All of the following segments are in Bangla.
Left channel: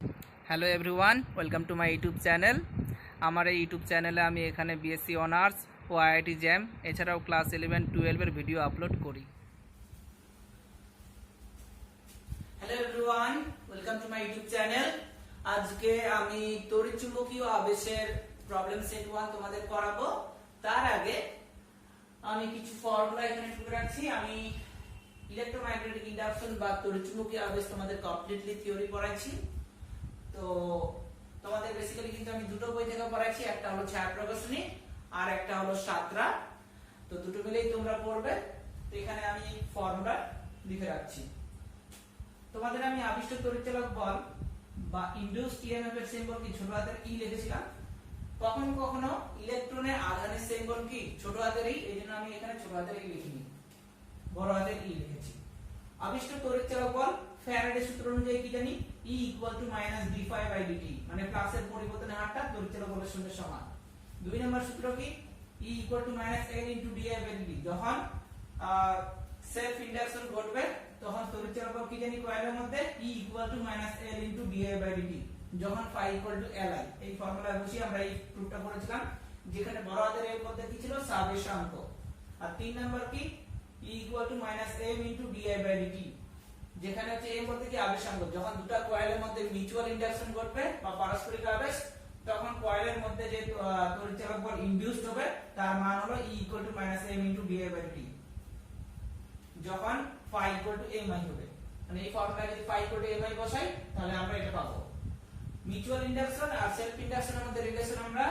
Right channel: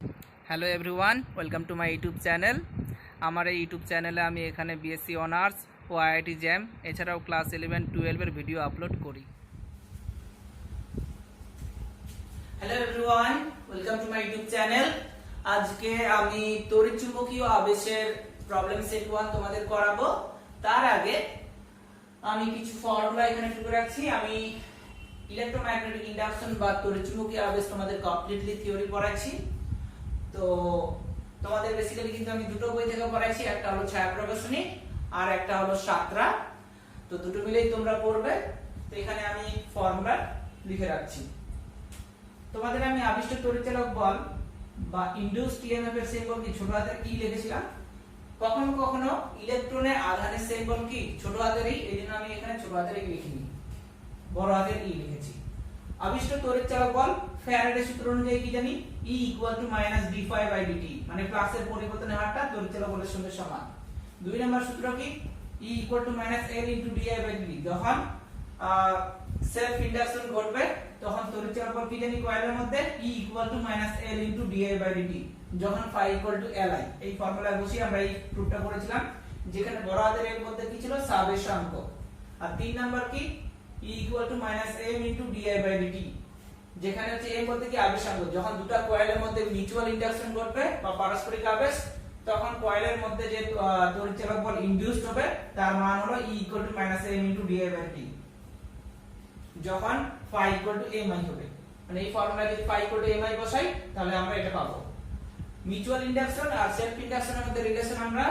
Hello everyone, welcome to my YouTube channel. আমার এই ইউটিউব চ্যানেলে আমি এখানে বিএসসি অনার্স ও আইআইটি জ্যাম এছাড়াও ক্লাস 11-12 ভিডিও আপলোড করি। Hello everyone, welcome to my YouTube channel. আজকে আমি তড়িৎচুম্বকীয় আবেশের প্রবলেম সেট 1 তোমাদের করাবো। তার আগে আমি কিছু ফর্মুলা এখানে লিখে রাখছি। আমি ইলেকট্রোম্যাগনেটিক ইন্ডাকশন বা তড়িৎচুম্বকীয় আবেশ তোমাদের কমপ্লিটলি থিওরি পড়াচ্ছি। তো তোমাদের বেসিক্যালি কিন্তু আমি দুটো বই থেকে পড়াইছি, একটা হলো ছায়া প্রকাশনী আর একটা হলো সাতরা। তো দুটো মিলেই তোমরা পড়বে। তো এখানে আমি ফর্মুলা লিখে রাখছি। তোমাদের আমি আবিষ্ট তড়িৎচালক বল বা ইনডিউসড ইএমএফ এর সিম্বল কি ছোট হাতের ই লিখেছিলাম। কখনো কখনো ইলেকট্রনের আধানের সিম্বল কি ছোট হাতের ই, এইজন্য আমি এখানে ছোট হাতের ই লিখিনি, বড় হাতের ই লিখেছি। আবিষ্ট তড়িৎচালক বল ফ্যারাডে সূত্র অনুযায়ী কি জানি, E = d∅dt, মানে ফ্লাক্সের পরিবর্তনের হারটা তড়িৎচালক বলের সঙ্গে সমান। দুই নম্বর সূত্র কি, E = L * di/dt, যখন সেলফ ইন্ডাকশন ঘটবে তখন তড়িৎচালক বল কি জানি কয়েলের মধ্যে E = L * di/dt, যখন φ = Li। এই ফর্মুলা বসিয়ে আমরা এই প্রুফটা করেছিলাম, যেখানে বড় হাতের এর মধ্যে কি ছিল, সাবেশাঙ্ক। আর তিন নাম্বার কি, E = m * di/dt, যেখানে হচ্ছে m বলতে কি আবেশাঙ্ক। যখন দুটো কয়েলের মধ্যে মিউচুয়াল ইন্ডাকশন ঘটবে বা পারস্পরিক আবেশ, তখন কয়েলের মধ্যে যে তড়িৎচালক বল ইনডিউসড হবে তার মান হলো E = m * di/dt, যখন φ = mi হবে। মানে এই ফর্মুলা যদি φ = mi বসাই তাহলে আমরা এটা পাবো। মিউচুয়াল ইন্ডাকশন আর সেলফ ইন্ডাকশনের মধ্যে রিলেশন আমরা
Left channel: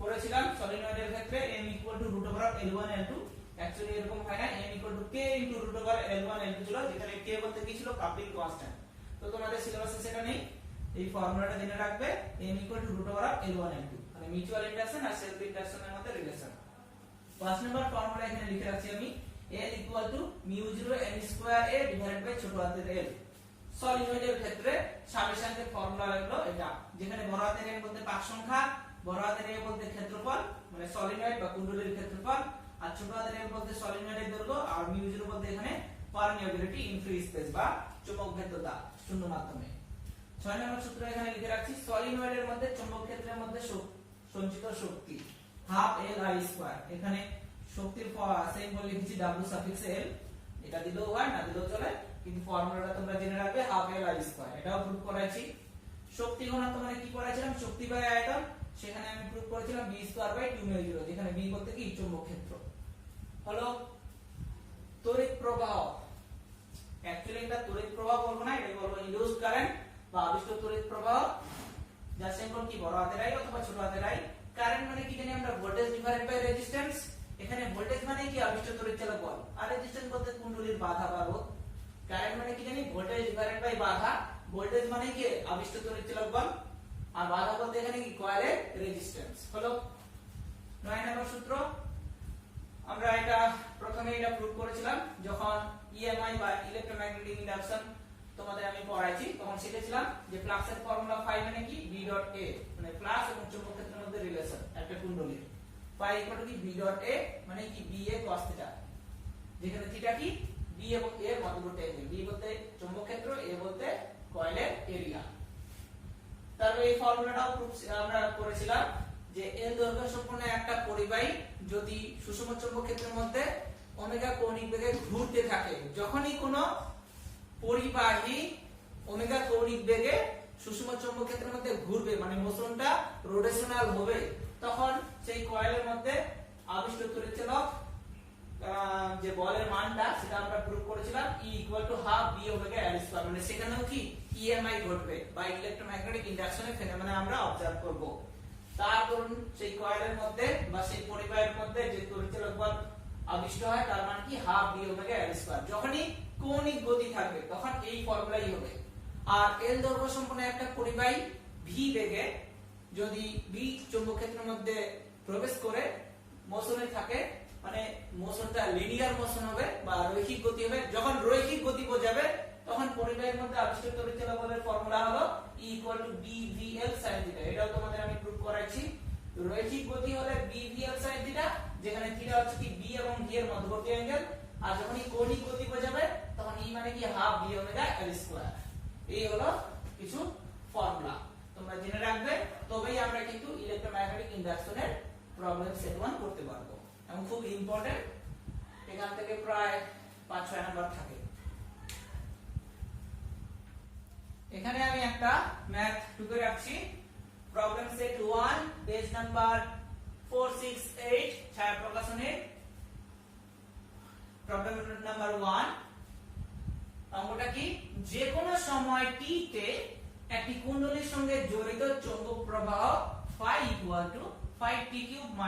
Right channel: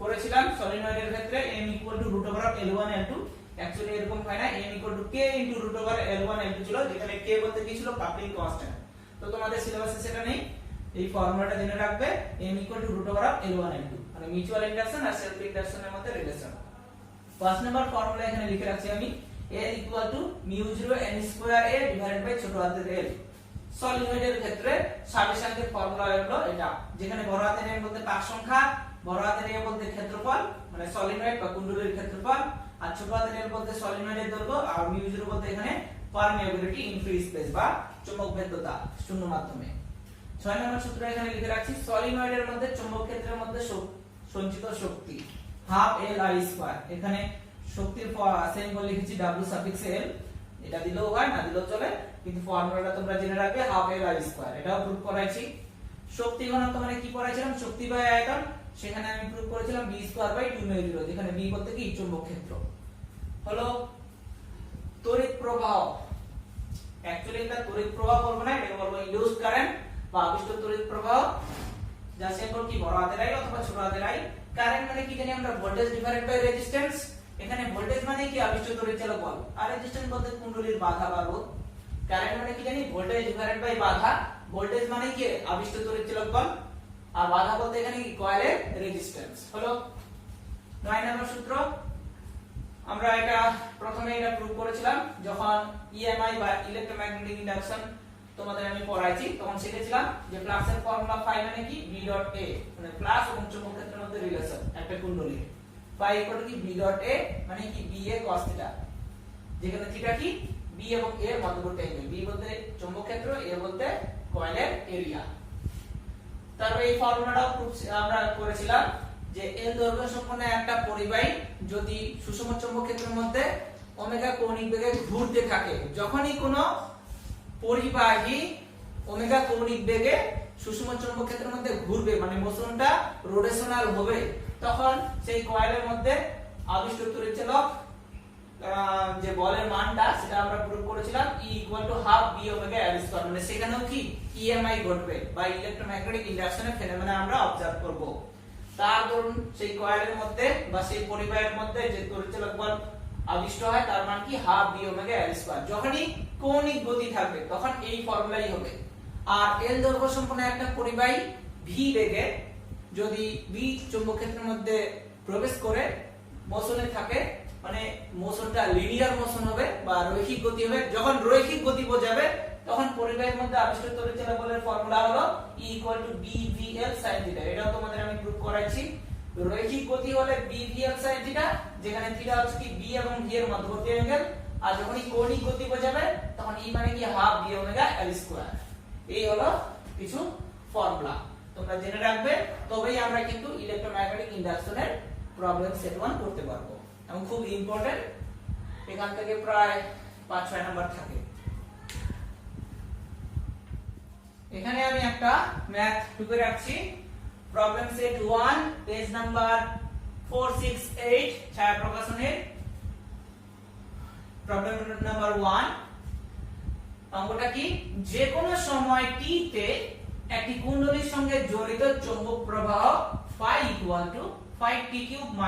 করেছিলাম সলিনয়েডের ক্ষেত্রে m = √L1 L2। অ্যাকচুয়ালি এরকম হয় না, m = k * √L1 L2 ছিল, যেখানে k বলতে কি ছিল, কাপলিং কনস্ট্যান্ট। তো তোমাদের সিলেবাসে সেটা নেই, এই ফর্মুলাটা জেনে রাখবে, m = √L1 L2, মানে মিউচুয়াল ইন্ডাকশন আর সেলফ ইন্ডাকশনের মধ্যে রিলেশন। ফার্স্ট নাম্বার ফর্মুলা এখানে লিখে রাখছি আমি, L = μ0n²a ছোট হাতের l। সলিনয়েডের ক্ষেত্রে সাবেশাঙ্কের ফর্মুলা হলো এটা, যেখানে বড় হাতের n বলতে পাক সংখ্যা, বড় হাতের a বলতে ক্ষেত্রফল, মানে সলিনয়েড বা কুণ্ডলীর ক্ষেত্রফল, আর ছোট হাতের l বলতে সলিনয়েডের দৈর্ঘ্য, আর μ0 বলতে এখানে পারমিয়াবিলিটি ইন ফ্রি স্পেস বা চৌম্বক ভেদ্যতা শূন্য মাধ্যমে। 6 নম্বর সূত্র এখানে লিখে রাখছি, সলিনয়েডের মধ্যে চৌম্বক ক্ষেত্রের মধ্যে সঞ্চিত শক্তি ½ Li²। এখানে শক্তির সিম্বল লিখেছি W∗L, এটা দিলেও হয় না দিলেও চলে, কিন্তু ফর্মুলাটা তোমরা জেনে রাখবে ½ Li²। এটাও প্রুফ করাইছি। শক্তি ঘনত্ব মানে কি পড়াইছিলাম, শক্তি বাই আয়তন, সেখানে আমি প্রুফ করেছিলাম B²/2μ0, যেখানে B বলতে কি চৌম্বক ক্ষেত্র। হলো তড়িৎ প্রবাহ। অ্যাকচুয়ালি এটা তড়িৎ প্রবাহ বলবো না, এটাকে বলবো ইনডিউসড কারেন্ট বা আবিষ্ট তড়িৎ প্রবাহ, যার সিম্বল কি বড় হাতের I অথবা ছোট হাতের I। কারেন্ট মানে কি জানি আমরা, ভোল্টেজ ডিভাইডেড বাই রেজিস্ট্যান্স। এখানে ভোল্টেজ মানে কি আবিষ্ট তড়িৎচালক বল, আর রেজিস্ট্যান্স বলতে কুণ্ডলীর বাধা বা রোধ। কারেন্ট মানে কি জানি, ভোল্টেজ ডিভাইডেড বাই বাধা। ভোল্টেজ মানে কি আবিষ্ট তড়িৎচালক বল, আর বাধা বলতে এখানে কি কয়েলের রেজিস্ট্যান্স। হলো 9 নম্বর সূত্র। আমরা এটা প্রথমে এটা প্রুফ করেছিলাম যখন ইএমআই বা ইলেকট্রোম্যাগনেটিক ইন্ডাকশন তোমাদের আমি পড়াইছি, তখন শিখেছিলাম যে ফ্লাক্সের ফর্মুলা φ মানে কি B.A, মানে ফ্লাক্স এবং চৌম্বক ক্ষেত্রের মধ্যে রিলেশন একটা কুণ্ডলীর। φ = কি B.A, মানে কি BA cos θ, যেখানে θ কি B এবং A এর মধ্যবর্তী অ্যাঙ্গেল। B বলতে চৌম্বক ক্ষেত্র, A বলতে কয়েলের এরিয়া। তারপরে এই ফর্মুলাটাও প্রুফ আমরা করেছিলাম যে L দৈর্ঘ্য সম্পন্ন একটা পরিবাহী যদি সুষম চৌম্বক ক্ষেত্রের মধ্যে ওমেগা কৌণিক বেগে ঘুরতে থাকে, যখনই কোনো পরিবাহী ওমেগা কৌণিক বেগে সুষম চৌম্বক ক্ষেত্রের মধ্যে ঘুরবে, মানে মোশনটা রোটেশনাল হবে, তখন সেই কয়েলের মধ্যে আবিষ্ট তড়িৎচালক যে বলের মানটা সেটা আমরা প্রুফ করেছিলাম E = ½ B/L², মানে সেখানেও কি ইএমআই ঘটবে বা ইলেকট্রোম্যাগনেটিক ইন্ডাকশনের ফেনোমেনা আমরা অবজার্ভ করব। তার ধরুন সেই কয়েলের মধ্যে বা সেই পরিবাহের মধ্যে যে তড়িৎচালক বল আবিষ্ট হয় তার মান কি ½ B/L²। যখনই কৌণিক গতি থাকবে তখন এই ফর্মুলাই হবে। আর L দৈর্ঘ্য সম্পন্ন একটা পরিবাহী v বেগে যদি B চৌম্বক ক্ষেত্রের মধ্যে প্রবেশ করে মোশনে থাকে, মানে মোশনটা লিনিয়ার মোশন হবে বা রৈখিক গতি হবে। যখন রৈখিক গতি বোঝাবে তখন পরিবাহের মধ্যে আবিষ্ট তড়িৎচালক বলের ফর্মুলা হলো E = BVL sin θ। এটাও তোমাদের আমি প্রুফ করাইছি। রৈখিক গতি হলে BVL sin θ, যেখানে θ হচ্ছে কি B এবং V এর মধ্যবর্তী অ্যাঙ্গেল, আর যখন কৌণিক গতি বোঝাবে তখন E মানে কি ½ B/L²। এই হলো কিছু ফর্মুলা তোমরা জেনে রাখবে, তবেই আমরা কিন্তু ইলেকট্রোম্যাগনেটিক ইন্ডাকশনের প্রবলেম সেট 1 করতে পারবো, এবং খুব ইম্পর্টেন্ট, এখান থেকে প্রায় 5-6 নাম্বার থাকে। এখানে আমি একটা ম্যাথ টুকে রাখছি, প্রবলেম সেট 1 পেজ নাম্বার 468 ছায়া প্রকাশনের প্রবলেম নাম্বার 1। অঙ্কটা কি, যে কোনো সময় t তে একটি কুণ্ডলীর সঙ্গে জড়িত চৌম্বক প্রবাহ phi = 5t³ -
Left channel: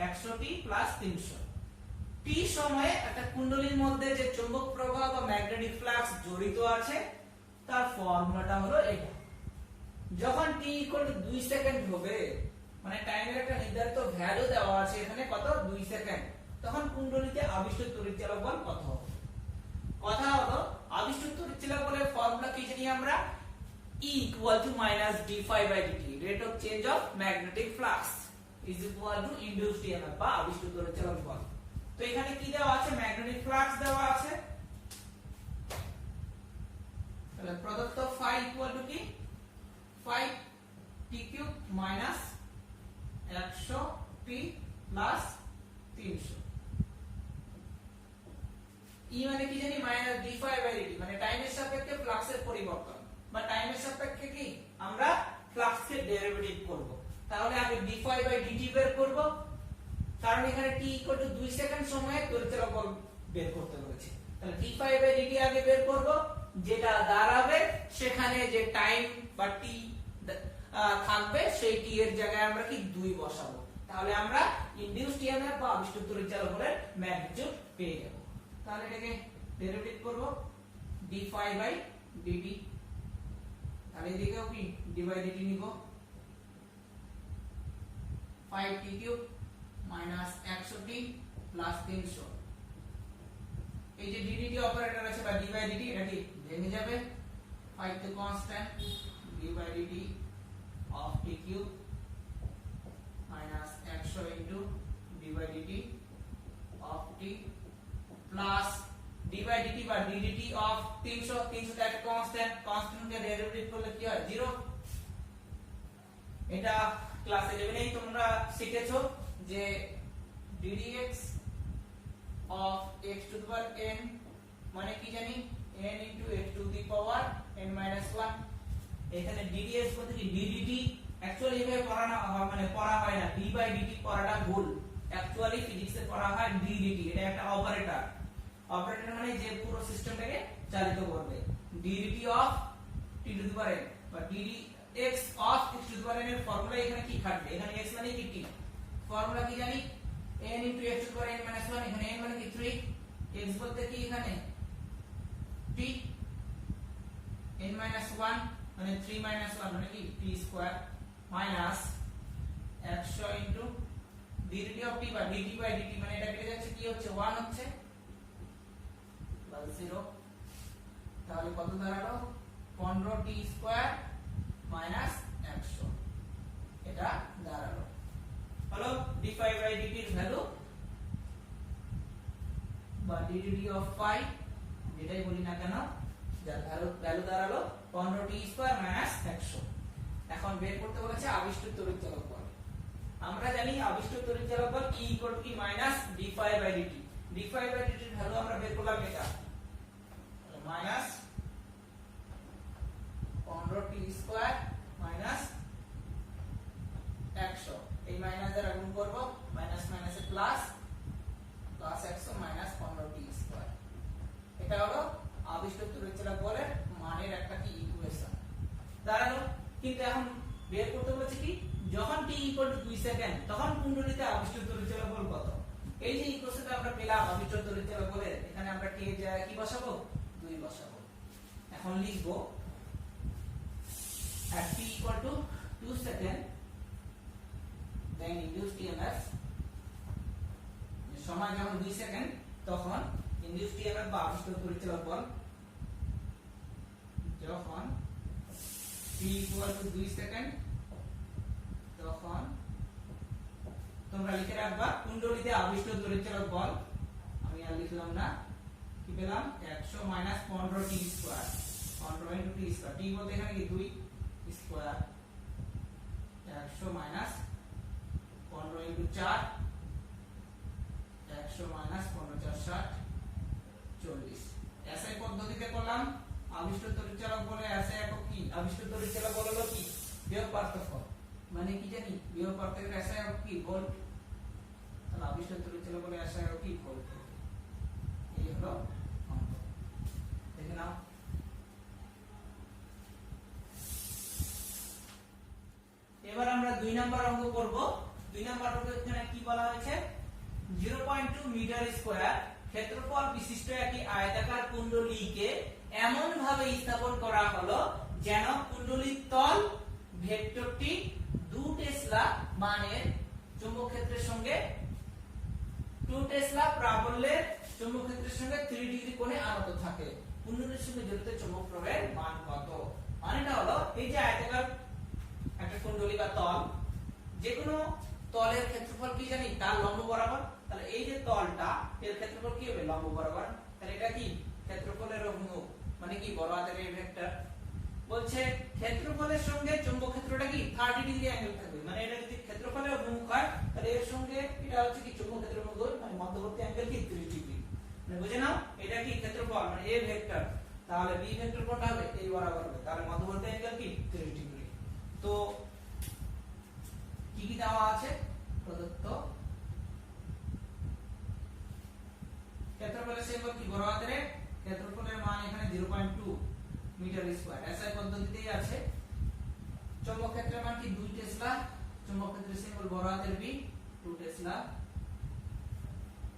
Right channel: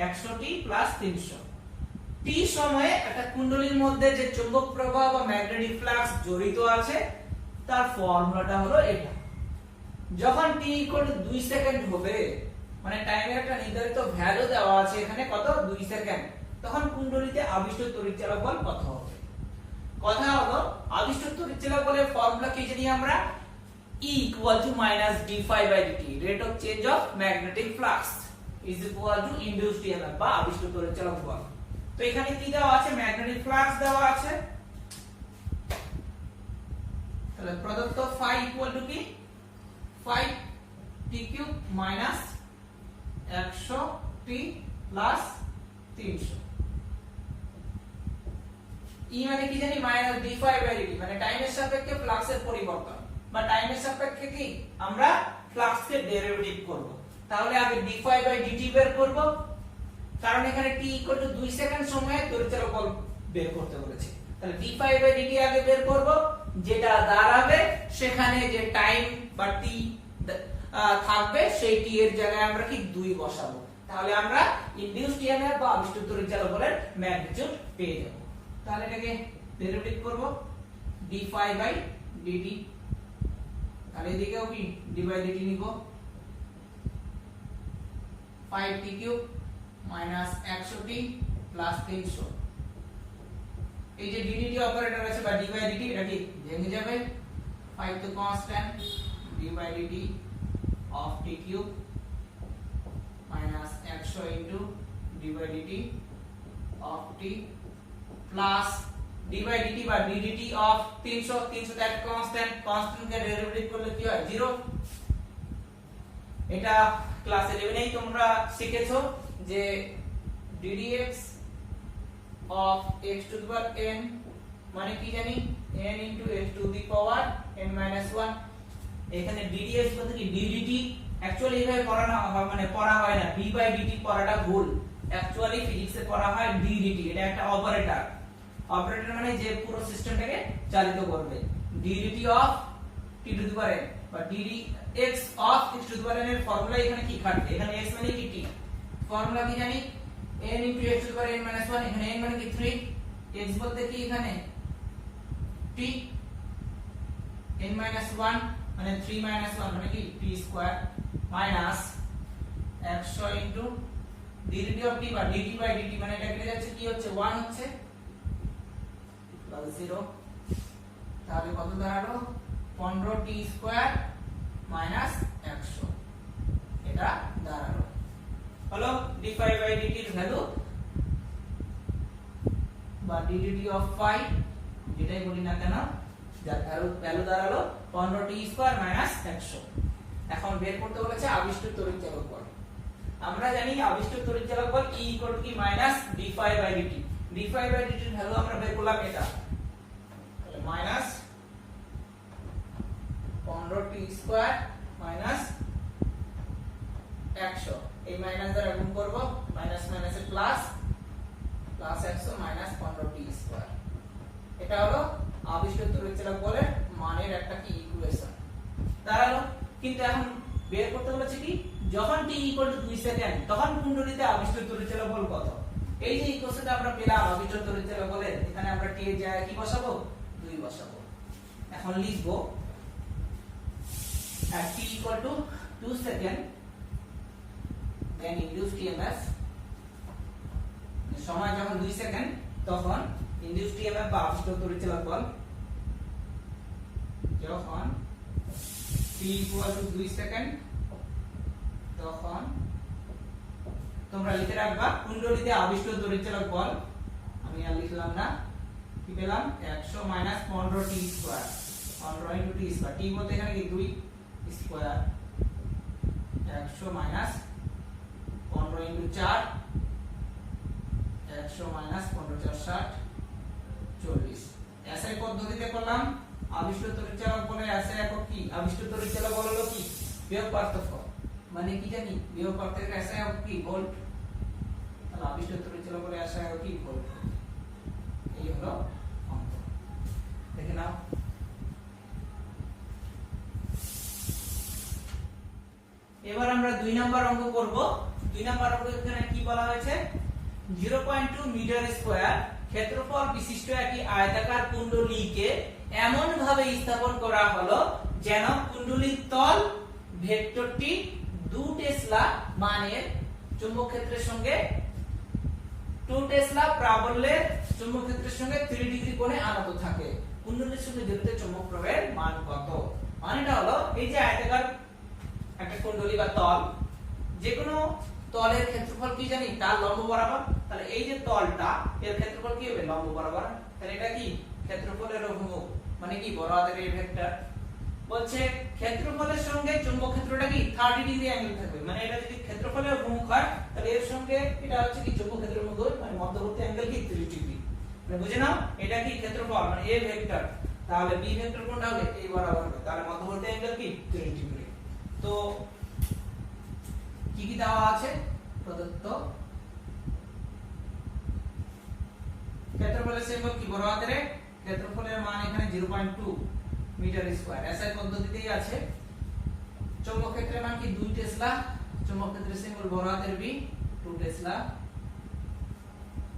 100t + 300। t সময়ে একটা কুণ্ডলীর মধ্যে যে চৌম্বক প্রবাহ বা ম্যাগনেটিক ফ্লাক্স জড়িত আছে তার ফর্মুলাটা হলো এটা। যখন t = 2 সেকেন্ড হবে, মানে টাইমের একটা নির্ধারিত ভ্যালু দেওয়া আছে এখানে, কত, 2 সেকেন্ড, তখন কুণ্ডলীতে আবিষ্ট তড়িৎচালক বল কত হবে? কথা হলো আবিষ্ট তড়িৎচালক বলের ফর্মুলা কি জানি আমরা, E = -d∅dt, rate of change of magnetic flux is equal to induced EMF বা আবিষ্ট তড়িৎচালক বল। তো এখানে কি দেওয়া আছে, ম্যাগনেটিক ফ্লাক্স দেওয়া আছে, তাহলে প্রদত্ত phi = কি, 5t³ - 100t + 300। E মানে কি জানি, -d∅dt, মানে টাইমের সাপেক্ষে ফ্লাক্সের পরিবর্তন, বা টাইমের সাপেক্ষে কি আমরা ফ্লাক্সের ডেরিভেটিভ করব। তাহলে আগে d∅dt বের করব, কারণ এখানে t = 2 সেকেন্ড সময়ে তড়িৎচালক বল বের করতে বলেছে। তাহলে d∅dt আগে বের করব, যেটা দাঁড়াবে সেখানে যে টাইম বা t থাকবে সেই t এর জায়গায় আমরা কি 2 বসাবো, তাহলে আমরা ইনডিউসড ইএমএফ বা আবিষ্ট তড়িৎচালক বলের ম্যাগনিটিউড পেয়ে যাব। তাহলে এটাকে ডেরিভেটিভ করব d∅dt, তাহলে এদিকেও কি d/dt নিব, 5t³ - 100t + 300। এই যে ddt অপারেটর আছে বা d/dt, এটা কি ভেঙে যাবে, 5 তো constant, d/dt of t³ - 100 into d/dt of t plus d/dt বা ddt of 300 that constant K derivative করলে কি হয়, 0। এটা ক্লাস 11 এই তোমরা শিখেছো যে ddx of x to the power n মানে কি জানি, n into x to the power n - 1। এখানে ddx বলতে কি ddt, অ্যাকচুয়ালি এভাবে পড়ানো হয়, মানে পড়া হয় না, d/dt পড়াটা ভুল, অ্যাকচুয়ালি ফিজিক্সে পড়া হয় ddt, এটা একটা অপারেটর। অপারেটর মানে যে পুরো সিস্টেমটাকে চালিত করবে। ddt of t to the power n বা ddx of x to the power n এর ফর্মুলা এখানে কি খাটবে, এখানে x মানে কি t, ফর্মুলা কি জানি, n into x to the power n - 1, এখানে n মানে কি 3, x বলতে কি এখানে t, n - 1 মানে 3 - 1 মানে কি t square minus 100 into ddT of t বা dt/dt, মানে এটা কেটে যাচ্ছে, কি হচ্ছে 1 হচ্ছে প্লাস 0, তাহলে কত দাঁড়ালো, 15t স্কয়ার মাইনাস 100, এটা দাঁড়ালো হলো d∅dt এর ভ্যালু বা ddt of phi, যেটাই বলি না কেন, যার ভ্যালু দাঁড়ালো 15t স্কয়ার মাইনাস 100। এখন বের করতে বলেছে আবিষ্ট তড়িৎচালক বল। আমরা জানি আবিষ্ট তড়িৎচালক বল E = কি -d∅dt, d∅dt এর ভ্যালু আমরা বের করলাম এটা, তাহলে মাইনাস 15t স্কয়ার মাইনাস 100, এই মাইনাস দ্বারা গুণ করব, মাইনাস মাইনাসে plus, plus 100 minus 15t square. এটা হলো আবিষ্ট তড়িৎচালক বলের মানের একটা কি ইকুয়েশন দাঁড়ালো। কিন্তু এখন বের করতে বলেছে কি, যখন t = 2 সেকেন্ড তখন কুণ্ডলীতে আবিষ্ট তড়িৎচালক বল কত। এই যে ইকুয়েশনটা আমরা পেলাম আবিষ্ট তড়িৎচালক বলের, এখানে আমরা t এর জায়গায় কি বসাবো, 2 বসাবো। এখন লিখব at t = 2 second then induced EMF, সময় যখন 2 সেকেন্ড তখন induced EMF বা আবিষ্ট তড়িৎচালক বল, যখন t = 2 সেকেন্ড তখন তোমরা লিখে রাখবা কুণ্ডলীতে আবিষ্ট তড়িৎচালক বল, আমি আর লিখলাম না, কি পেলাম 100 - 15t square, 15 * t square, t বলতে এখানে কি 2, square 100 minus 15 into 4 100 minus 15 4 60 40 SI পদ্ধতিতে করলাম আবিষ্ট তড়িৎচালক বলে এসআই একক কি আবিষ্ট তড়িৎচালক হলো কি বিভব পার্থক্য মানে কি জানি বিভব পার্থক্যের এসআই একক কি ভোল্ট তাহলে আবিষ্ট তড়িৎচালক বলে এসআই একক কি ভোল্ট এই হলো অঙ্ক দেখে নাও এবার আমরা 2 নাম্বার অঙ্ক করব 2 নাম্বার অঙ্ক এখানে কি বলা হয়েছে 0.2 মিটার স্কয়ার ক্ষেত্রফল বিশিষ্ট একটি আয়তাকার কুণ্ডলীকে এমন ভাবে স্থাপন করা হলো যেন কুণ্ডলীর তল ভেক্টরটি 2 টেসলা মানের চৌম্বক ক্ষেত্রের সঙ্গে 2 টেসলা প্রাবল্যের চৌম্বক ক্ষেত্রের সঙ্গে 3 ডিগ্রি কোণে আনত থাকে কুণ্ডলীর সঙ্গে জড়িত চৌম্বক প্রবাহের মান কত মানেটা হলো এই যে আয়তাকার একটা কুণ্ডলী বা তল যে কোনো তলের ক্ষেত্রফল কি জানি তার লম্ব বরাবর তাহলে এই যে তলটা এর ক্ষেত্রফল কি হবে লম্ব বরাবর তাহলে এটা কি ক্ষেত্রফলের অভিমুখ মানে কি বড় হাতের এই ভেক্টর বলছে ক্ষেত্রফলের সঙ্গে চৌম্বক ক্ষেত্রটা কি 30 ডিগ্রি অ্যাঙ্গেল থাকবে মানে এটা যদি ক্ষেত্রফলের অভিমুখ হয় তাহলে এর সঙ্গে এটা হচ্ছে কি চৌম্বক ক্ষেত্রের অভিমুখ মানে মধ্যবর্তী অ্যাঙ্গেল কি 30 ডিগ্রি মানে বুঝে নাও এটা কি ক্ষেত্রফল মানে এ ভেক্টর তাহলে বি ভেক্টর কোনটা হবে এই বরাবর হবে তাহলে মধ্যবর্তী অ্যাঙ্গেল কি 30 ডিগ্রি তো কি কি দেওয়া আছে প্রদত্ত ক্ষেত্রফলের সিম্বল কি বড় হাতের ক্ষেত্রফলের মান এখানে 0.2 মিটার স্কয়ার এসআই পদ্ধতিতেই আছে চৌম্বক ক্ষেত্রের মান কি 2 টেসলা চৌম্বক ক্ষেত্রের সিম্বল বড় হাতের বি 2 টেসলা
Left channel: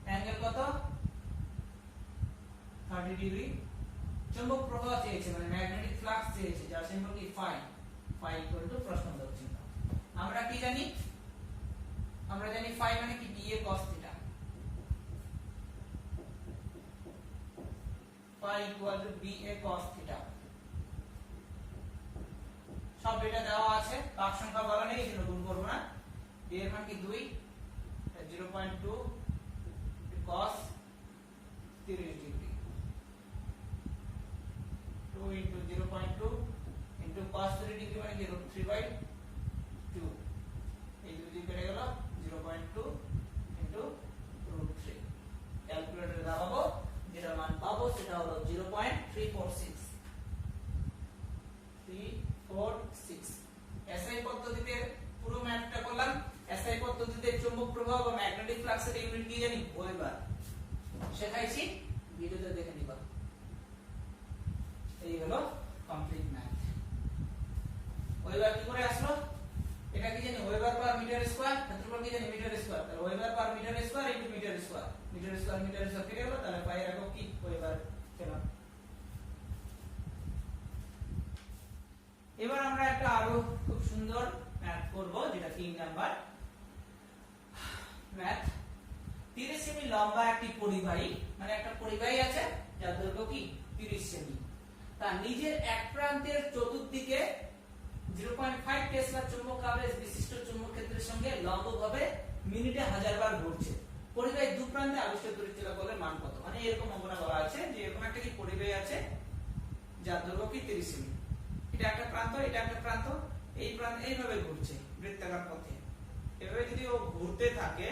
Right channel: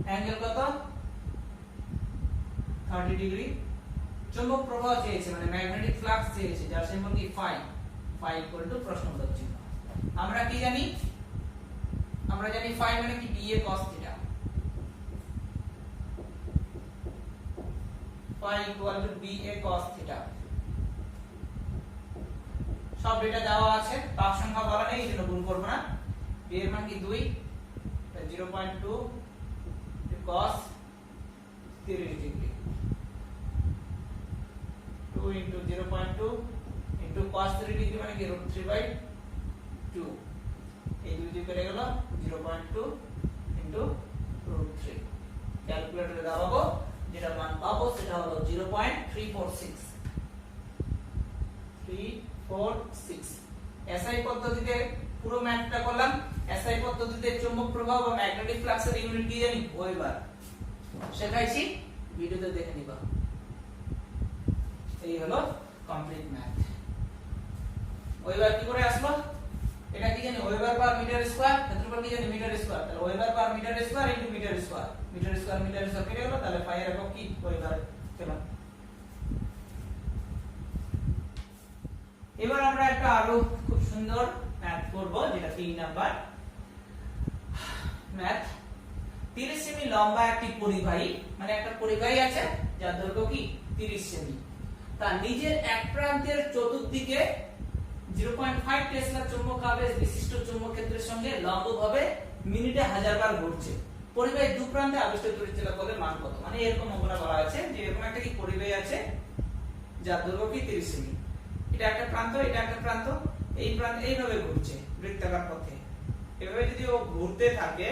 অ্যাঙ্গেল কত 30 ডিগ্রি চৌম্বক প্রবাহ চেয়েছে মানে ম্যাগনেটিক ফ্লাক্স চেয়েছে যার সিম্বল কি ফাই ফাই ইকুয়াল টু প্রশ্নবোধক চিহ্ন আমরা কি জানি আমরা জানি ফাই মানে কি b a cos theta phi equal to b a cos theta সব ডেটা দেওয়া আছে পাক সংখ্যা বলা নেই এজন্য গুণ করব না বি এর মান কি 2 0.2 cos 30 degree 2 into 0.2 into cos 30 degree মানে কি √3/2 এই দুই দিয়ে কেটে গেল 0.2 into √3 ক্যালকুলেটরে দাবাবো যেটা মান পাবো সেটা হলো 0.346 এসআই পদ্ধতিতে পুরো ম্যাথটা করলাম এসআই পদ্ধতিতে চৌম্বক প্রবাহ বা ম্যাগনেটিক ফ্লাক্সের ইউনিট কি জানি ওয়েবার শেখাইছি ভিডিওতে দেখে নিবা এই হলো কমপ্লিট ম্যাথ ওয়েবার কি করে আসলো এটা কি জানি ওয়েবার পার মিটার স্কয়ার ক্ষেত্রফল কি জানি মিটার স্কয়ার তাহলে weber per meter square into meter square কেটে গেল তাহলে পাই এর একক কি ওয়েবার পেলাম এবার আমরা একটা আরো খুব সুন্দর ম্যাথ করব যেটা 3 নাম্বার ম্যাথ 30 সেমি লম্বা একটি পরিবাহী মানে একটা পরিবাহী আছে যার দৈর্ঘ্য কি 30 সেমি তার নিজের এক প্রান্তের চতুর্দিকে 0.5 টেসলা চৌম্বক আবেশ বিশিষ্ট চৌম্বক ক্ষেত্রের সঙ্গে লম্বভাবে মিনিটে 1000 বার ঘুরছে পরিবাহীর দুই প্রান্তে আবিষ্ট তড়িৎচালক বলের মান কত মানে এরকম অঙ্কটা বলা আছে যে এরকম একটা কি পরিবাহী আছে যার দৈর্ঘ্য কি 30 সেমি এটা একটা প্রান্ত এটা একটা প্রান্ত এই প্রান্ত এইভাবে ঘুরছে বৃত্তাকার পথে এভাবে যদি ও ঘুরতে থাকে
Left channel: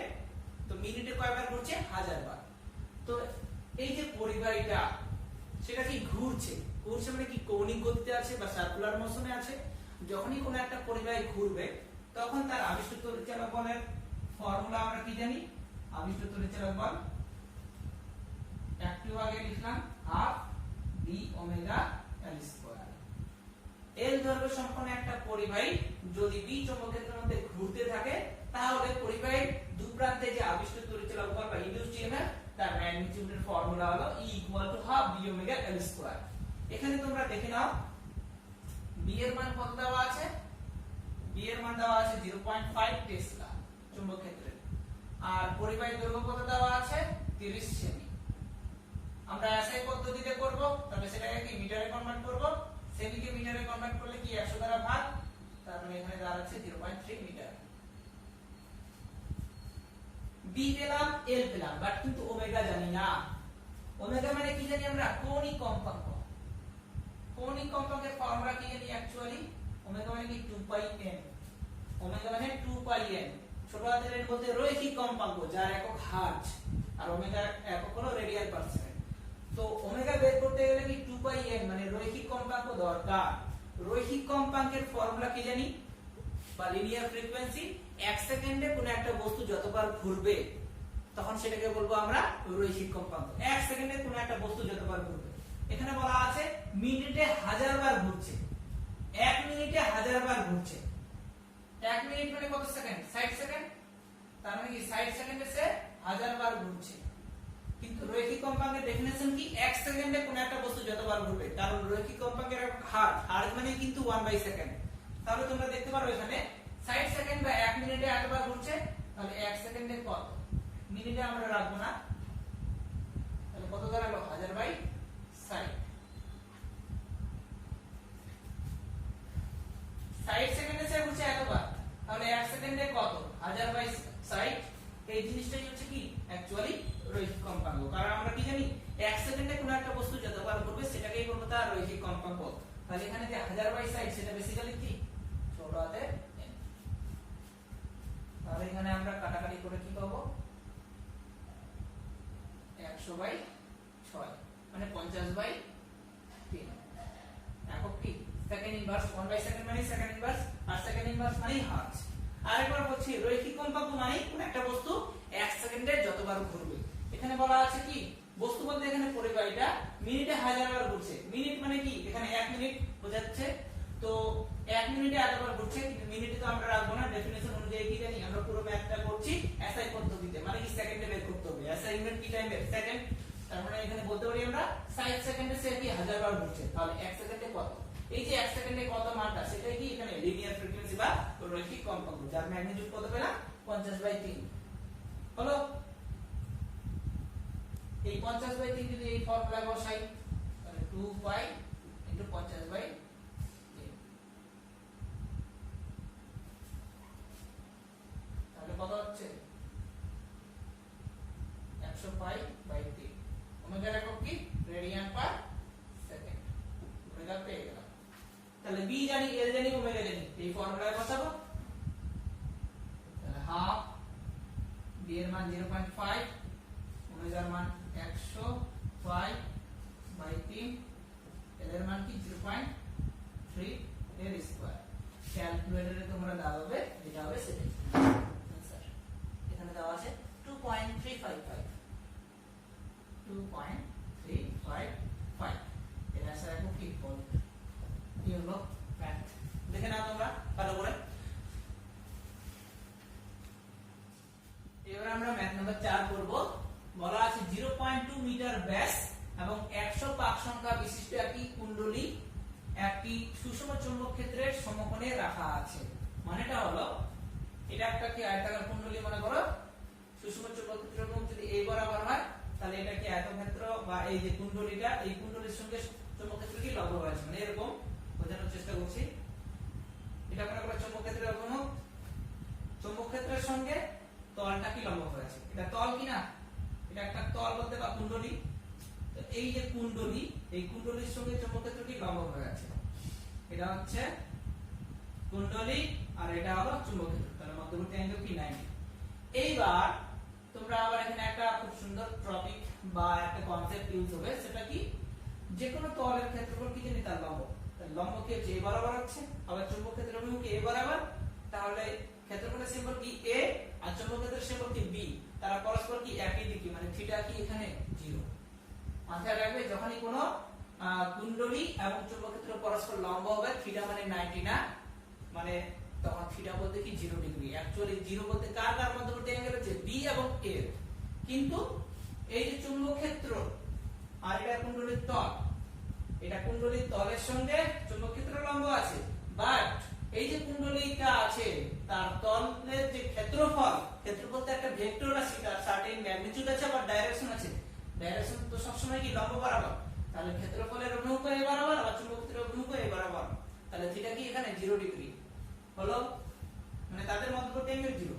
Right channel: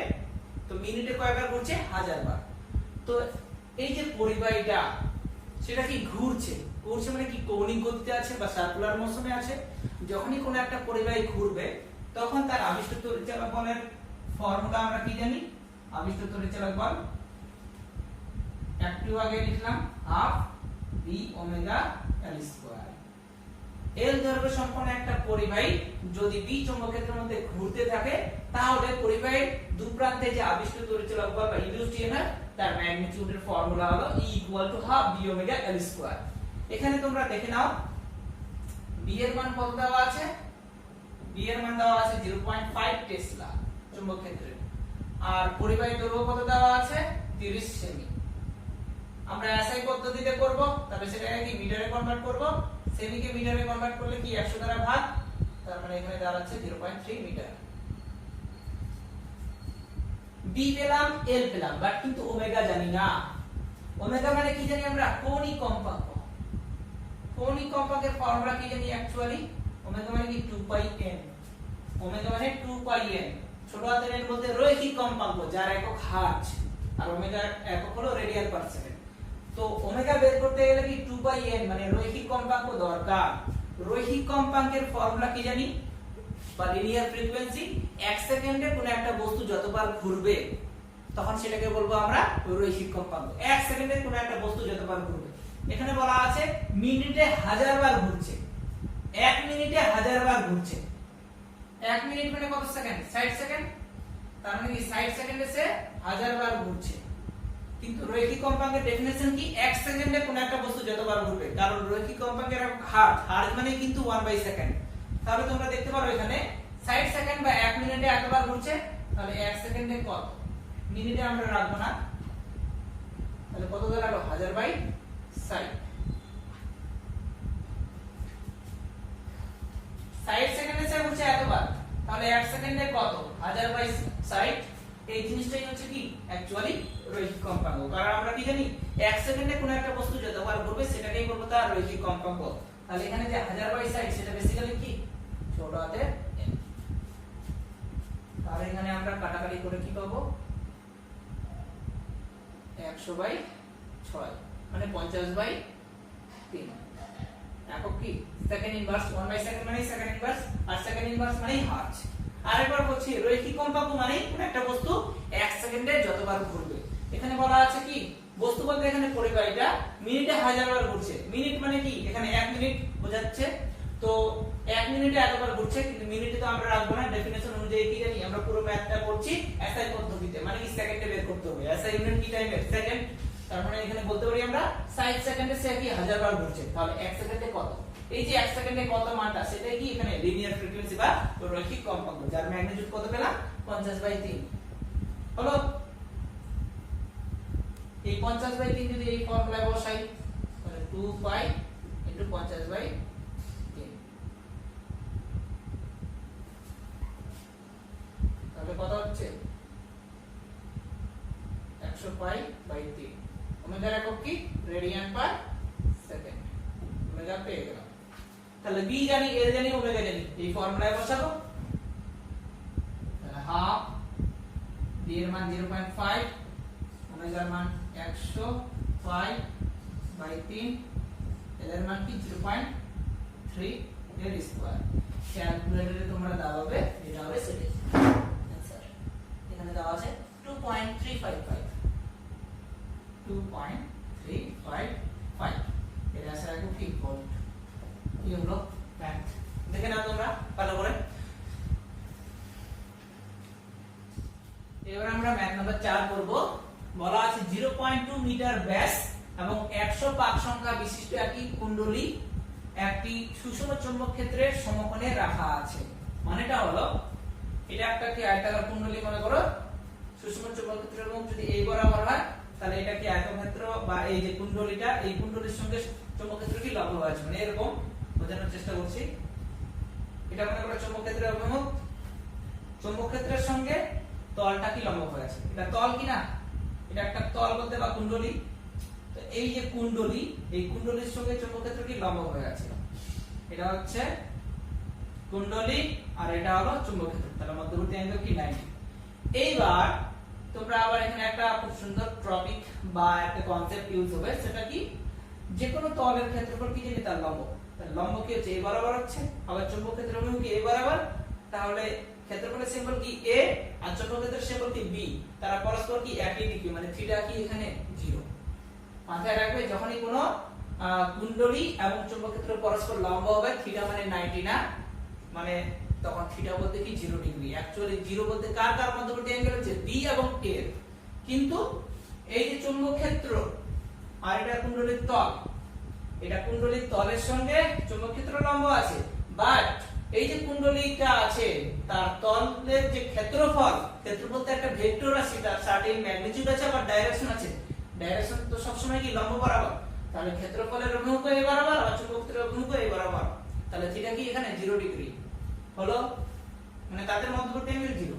তো মিনিটে কয়বার ঘুরছে 1000 বার তো এই যে পরিবাহীটা সেটা কি ঘুরছে মানে কি কৌণিক গতিতে আছে বা সার্কুলার মোশনে আছে যখনই কোনো একটা পরিবাহী ঘুরবে তখন তার আবিষ্ট তড়িৎচালক বলের ফর্মুলা আমরা কি জানি আবিষ্ট তড়িৎচালক বল একটু আগে লিখলাম হাফ বি ওমেগা এল স্কয়ার এল দৈর্ঘ্য সম্পন্ন একটা পরিবাহী যদি বি চৌম্বক ক্ষেত্রের মধ্যে ঘুরতে থাকে তাহলে পরিবাহীর দুই প্রান্তে যে আবিষ্ট তড়িৎচালক বল বা ইনডিউসড ইএমএফ তার ম্যাগনিটিউডের ফর্মুলা হলো E = হাফ বি ওমেগা এল স্কয়ার এখানে তোমরা দেখে নাও বি এর মান কত দেওয়া আছে বি এর মান দেওয়া আছে 0.5 টেসলা চৌম্বক ক্ষেত্রে আর পরিবাহী দৈর্ঘ্য কত দেওয়া আছে 30 সেমি আমরা এসআই পদ্ধতিতে করব তবে সেটাকে কি মিটারে কনভার্ট করব সেমি কে মিটারে কনভার্ট করলে কি 100 দ্বারা ভাগ তার মানে এখানে দাঁড়াচ্ছে 0.3 মিটার বি পেলাম এল পেলাম বাট কিন্তু ওমেগা জানি না ওমেগা মানে কি জানি আমরা কৌণিক কম্পাঙ্ক কৌণিক কম্পাঙ্কের ফর্মুলা কি জানি অ্যাকচুয়ালি ওমেগা মানে কি 2 পাই n, ওমেগা মানে 2 পাই n, ছোট হাতের n বলতে রৈখিক কম্পাঙ্ক যার একক হার্জ, আর ওমেগার একক হলো রেডিয়ান পার সেকেন্ড। তো ওমেগা বের করতে গেলে কি 2 পাই n মানে রৈখিক কম্পাঙ্ক দরকার। রৈখিক কম্পাঙ্কের ফর্মুলা কি জানি, বা লিনিয়ার ফ্রিকোয়েন্সি, 1 সেকেন্ডে কোন একটা বস্তু যতবার ঘুরবে তখন সেটাকে বলবো আমরা রৈখিক কম্পাঙ্ক। 1 সেকেন্ডে কোন একটা বস্তু যতবার ঘুরবে, এখানে বলা আছে মিনিটে 1000 বার ঘুরছে, 1 মিনিটে 1000 বার ঘুরছে। 1 মিনিট মানে কত সেকেন্ড? 60 সেকেন্ড, তার মানে কি 60 সেকেন্ডে সে 1000 বার ঘুরছে। কিন্তু রৈখিক কম্পাঙ্কের ডেফিনিশন কি? 1 সেকেন্ডে কোন একটা বস্তু যতবার ঘুরবে, কারণ রৈখিক কম্পাঙ্কের হার্জ, হার্জ মানে কিন্তু 1/সেকেন্ড। তাহলে তোমরা দেখতে পারো এখানে 60 সেকেন্ড বা 1 মিনিটে এতবার ঘুরছে, তাহলে 1 সেকেন্ডে কত? মিনিটে আমরা রাখবো না, তাহলে কত দাঁড়ালো? 1000/60। 60 সেকেন্ডে সে ঘুরছে এতবার, তাহলে 1 সেকেন্ডে কত? 1000/60। এই জিনিসটাই হচ্ছে কি অ্যাকচুয়ালি রৈখিক কম্পাঙ্ক। কারণ আমরা কি জানি 1 সেকেন্ডে কোন একটা বস্তু যতবার ঘুরবে সেটাকেই বলবো তার রৈখিক কম্পাঙ্ক। তাহলে এখানে যে 1000/60 সেটা বেসিক্যালি কি ছোট হাতের n। তাহলে এখানে আমরা কাটাকাটি করে কি পাবো? 100/6 মানে 50/3। একক কি সেকেন্ড ইনভার্স, 1/সেকেন্ড মানে সেকেন্ড ইনভার্স, আর সেকেন্ড ইনভার্স মানে হার্জ। আরেকবার বলছি রৈখিক কম্পাঙ্ক মানে কোন একটা বস্তু 1 সেকেন্ডে যতবার ঘুরবে। এখানে বলা আছে কি বস্তু বলতে এখানে পরিবাহীটা মিনিটে 1000 বার ঘুরছে। মিনিট মানে কি এখানে 1 মিনিট বোঝাচ্ছে, তো 1 মিনিটে এতবার ঘুরছে, কিন্তু মিনিটে তো আমরা রাখবো না। ডেফিনিশন অনুযায়ী কি জানি আমরা পুরো ম্যাথটা করছি এসআই পদ্ধতিতে, মানে কি সেকেন্ডে বের করতে হবে। এসআই ইউনিট কি টাইমের? সেকেন্ড। তার মানে এখানে বলতে পারি আমরা 60 সেকেন্ডে সে কি 1000 বার ঘুরছে, তাহলে 1 সেকেন্ডে কত? এই যে 1 সেকেন্ডে কত মানটা সেটাই কি এখানে লিনিয়ার ফ্রিকোয়েন্সি বা রৈখিক কম্পাঙ্ক, যার ম্যাগনিটিউড কত পেলাম? 50/3 হলো। এই 50/3 যদি এই ফর্মুলায় বসাই তাহলে 2 পাই ইনটু 50/3, তাহলে কত হচ্ছে? 100 পাই/3। ওমেগার একক কি? Radian per second. ওমেগা পেয়ে গেলাম। তাহলে বি জানি, এল জানি, ওমেগা জানি, এই ফর্মুলায় বসাবো। তাহলে হাফ, বি এর মান 0.5, ওমেগার মান 100/3, এল এর মান কি 0.3 এর স্কয়ার। ক্যালকুলেটরে তোমরা দাবাবে, এটা হবে সেটাই आंसर। এখানে দেওয়া আছে 2.355, 2.355 এর आंसर আসবে কি ভোল্ট। কি হলো ম্যাথ? দেখে নাও তোমরা ভালো করে। এবার আমরা ম্যাথ নাম্বার 4 করব। বলা আছে 0.2 মিটার ব্যাস এবং 100 পাক সংখ্যা বিশিষ্ট একটি কুণ্ডলী একটি সুষম চৌম্বক ক্ষেত্রের সমকোণে রাখা আছে। মানেটা হলো এটা একটা কি আয়তাকার কুণ্ডলী মনে করো, সুষম চৌম্বক ক্ষেত্রের মুখ যদি এই বরাবর হয় তাহলে এটা কি আয়তক্ষেত্র, বা এই যে কুণ্ডলীটা এই কুণ্ডলীর সঙ্গে চৌম্বক ক্ষেত্র কি লম্ব আছে, মানে এরকম বোঝানোর চেষ্টা করছি। এটা মনে করো চৌম্বক ক্ষেত্রের অভিমুখ, চৌম্বক ক্ষেত্রের সঙ্গে তলটা কি লম্ব হয়ে আছে। এটা তল কি না? এটা একটা তল বলতে বা কুণ্ডলী। তো এই যে কুণ্ডলী, এই কুণ্ডলীর সঙ্গে চৌম্বক ক্ষেত্র কি লম্ব হয়ে আছে। এটা হচ্ছে কুণ্ডলী আর এটা হলো চৌম্বক ক্ষেত্র, তাহলে মধ্যবর্তী অ্যাঙ্গেল কি 90। এইবার তোমরা আবার এখানে একটা খুব সুন্দর টপিক বা একটা কনসেপ্ট ইউজ হবে, সেটা কি যে কোনো তলের ক্ষেত্রফল কি জানি তার লম্ব। তার লম্ব কি হচ্ছে? a বরাবর হচ্ছে, আবার চৌম্বক ক্ষেত্রের অভিমুখ কি a বরাবর, তাহলে ক্ষেত্রফলের সিম্বল কি a আর চৌম্বক ক্ষেত্রের সিম্বল কি b, তারা পরস্পর কি একই দিকে, মানে থিটা কি এখানে 0। মাথায় রাখবে যখনই কোনো কুণ্ডলী এবং চৌম্বক ক্ষেত্র পরস্পর লম্ব হবে, থিটা মানে 90 না, মানে তখন থিটা বলতে কি 0 ডিগ্রি। অ্যাকচুয়ালি 0 বলতে কার কার মধ্যবর্তী অ্যাঙ্গেল হচ্ছে b এবং a এর। কিন্তু এই যে চৌম্বক ক্ষেত্র আর এটা কুণ্ডলীর তল, এটা কুণ্ডলীর তলের সঙ্গে চৌম্বক ক্ষেত্র লম্ব আছে, বাট এই যে কুণ্ডলীটা আছে তার তলের যে ক্ষেত্রফল, ক্ষেত্রফল তো একটা ভেক্টর রাশি, তার সার্টেন ম্যাগনিটিউড আছে আবার ডাইরেকশন আছে। ডাইরেকশন তো সব সময় কি লম্ব বরাবর, তাহলে ক্ষেত্রফলের অভিমুখ a বরাবর আর চৌম্বক ক্ষেত্রের অভিমুখ a বরাবর, তাহলে থিটা কি এখানে 0 ডিগ্রি হলো, মানে তাদের মধ্যবর্তী অ্যাঙ্গেল 0।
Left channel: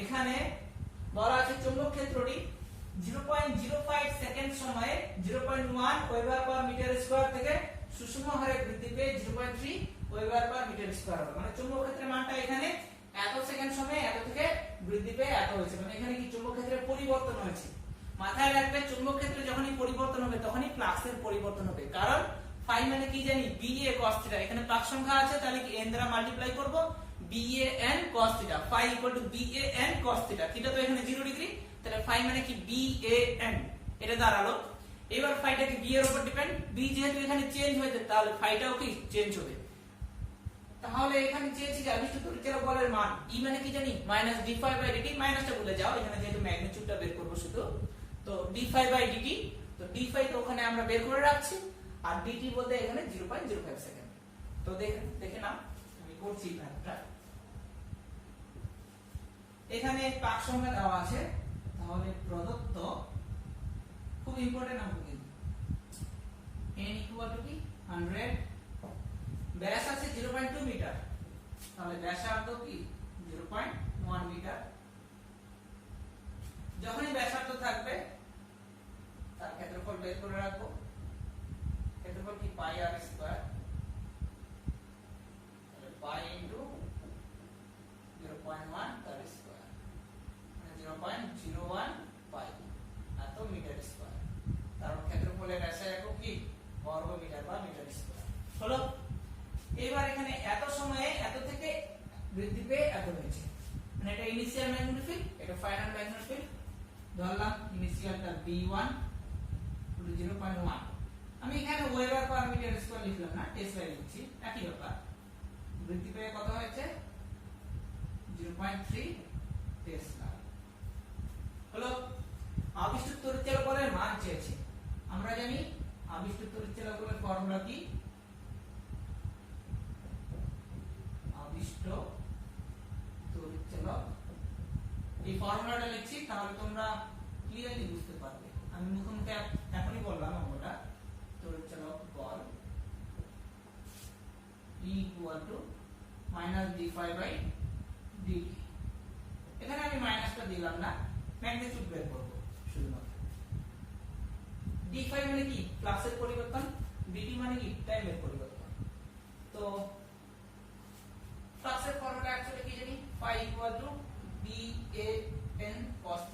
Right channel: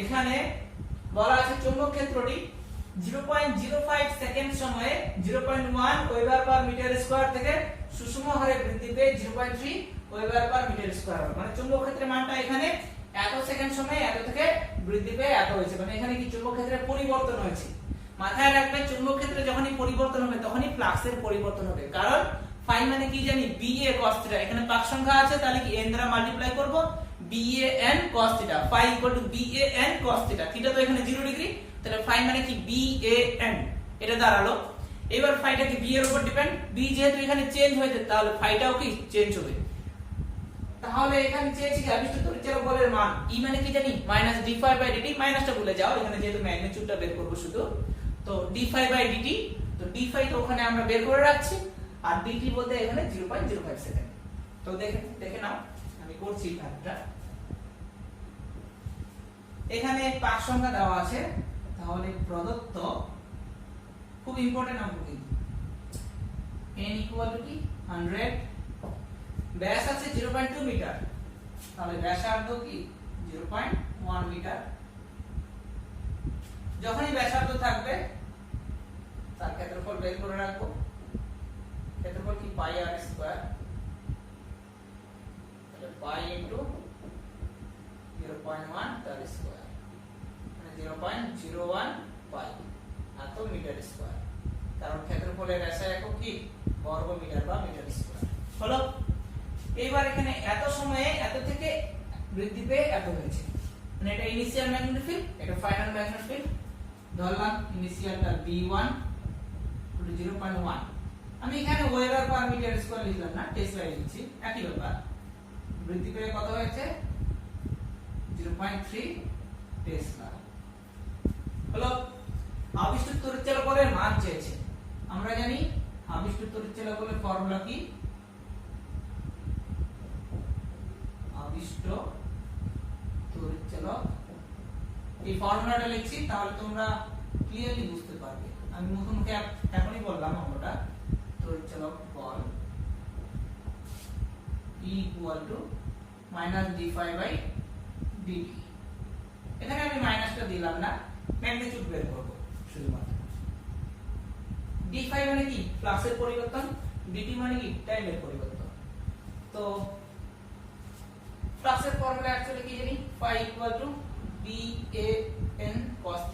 এখানে বলা আছে চৌম্বক ক্ষেত্রটি 0.05 সেকেন্ড সময়ে 0.1 ওয়েবার পার মিটার স্কয়ার থেকে সুষম হারে বৃদ্ধি পেয়ে 0.3 ওয়েবার পার মিটার স্কয়ার হবে, মানে চুম্বক ক্ষেত্রের মানটা এখানে এত সেকেন্ড সময়ে এত থেকে বৃদ্ধি পেয়ে এত হয়েছে, মানে এখানে কি চুম্বক ক্ষেত্রের পরিবর্তন হয়েছে। মাথায় রাখবে চুম্বক ক্ষেত্রে যখনই পরিবর্তন হবে তখনই ফ্লাক্সের পরিবর্তন হবে, কারণ ফাই মানে কি জানি BA cos θ, এখানে পাক সংখ্যা আছে তাহলে কি n দ্বারা মাল্টিপ্লাই করব, BAN cos θ, phi equal to BAN cos θ, θ তো এখানে 0 ডিগ্রি, তাহলে ফাই মানে কি BAN, এটা দাঁড়ালো। এবার ফাইটা কি b এর উপর ডিপেন্ড, b যেহেতু এখানে চেঞ্জ হয়েছে তাহলে ফাইটাও কি চেঞ্জ হবে। তাহলে এখানে চেয়েছি কি আবিষ্ট তড়িৎচালক বলের মান E মানে কি জানি -d∅dt, মাইনাসটা ভুলে যাও, এখানে যেহেতু ম্যাগনিটিউডটা বের করব শুধু, তো d∅dt, তো d∅ তো ওখানে আমরা বের করে রাখছি, আর dt বলতে এখানে 0.05 সেকেন্ড। তো দেখে নাও আমি করছি ভাগটা, এখানে পাক সংখ্যা দেওয়া আছে, তাহলে প্রদত্ত খুব ইম্পর্টেন্ট অঙ্ক কিন্তু n ইকুয়াল টু কি 100, ব্যাস আছে 0.2 মিটার, তাহলে ব্যাসার্ধ কি 0.1 মিটার। যখনই ব্যাসার্ধ থাকবে তার ক্ষেত্রফল বের করে রাখবো, ক্ষেত্রফল কি পাই r স্কয়ার, তাহলে পাই ইনটু 0.1 তার স্কয়ার, মানে 0.01 পাই এত মিটার স্কয়ার, কারণ ক্ষেত্রফলের এসআই একক কি বর্গ মিটার বা মিটার স্কয়ার হলো। এবার এখানে এত সময়ে এত থেকে বৃদ্ধি পেয়ে এত হয়েছে, মানে এটা ইনিশিয়াল ম্যাগনেটিক ফিল্ড, এটা ফাইনাল ম্যাগনেটিক ফিল্ড। ধরলাম ইনিশিয়ালটা v1 0.1, আমি এখানে ওয়েবার পার মিটার স্কয়ার লিখলাম না, টেসলা লিখছি, একই ব্যাপার। বৃদ্ধি পেয়ে কত হয়েছে 0.3 টেসলা হলো। আবিষ্ট তড়িৎচালক বলের মান চেয়েছে, আমরা জানি আবিষ্ট তড়িৎচালক বলের ফর্মুলা কি, আবিষ্ট তড়িৎচালক, এই ফর্মুলাটা লিখছি তাহলে তোমরা ক্লিয়ারলি বুঝতে পারবে। আমি মুখে মুখে এখনই বললাম অঙ্কটা, তড়িৎচালক বল E ইকুয়াল টু -d∅dt, এখানে আমি মাইনাসটা দিলাম না, ম্যাগনিটিউড বের করব শুধুমাত্র। d∅ মানে কি ফ্লাক্সের পরিবর্তন, dt মানে কি টাইমের পরিবর্তন। তো ফ্লাক্সের ফর্মুলা অ্যাকচুয়ালি কি জানি, phi equal to BAN cos θ,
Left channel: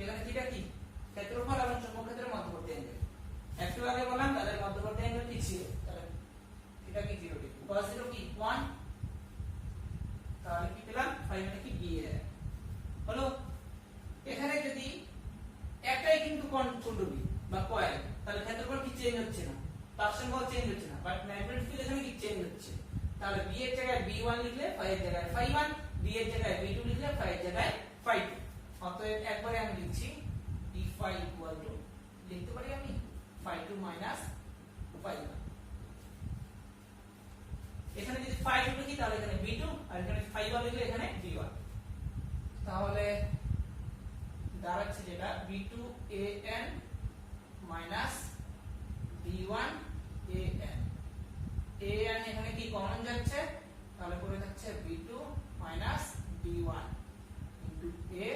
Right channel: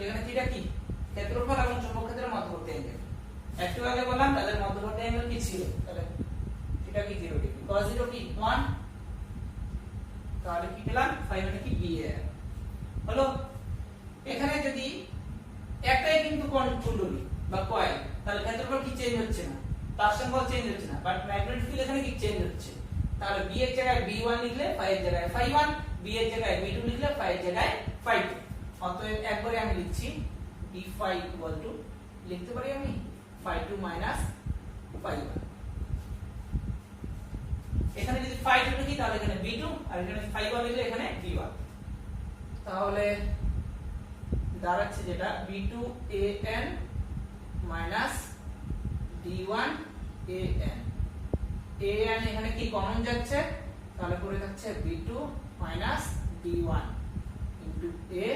এখানে থিটা কি ক্ষেত্রফল এবং চৌম্বক ক্ষেত্রের মধ্যবর্তী অ্যাঙ্গেল, একটু আগে বললাম তাদের মধ্যবর্তী অ্যাঙ্গেল কি ছিল, তাহলে থিটা কি 0 ডিগ্রি, cos 0 কি 1, তাহলে কি পেলাম phi মানে কি BAN হলো। এখানে যদি একটাই কিন্তু কুণ্ডলী বা কয়েল, তাহলে ক্ষেত্রফল কি চেঞ্জ হচ্ছে না, পার্সেন্ট চেঞ্জ হচ্ছে না, বাট ম্যাগনেটিক ফিল্ড এখানে কি চেঞ্জ হচ্ছে, তাহলে b এর জায়গায় b1 লিখলে phi এর জায়গায় phi1, b এর জায়গায় b2 লিখলে phi এর জায়গায় phi2। অতএব একবারে আমি লিখছি d∅ ইকুয়াল টু, লিখতে পারি আমি phi2 মাইনাস phi1, এখানে যদি phi2 লিখি তাহলে এখানে b2, আর এখানে phi1 লিখলে এখানে b1, তাহলে দাঁড়াচ্ছে যেটা b2an মাইনাস d1an, an এখানে কি কমন যাচ্ছে, তাহলে পড়ে যাচ্ছে b2 minus d1 into a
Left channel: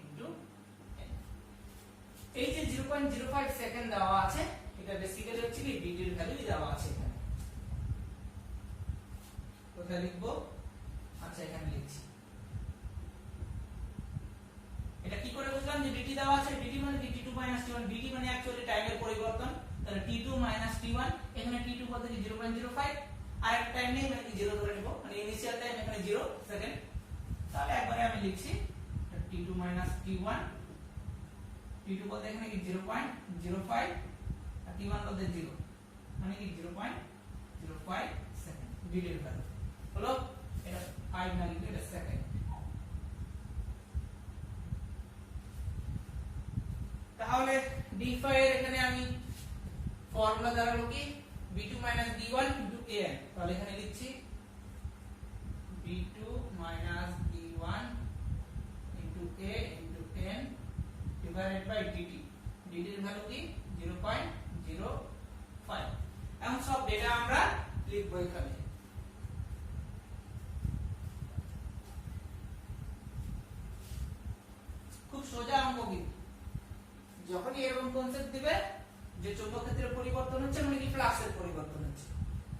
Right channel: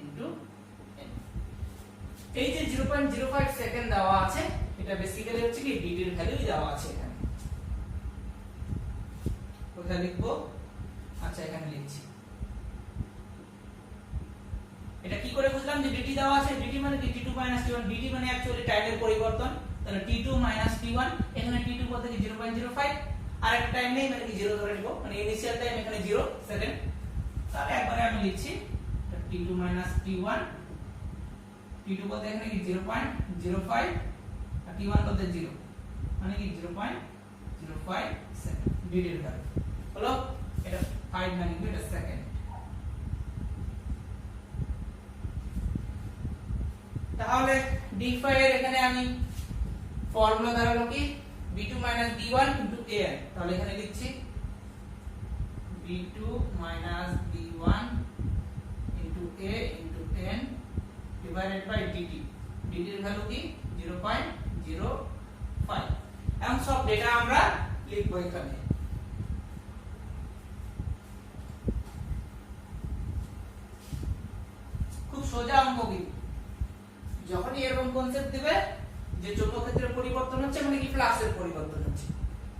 into n। এই যে 0.05 সেকেন্ড দেওয়া আছে, এটা বেসিক্যালি হচ্ছে কি dt এর ভ্যালু দেওয়া আছে এখানে, কোথায় লিখবো, আচ্ছা এখানে লিখছি। এটা কি করে বুঝলাম যে dt দেওয়া আছে, dt মানে কি t2 t1, dt মানে অ্যাকচুয়ালি টাইমের পরিবর্তন, তাহলে t2 t1, এখানে t2 বলতে কি 0.05, আর একটা টাইম নেই মানে কি 0 ধরে নিব, মানে ইনিশিয়াল টাইম এখানে 0 সেকেন্ড, তাহলে একবারে আমি লিখছি t2 t1, t2 বলতে এখানে কি 0.05 আর t1 বলতে 0, মানে কি 0.05 সেকেন্ড dt এর ভ্যালু হলো। এটা 5 না লিখবে, এটা সেকেন্ড। তাহলে d∅ এর এখানে আমি ফর্মুলা দাঁড়ালো কি b2 d1 an, তাহলে এখানে লিখছি b2 d1 a n divided by dt, dt এর ভ্যালু কি 0.05। এখন সব ডেটা আমরা লিখবো এখানে। খুব সোজা অঙ্ক, কিন্তু যখনই এরকম কনসেপ্ট দিবে যে চৌম্বক ক্ষেত্রের পরিবর্তন হচ্ছে মানে কি ফ্লাক্সের পরিবর্তন হচ্ছে,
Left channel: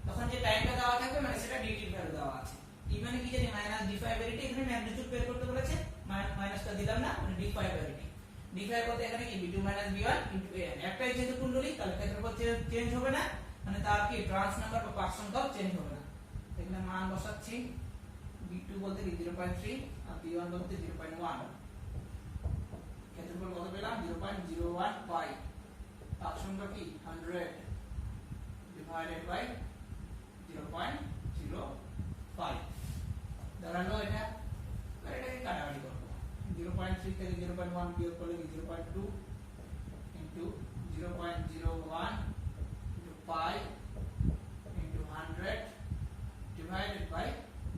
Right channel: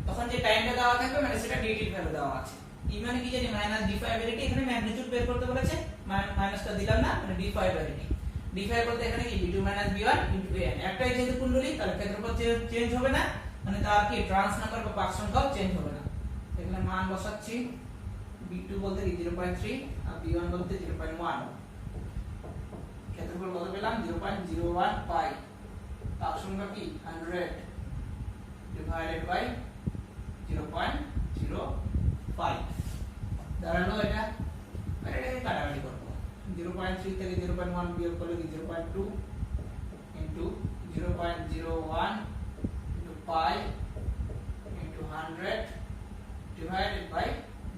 তখন যে টাইমটা দেওয়া থাকবে মানে সেটা নেগেটিভ ভ্যালু দেওয়া আছে। ই মানে কি জানি মাইনাস d5/dt, এখানে ম্যাগনিটিউড বের করতে বলেছে, মাইনাসটা দিলাম না, মানে d5/dt। d5 বলতে এখানে কি b2 b1 an, একটাই যেহেতু কুণ্ডলী তাহলে ক্ষেত্রফল চেঞ্জ হবে না, মানে তার কি ট্রান্স নাম্বার বা পাক সংখ্যাও চেঞ্জ হবে না। এখানে মান বসাচ্ছি, b2 বলতে কি 0.3 আর b1 বলতে 0.1, ক্ষেত্রফল কত পেলাম 0.01 পাই, পাক সংখ্যা কি 100 ডিভাইডেড বাই 0.05 দাঁড়ালো এটা। আর এটাকে কাটাকাটি করব, 0.3 থেকে 0.1 বিয়োগ করলে কি 0.2 into 0.01 into pi into 100 divided by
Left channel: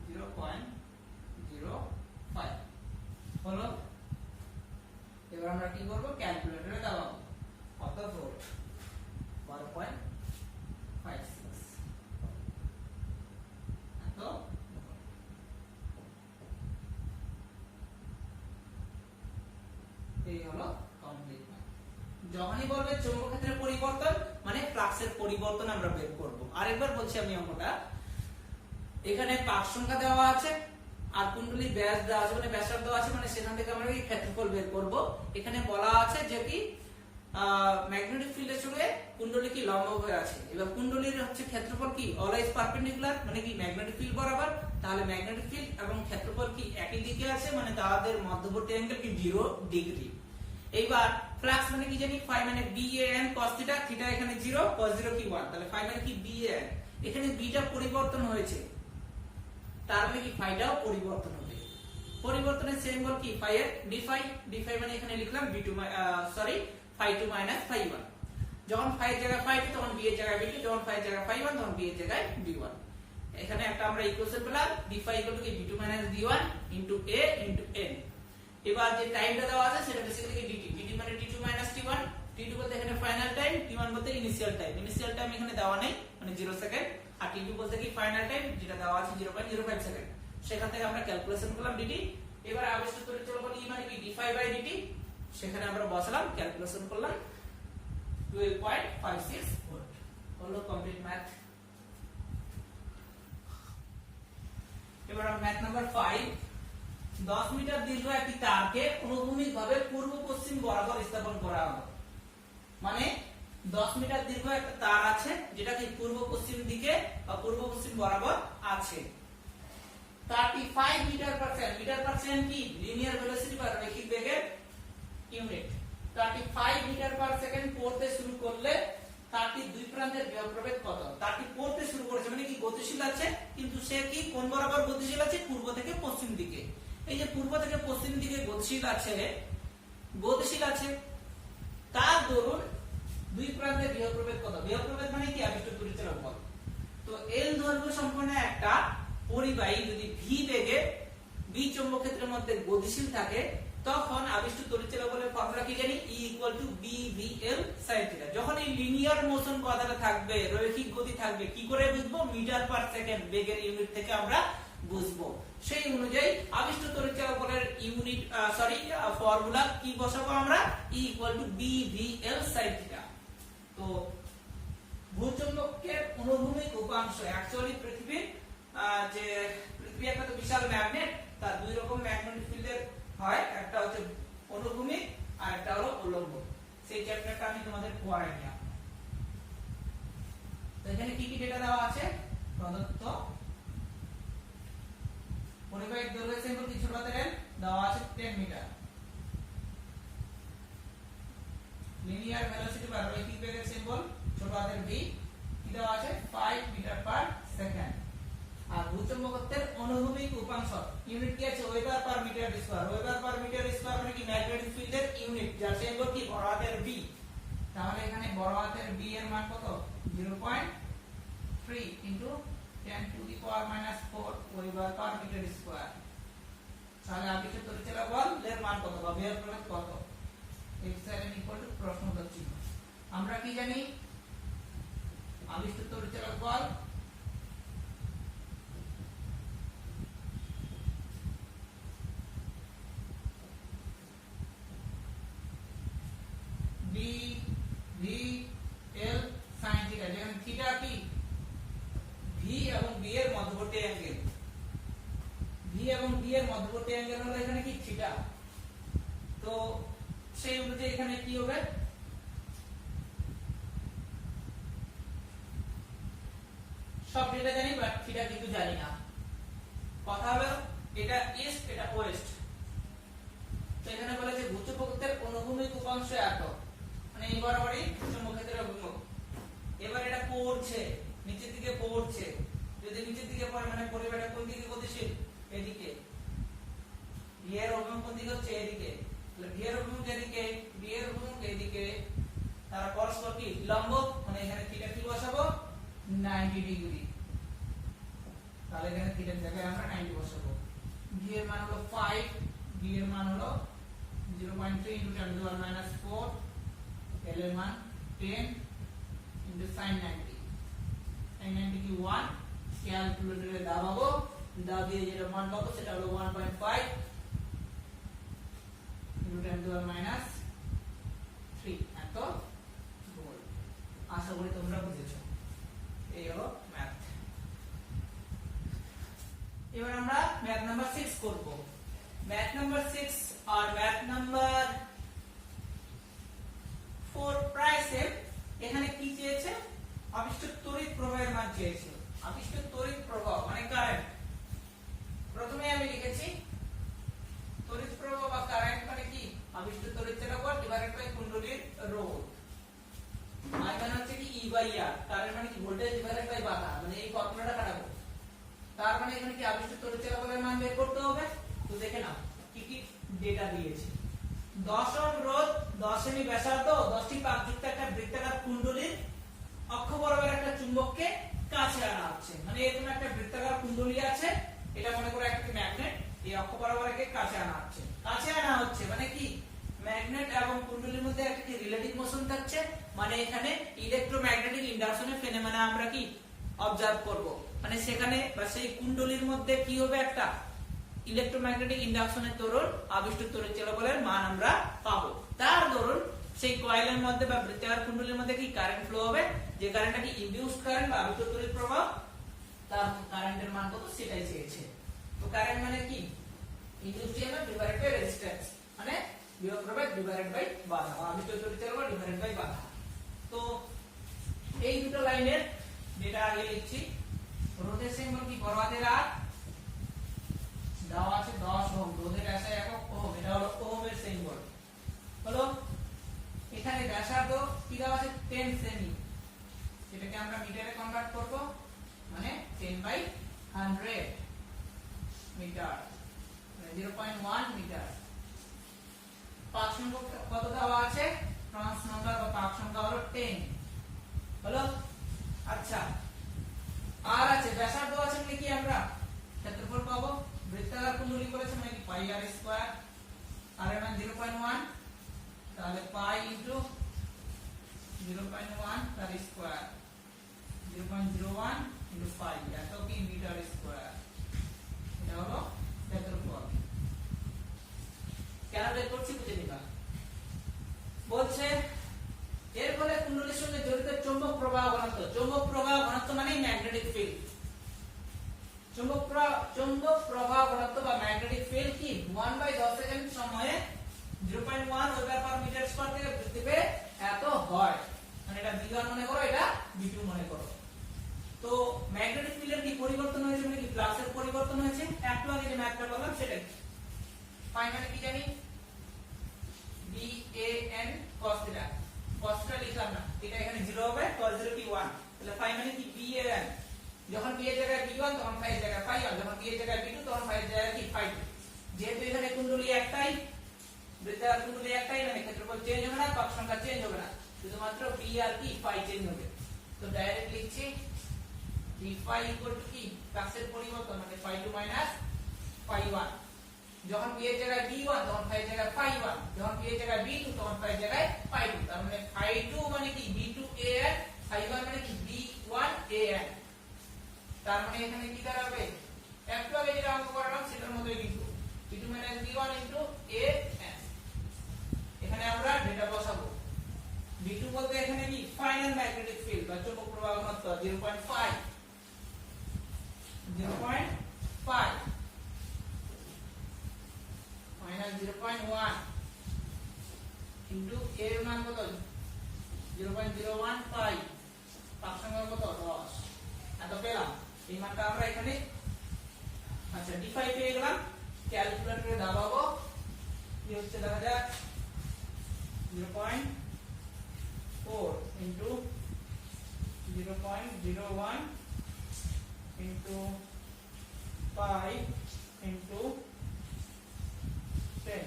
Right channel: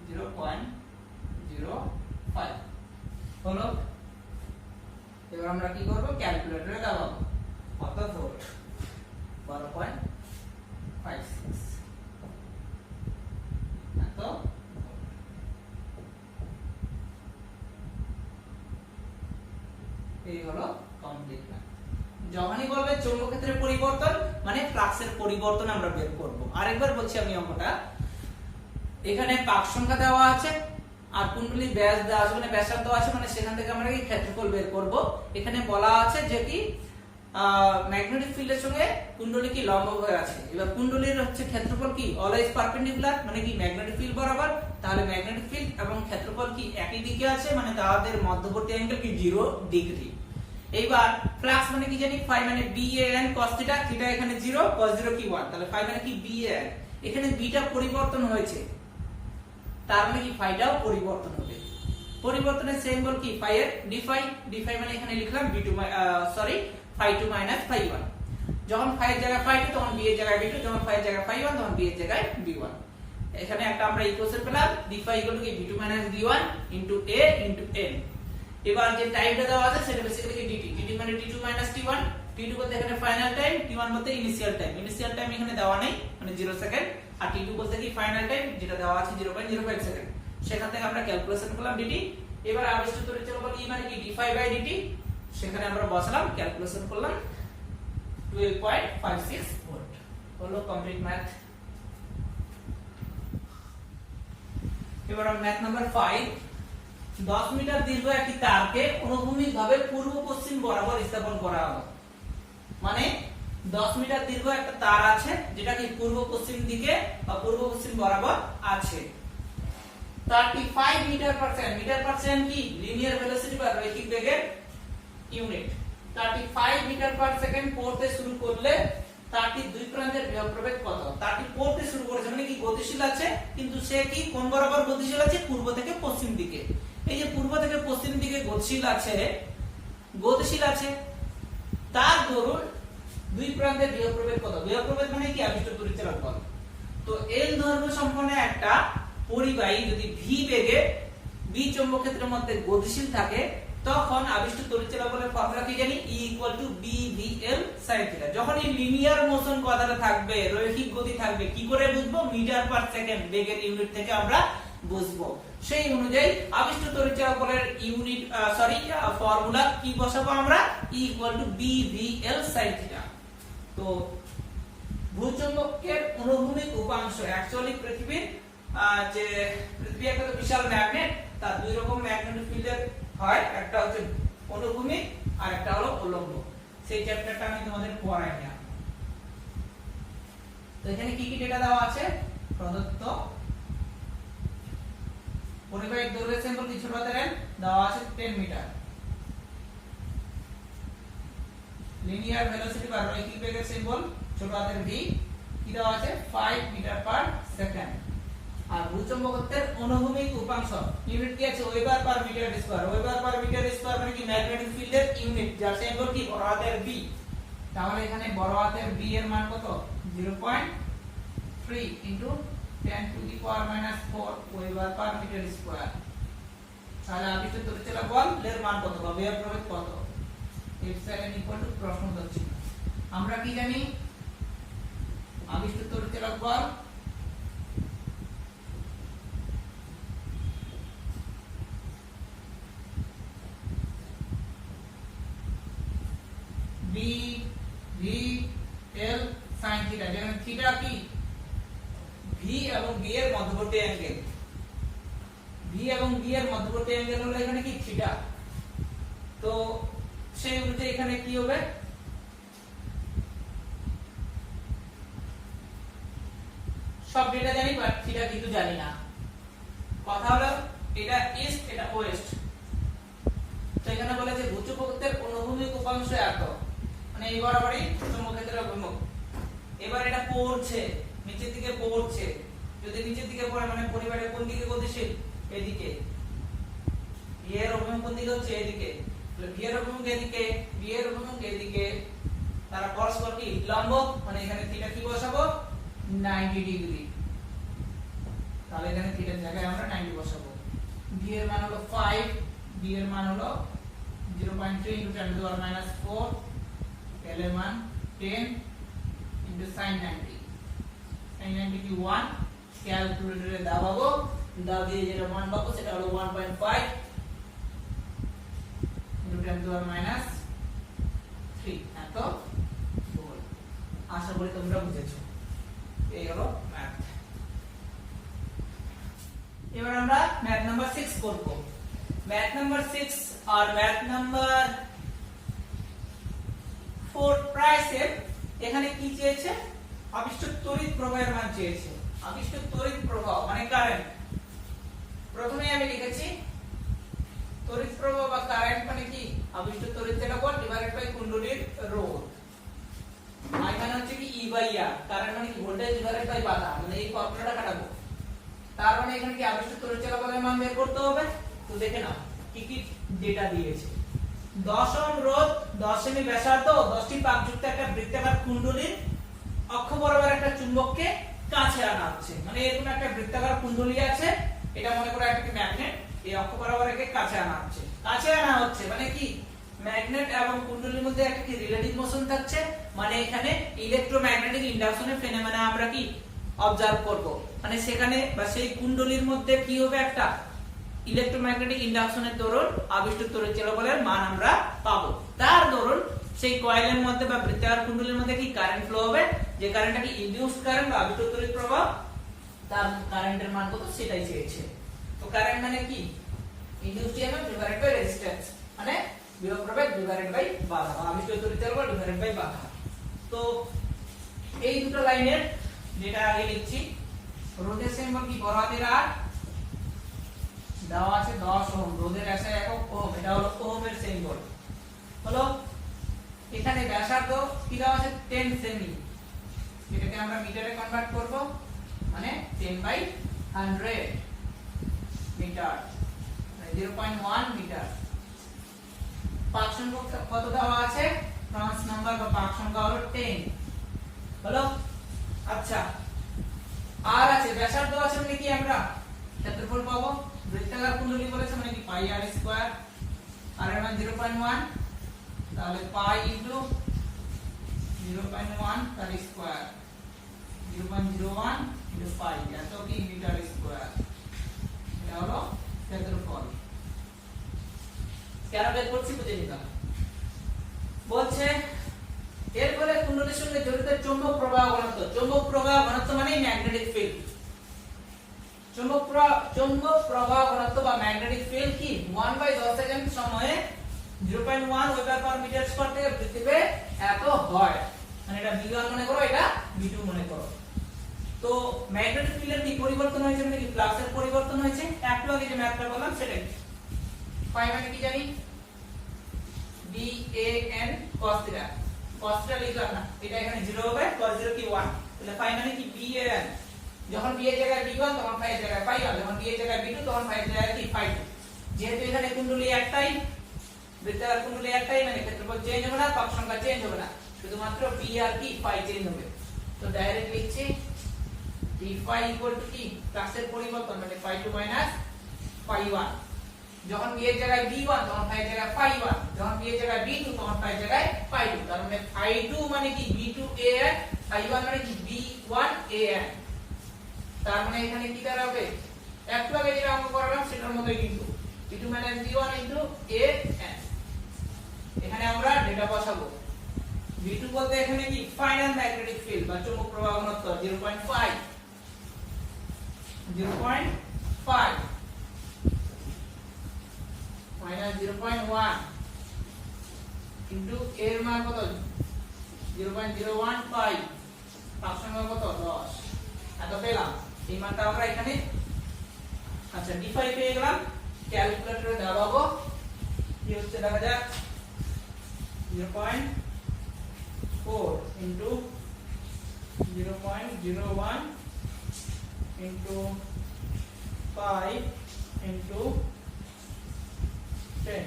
0.05 হলো। এবার আমরা কি করব, ক্যালকুলেটরে দাবাবো কত ভোল্ট, 12.56 তো এই হলো কমপ্লিট ম্যাথ। যখনই বলবে চৌম্বক ক্ষেত্রের পরিবর্তন মানে ফ্লাক্সের পরিবর্তন আমরা বের করব। আরেকবার বলছি আমি অঙ্কটা, এখানে পাক সংখ্যা দেওয়া আছে আর কুণ্ডলী ব্যাস দেওয়া আছে, মানে ব্যাসার্ধ আছে, মানে সেখান থেকে আমরা কি ক্ষেত্রফল বের করব। এখানে বলা আছে যে কি ম্যাগনেটিক ফিল্ডের সঙ্গে কুণ্ডলী কি লম্ব হয়ে আছে, এবার কুণ্ডলীর হচ্ছে ক্ষেত্রফল কি অলওয়েজ পারপেন্ডিকুলার, মানে কি ম্যাগনেটিক ফিল্ড বরাবর, তাহলে ম্যাগনেটিক ফিল্ড এবং ক্ষেত্রফল কি একই দিকে আছে, মানে তাদের মধ্যবর্তী অ্যাঙ্গেল কি 0 ডিগ্রি। এইবার ফ্লাক্স মানে কি জানি ফাই মানে BAN cos থিটা, থিটা এখানে 0 cos 0 কি 1, তাহলে ফাই মানে কি BAN, এখানে বিটা পরিবর্তন হয়েছে তার মানে কি ফাইটাও পরিবর্তন হবে। পরিবর্তনের সিম্বল কি ফাই এর d5 মানে এখানে লিখলাম b2 sorry phi2 minus phi1, যখন phi এর জায়গায় phi2 তখন b এর জায়গায় b2, যখন phi এর জায়গায় phi1 তখন b এর জায়গায় b1। এখানে একটা আমরা ইকুয়েশন পেলাম d5 b2 minus b1 into a into n। এবার যে টাইমটা দেওয়া আছে সেটা বেসিক্যালি কি dt মানে t2 minus t1, t2 বলতে এখানে ফাইনাল টাইম, t1 বলতে ইনিশিয়াল টাইম এখানে দেওয়া নেই মানে 0 সেকেন্ড, আর t2 বলতে কি ফাইনাল টাইম যেটা দেওয়া আছে 0.05 সেকেন্ড। সেখান থেকে আমরা ক্যালকুলেশন করলাম dt। এবার আবিষ্কৃত তড়িৎ চলাচল e মানে কি d5/dt, সেখানে আমরা বসালাম, ক্যালকুলেশন করলাম 12.56 ভোল্ট হলো কমপ্লিট ম্যাথ। এবার ম্যাথ নাম্বার 5, 10 মিটার দীর্ঘ একটি তারকে অনুভূমিকভাবে পূর্ব পশ্চিম বরাবর স্থাপন করা হলো। মানে 10 মিটার দীর্ঘ একটা তার আছে যেটা কি পূর্ব পশ্চিম দিকে বা পূর্ব পশ্চিম বরাবর আছে। 35 meter per second, meter per second কি লিনিয়ার ভেলোসিটি বা রৈখিক বেগের ইউনিট। 35 মিটার পার সেকেন্ড পড়তে শুরু করলে তারটির দুই প্রান্তের বিভব প্রভেদ কত? তারটি পড়তে শুরু করেছে মানে কি গতিশীল আছে, কিন্তু সে কি কোন বরাবর গতিশীল আছে? পূর্ব থেকে পশ্চিম দিকে। এই যে পূর্ব থেকে পশ্চিম দিকে গতিশীল আছে, তার দরুন দুই প্রান্তের বিভব প্রভেদ কত? বিভব প্রভেদ মানে কি আবিষ্ট তড়িৎ চলাচল বল। তো L দৈর্ঘ্য সম্পন্ন একটা পরিবাহী যদি v বেগে b চৌম্বক ক্ষেত্রের মধ্যে গতিশীল থাকে তখন আবিষ্ট তড়িৎ চলাচল বলের ফর্মুলা কি জানি? E = bvl sin θ। যখন এই লিনিয়ার মোশন কথাটা থাকবে, রৈখিক গতি থাকবে, কি করে বুঝবো? মিটার পার সেকেন্ড বেগের ইউনিট থেকে আমরা বুঝবো। সেই অনুযায়ী আবিষ্ট তড়িৎ চলাচল বলের ইউনিট ফর্মুলা কি বসাবো আমরা? E = bvl sin θ। তো ভূচৌম্বকের অনুভূমিক উপাংশ অ্যাকচুয়ালি পৃথিবীর যে পৃথিবী একটা তো বিশাল ম্যাগনেট, তার দুই রকম ম্যাগনেটিক ফিল্ডের হয়, একটা হচ্ছে অনুভূমিক আর একটা হলো উল্লম্ব। সেই চ্যাপ্টারটা আমি তোমাদের পড়াই না। তো এখানে কি কি ডেটা দেওয়া আছে? প্রদত্ত পরিবাহীর দৈর্ঘ্য সিম্বল কি ছোট হাতের n দেওয়া আছে 10 মিটার। লিনিয়ার ভেলোসিটি বা রৈখিক বেগের সিম্বল ছোট হাতের v কি দেওয়া আছে 5 মিটার পার সেকেন্ড। আর ভূচৌম্বকত্বের অনুভূমিক উপাংশ ইউনিট কি আছে? Weber per meter square. Weber per meter square মানে কি ম্যাগনেটিক ফিল্ডের ইউনিট, যার সিম্বল কি বড় হাতের v। তাহলে এখানে বড় হাতের v এর মান কত? 0.3 ইনটু 10⁻⁻⁴ ওয়েবার পার মিটার স্কয়ার। তাহলে আবিষ্ট তড়িৎ চলাচল বল এর মান কত বা বিভব প্রভেদ কত? এপসাইলন = প্রশ্নবোধক চিহ্ন। আমরা কি জানি? আবিষ্ট তড়িৎ চলাচল বল B V বি এর মধ্যবর্তী অ্যাঙ্গেল, ভি এবং বি এর মধ্যবর্তী অ্যাঙ্গেল হলো এখানে কি থিটা। তো সেই অনুযায়ী এখানে কি হবে, সব ডেটা জানি বাট থিটা কিন্তু জানি না। কথা হলো এটা ইস্ট এটা ওয়েস্ট। তো এখানে বলে যে ভূচুম্বকত্বের অনুভূমিক উপাংশ এত, মানে এই বরাবরই চুম্বক ক্ষেত্রের অভিমুখ। এবার এটা পড়ছে নিচের দিকে পড়ছে, যদি নিচের দিকে পড়ে মানে পরিবারের কোন দিকে গতিশীল, এদিকে। ভি এর অভিমুখ কোন দিকে হচ্ছে, এদিকে। তাহলে ভি এর অভিমুখ এদিকে, বি এর অভিমুখ এদিকে, তারা পরস্পর কি লম্ব, মানে এখানে থিটা কি বসাবো 90 ডিগ্রি। তাহলে এখানে থিটার জায়গায় আমরা 90 বসাবো। বি এর মান হলো 5, বি এর মান হলো 0.3 * 10⁻⁴, এল এর মান 10 * sin 90। sin 90 কি 1, ক্যালকুলেটরে দাবাবো, দাও দিয়ে যেটা মান পাবো সেটা হলো 1.5 * 10⁻³ এত বল। আশা করি তোমরা বুঝেছো। এই হলো ম্যাথ। এবার আমরা ম্যাথ নাম্বার 6 করব। ম্যাথ নাম্বার 6 আর ম্যাথ নাম্বার 4 প্রায় সেম। এখানে কি চেয়েছে, আবিষ্ট তড়িৎ প্রবাহের মান চেয়েছে। আবিষ্ট তড়িৎ প্রবাহ মানে কারেন্ট। প্রথমেই আমি লিখেছি তড়িৎ প্রবাহ বা কারেন্ট মানে কি, আবিষ্ট তড়িৎ চলাচল ডিভাইডেড বাই কুণ্ডলীর রোধ। এখানে হচ্ছে কি E/R, কারেন্ট মানে কি ভোল্টেজ ডিভাইডেড বাই বাধা, মানে এই ফর্মুলাটা কাটাবো। তার মানে এখানে কি আবিষ্ট তড়িৎ চলাচলের মান বের করতে হবে। তো দেখে নাও কি কি ডেটা দিয়েছে। 10 ওহম রোধ, 10 সেমি ব্যাসার্ধ ও 10টি পাকযুক্ত একটা বৃত্তাকার কুণ্ডলীর অক্ষ বরাবর একটা চুম্বককে কাছে আনা হচ্ছে। মানে এরকম একটা বৃত্তাকার কুণ্ডলী আছে, এটা মনে করো একটা ম্যাগনেট, এই অক্ষ বরাবর একে কাছে আনা হচ্ছে। কাছে আনা হচ্ছে মানে কি, ম্যাগনেট এবং কুণ্ডলীর মধ্যে একটা কি রিলেটিভ মোশন থাকছে, মানে এখানে ইলেকট্রোম্যাগনেটিক ইন্ডাকশনের ফেনোমেনা আমরা কি অবজার্ভ করব। মানে সেখানে বা সেই কুণ্ডলীর মধ্যে কি হবে, একটা ইলেকট্রোম্যাগনেটিক ইন্ডাকশনের দরুন আবিষ্ট তড়িৎ চলাচলের মান আমরা পাবো। তার দরুন সেই কয়েলের মধ্যে বা বৃত্তাকার কুণ্ডলীর মধ্যে কি কারেন্ট ফ্লো হবে, যে কারেন্টটা কি ইনডিউসড কারেন্ট বা আবিষ্ট তড়িৎ প্রবাহ, তার কারেন্টের মান কত সেটাই চেয়েছে। তো কারেন্ট মানে কি, induced EMF divided by resistance, মানে বিভব প্রবাহ ডিভাইডেড বাই বাধা, আবিষ্ট তড়িৎ চলাচল ডিভাইডেড বাই বাধা। তো এই দুটো লাইনের যেটা আগে লিখছি, রোধের সিম্বল কি বড় হাতের আর, দেওয়া আছে 10 ওহম, রোধের এসআই একক ওহম, এটা হলো ওহমের সিম্বল হলো। এখানে ব্যাসার্ধ কি দেওয়া আছে 10 সেমি, এটাকে আমরা মিটারে কনভার্ট করব, মানে 10/100 মিটার, 0.1 মিটার। পাক সংখ্যা কত দেওয়া আছে, ট্রান্স নাম্বার বা পাক সংখ্যা হলো 10 হলো। আচ্ছা, আর আছে ব্যাসার্ধ আছে মানে কি আমরা ক্ষেত্রফল পাবো। বৃত্তাকার কুণ্ডলী বলেছে মানে কি পাই আর স্কয়ার, আর এর মান 0.1, তাহলে পাই ইনটু 0.1 তার স্কয়ার, 0.01 ইনটু পাই, এত কি মিটার স্কয়ার। এটা হলো ক্ষেত্রফল। কেন বের করছি বুঝে নিবা। বলছে এর ফলে কুণ্ডলীর সঙ্গে জড়িত চৌম্বক প্রবাহ ঘনত্ব। চৌম্বক প্রবাহ ঘনত্ব মানে ম্যাগনেটিক ফিল্ড। চৌম্বক প্রবাহ ঘনত্ব বা ম্যাগনেটিক ফিল্ড কি 1/10 সেকেন্ড সময়ে 0.1 ওয়েবার পার মিটার স্কয়ার থেকে বৃদ্ধি পেয়ে এত হয়। মানে এটা V1 মনে করো, এটা V2 মনে করো। তো ম্যাগনেটিক ফিল্ডের কি পরিবর্তন হয়েছে, মানে কি ফ্লাক্সের পরিবর্তন হয়েছে। একটু আগে যে ম্যাথটা বললাম সেটাই। পাই মানে কি জানি, BAN cos θ। cos θ লিখলাম না, এটা এখানে 0 হবে, cos 0 কি 1। তাহলে পাই মানে কি BAN, যখন b এর জায়গায় b1 তখন phi এর জায়গায় phi 1, যখন b এর জায়গায় b2 তখন phi এর জায়গায় কি phi 2। যেহেতু এখানে কুণ্ডলী একটাই, বৃত্তাকার কুণ্ডলী একটাই, মানে ক্ষেত্রফল চেঞ্জ হবে না, পাক সংখ্যা চেঞ্জ হবে না, শুধুমাত্র b আর কি phi চেঞ্জ হবে। তো ডাইরেক্ট লিখছি d phi ইকুয়াল টু কি ফ্লাক্সের পরিবর্তন, মানে phi 2 মাইনাস phi 1। যখন b এর জায়গায় b1 তখন phi এর জায়গায় phi 1, যখন b এর জায়গায় b2 তখন phi এর জায়গায় phi 2। তার মানে phi 2 মানে কি b2an, phi 1 মানে কি b1an। তার মানে এখানে কি দাঁড়াবে, একটু আগে যেটা অঙ্ক করালাম সেটার মতোই কিন্তু b2 মানে b1 ইনটু an। এখানে আমরা ডেটা বসাবো। b2 বলতে এখানে কি ফাইনাল ম্যাগনেটিক ফিল্ড বা চৌম্বক প্রবাহ ঘনত্ব 0.5, 0.5 মাইনাস 0.1 ইনটু এর মান কত 0.015 ফাংশন মান কত 10 এত পেলাম এই মানটা আমরা এখানে আচ্ছা d5 পেয়ে গেলাম ক্যালকুলেটরে দাবাবো কি হচ্ছে দেখা যাক 0.4 ইনটু 0.01 ইনটু 5 ইনটু 10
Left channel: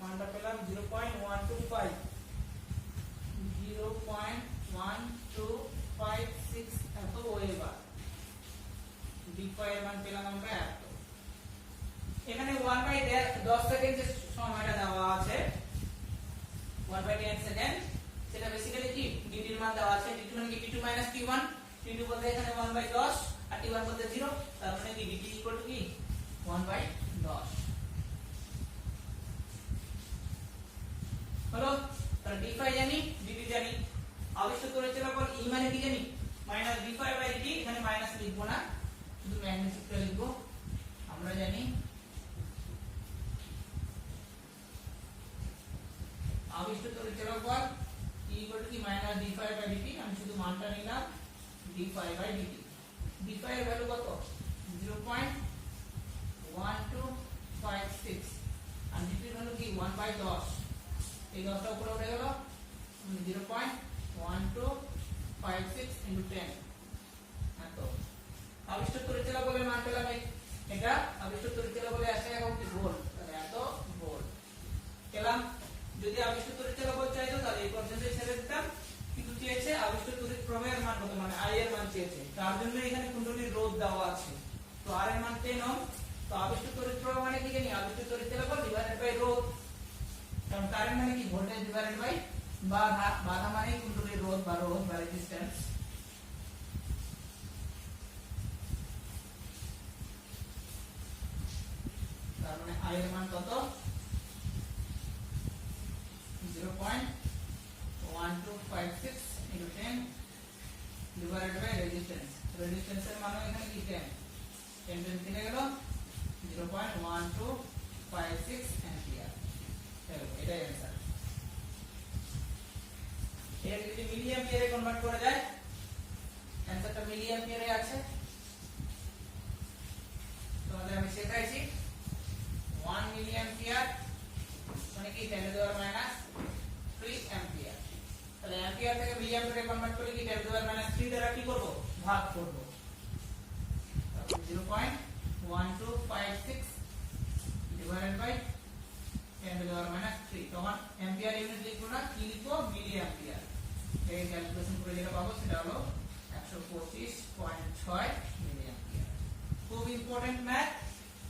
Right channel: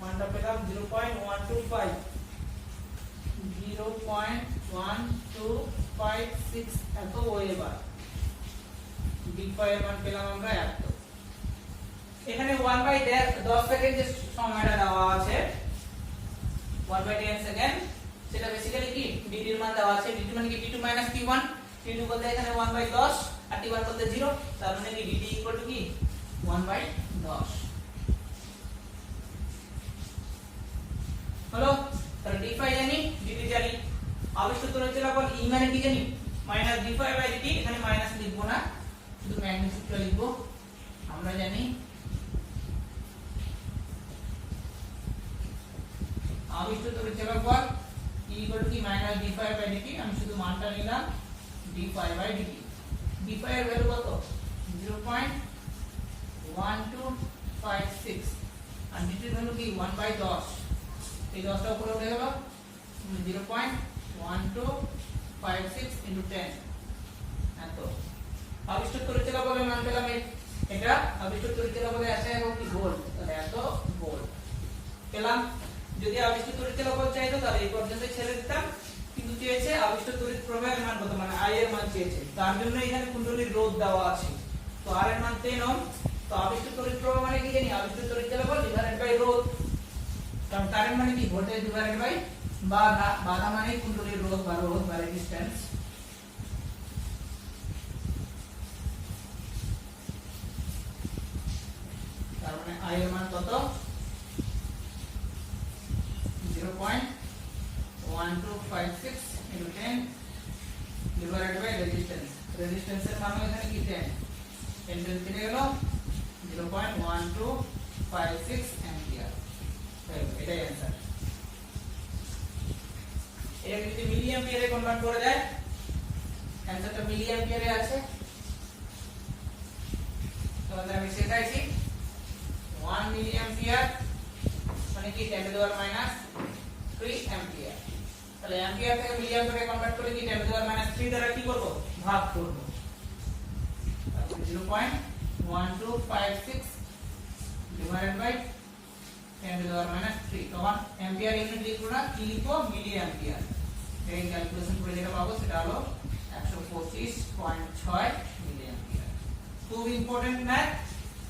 মানটা পেলাম 0.125 0.1256 এত ওয়েবার d5 এর মান পেলাম আমরা এত এখানে 1/10 সেকেন্ড যে সময়টা দেওয়া আছে 1/10 সেকেন্ড সেটা বেসিক্যালি কি dt এর মান দেওয়া আছে dt মানে কি t2 t1 t2 বলতে এখানে 1/10 আর t1 বলতে 0 তার মানে কি dt কি 1/10 হলো তাহলে d5 জানি dt জানি আবিষ্ট তড়িৎ চলাচল e মানে কি জানি -d5/dt এখানে মাইনাস লিখব না শুধু ম্যাগনিটিউডটা লিখব আমরা জানি আবিষ্ট তড়িৎ চলাচল e কি -d5/dt আমি শুধু মানটা নিলাম d5/dt d5 এর ভ্যালু কত 0.1256 আর dt এর ভ্যালু কি 1/10 এই 10টা উপরে উঠে গেল 0.1256 ইনটু 10 এত আবিষ্ট তড়িৎ চলাচলের মান পেলাম এটা আবিষ্ট তড়িৎ চলাচলে আসে কি ভোল্ট তাহলে এত ভোল্ট পেলাম যদি আবিষ্ট তড়িৎ চলাচল চাইতো তাহলে এই পর্যন্ত ছেড়ে দিতাম কিন্তু চেয়েছে আবিষ্ট তড়িৎ প্রবাহের মান কত মানে I এর মান চেয়েছে তার জন্য এখানে কুণ্ডলীর রোধ দেওয়া আছে তো R এর মান 10 ওহম তো আবিষ্ট তড়িৎ প্রবাহ মানে কি জানি আবিষ্ট তড়িৎ চলাচল ডিভাইডেড বাই রোধ কারণ কারেন্ট মানে কি ভোল্টেজ ডিভাইডেড বাই বাধা বাধা মানে কুণ্ডলীর রোধ বা রেজিস্ট্যান্স তার মানে I এর মান কত 0.1256 into 10 divided by resistance resistance এর মান এখানে কি 10 10 কেটে গেল 0.1256 অ্যাম্পিয়ার এটাই आंसर এটা যদি মিলি অ্যাম্পিয়ারে কনভার্ট করে দেয় आंसरটা মিলি অ্যাম্পিয়ারে আছে তোমাদের আমি শেখাইছি 1 মিলি অ্যাম্পিয়ার মানে কি 10 to the power minus 3 ampere তাহলে অ্যাম্পিয়ার থেকে মিলি অ্যাম্পিয়ারে কনভার্ট করে কি 10 টু দি পাওয়ার মাইনাস 3 দ্বারা কি করব ভাগ করব 0.1256 divided by 10 to the power minus 3 তখন অ্যাম্পিয়ার ইউনিট লিখবো না কি লিখবো মিলি অ্যাম্পিয়ার এই ক্যালকুলেশন করে যেটা পাবো সেটা হলো 125.6 মিলি অ্যাম্পিয়ার খুব ইম্পর্টেন্ট ম্যাথ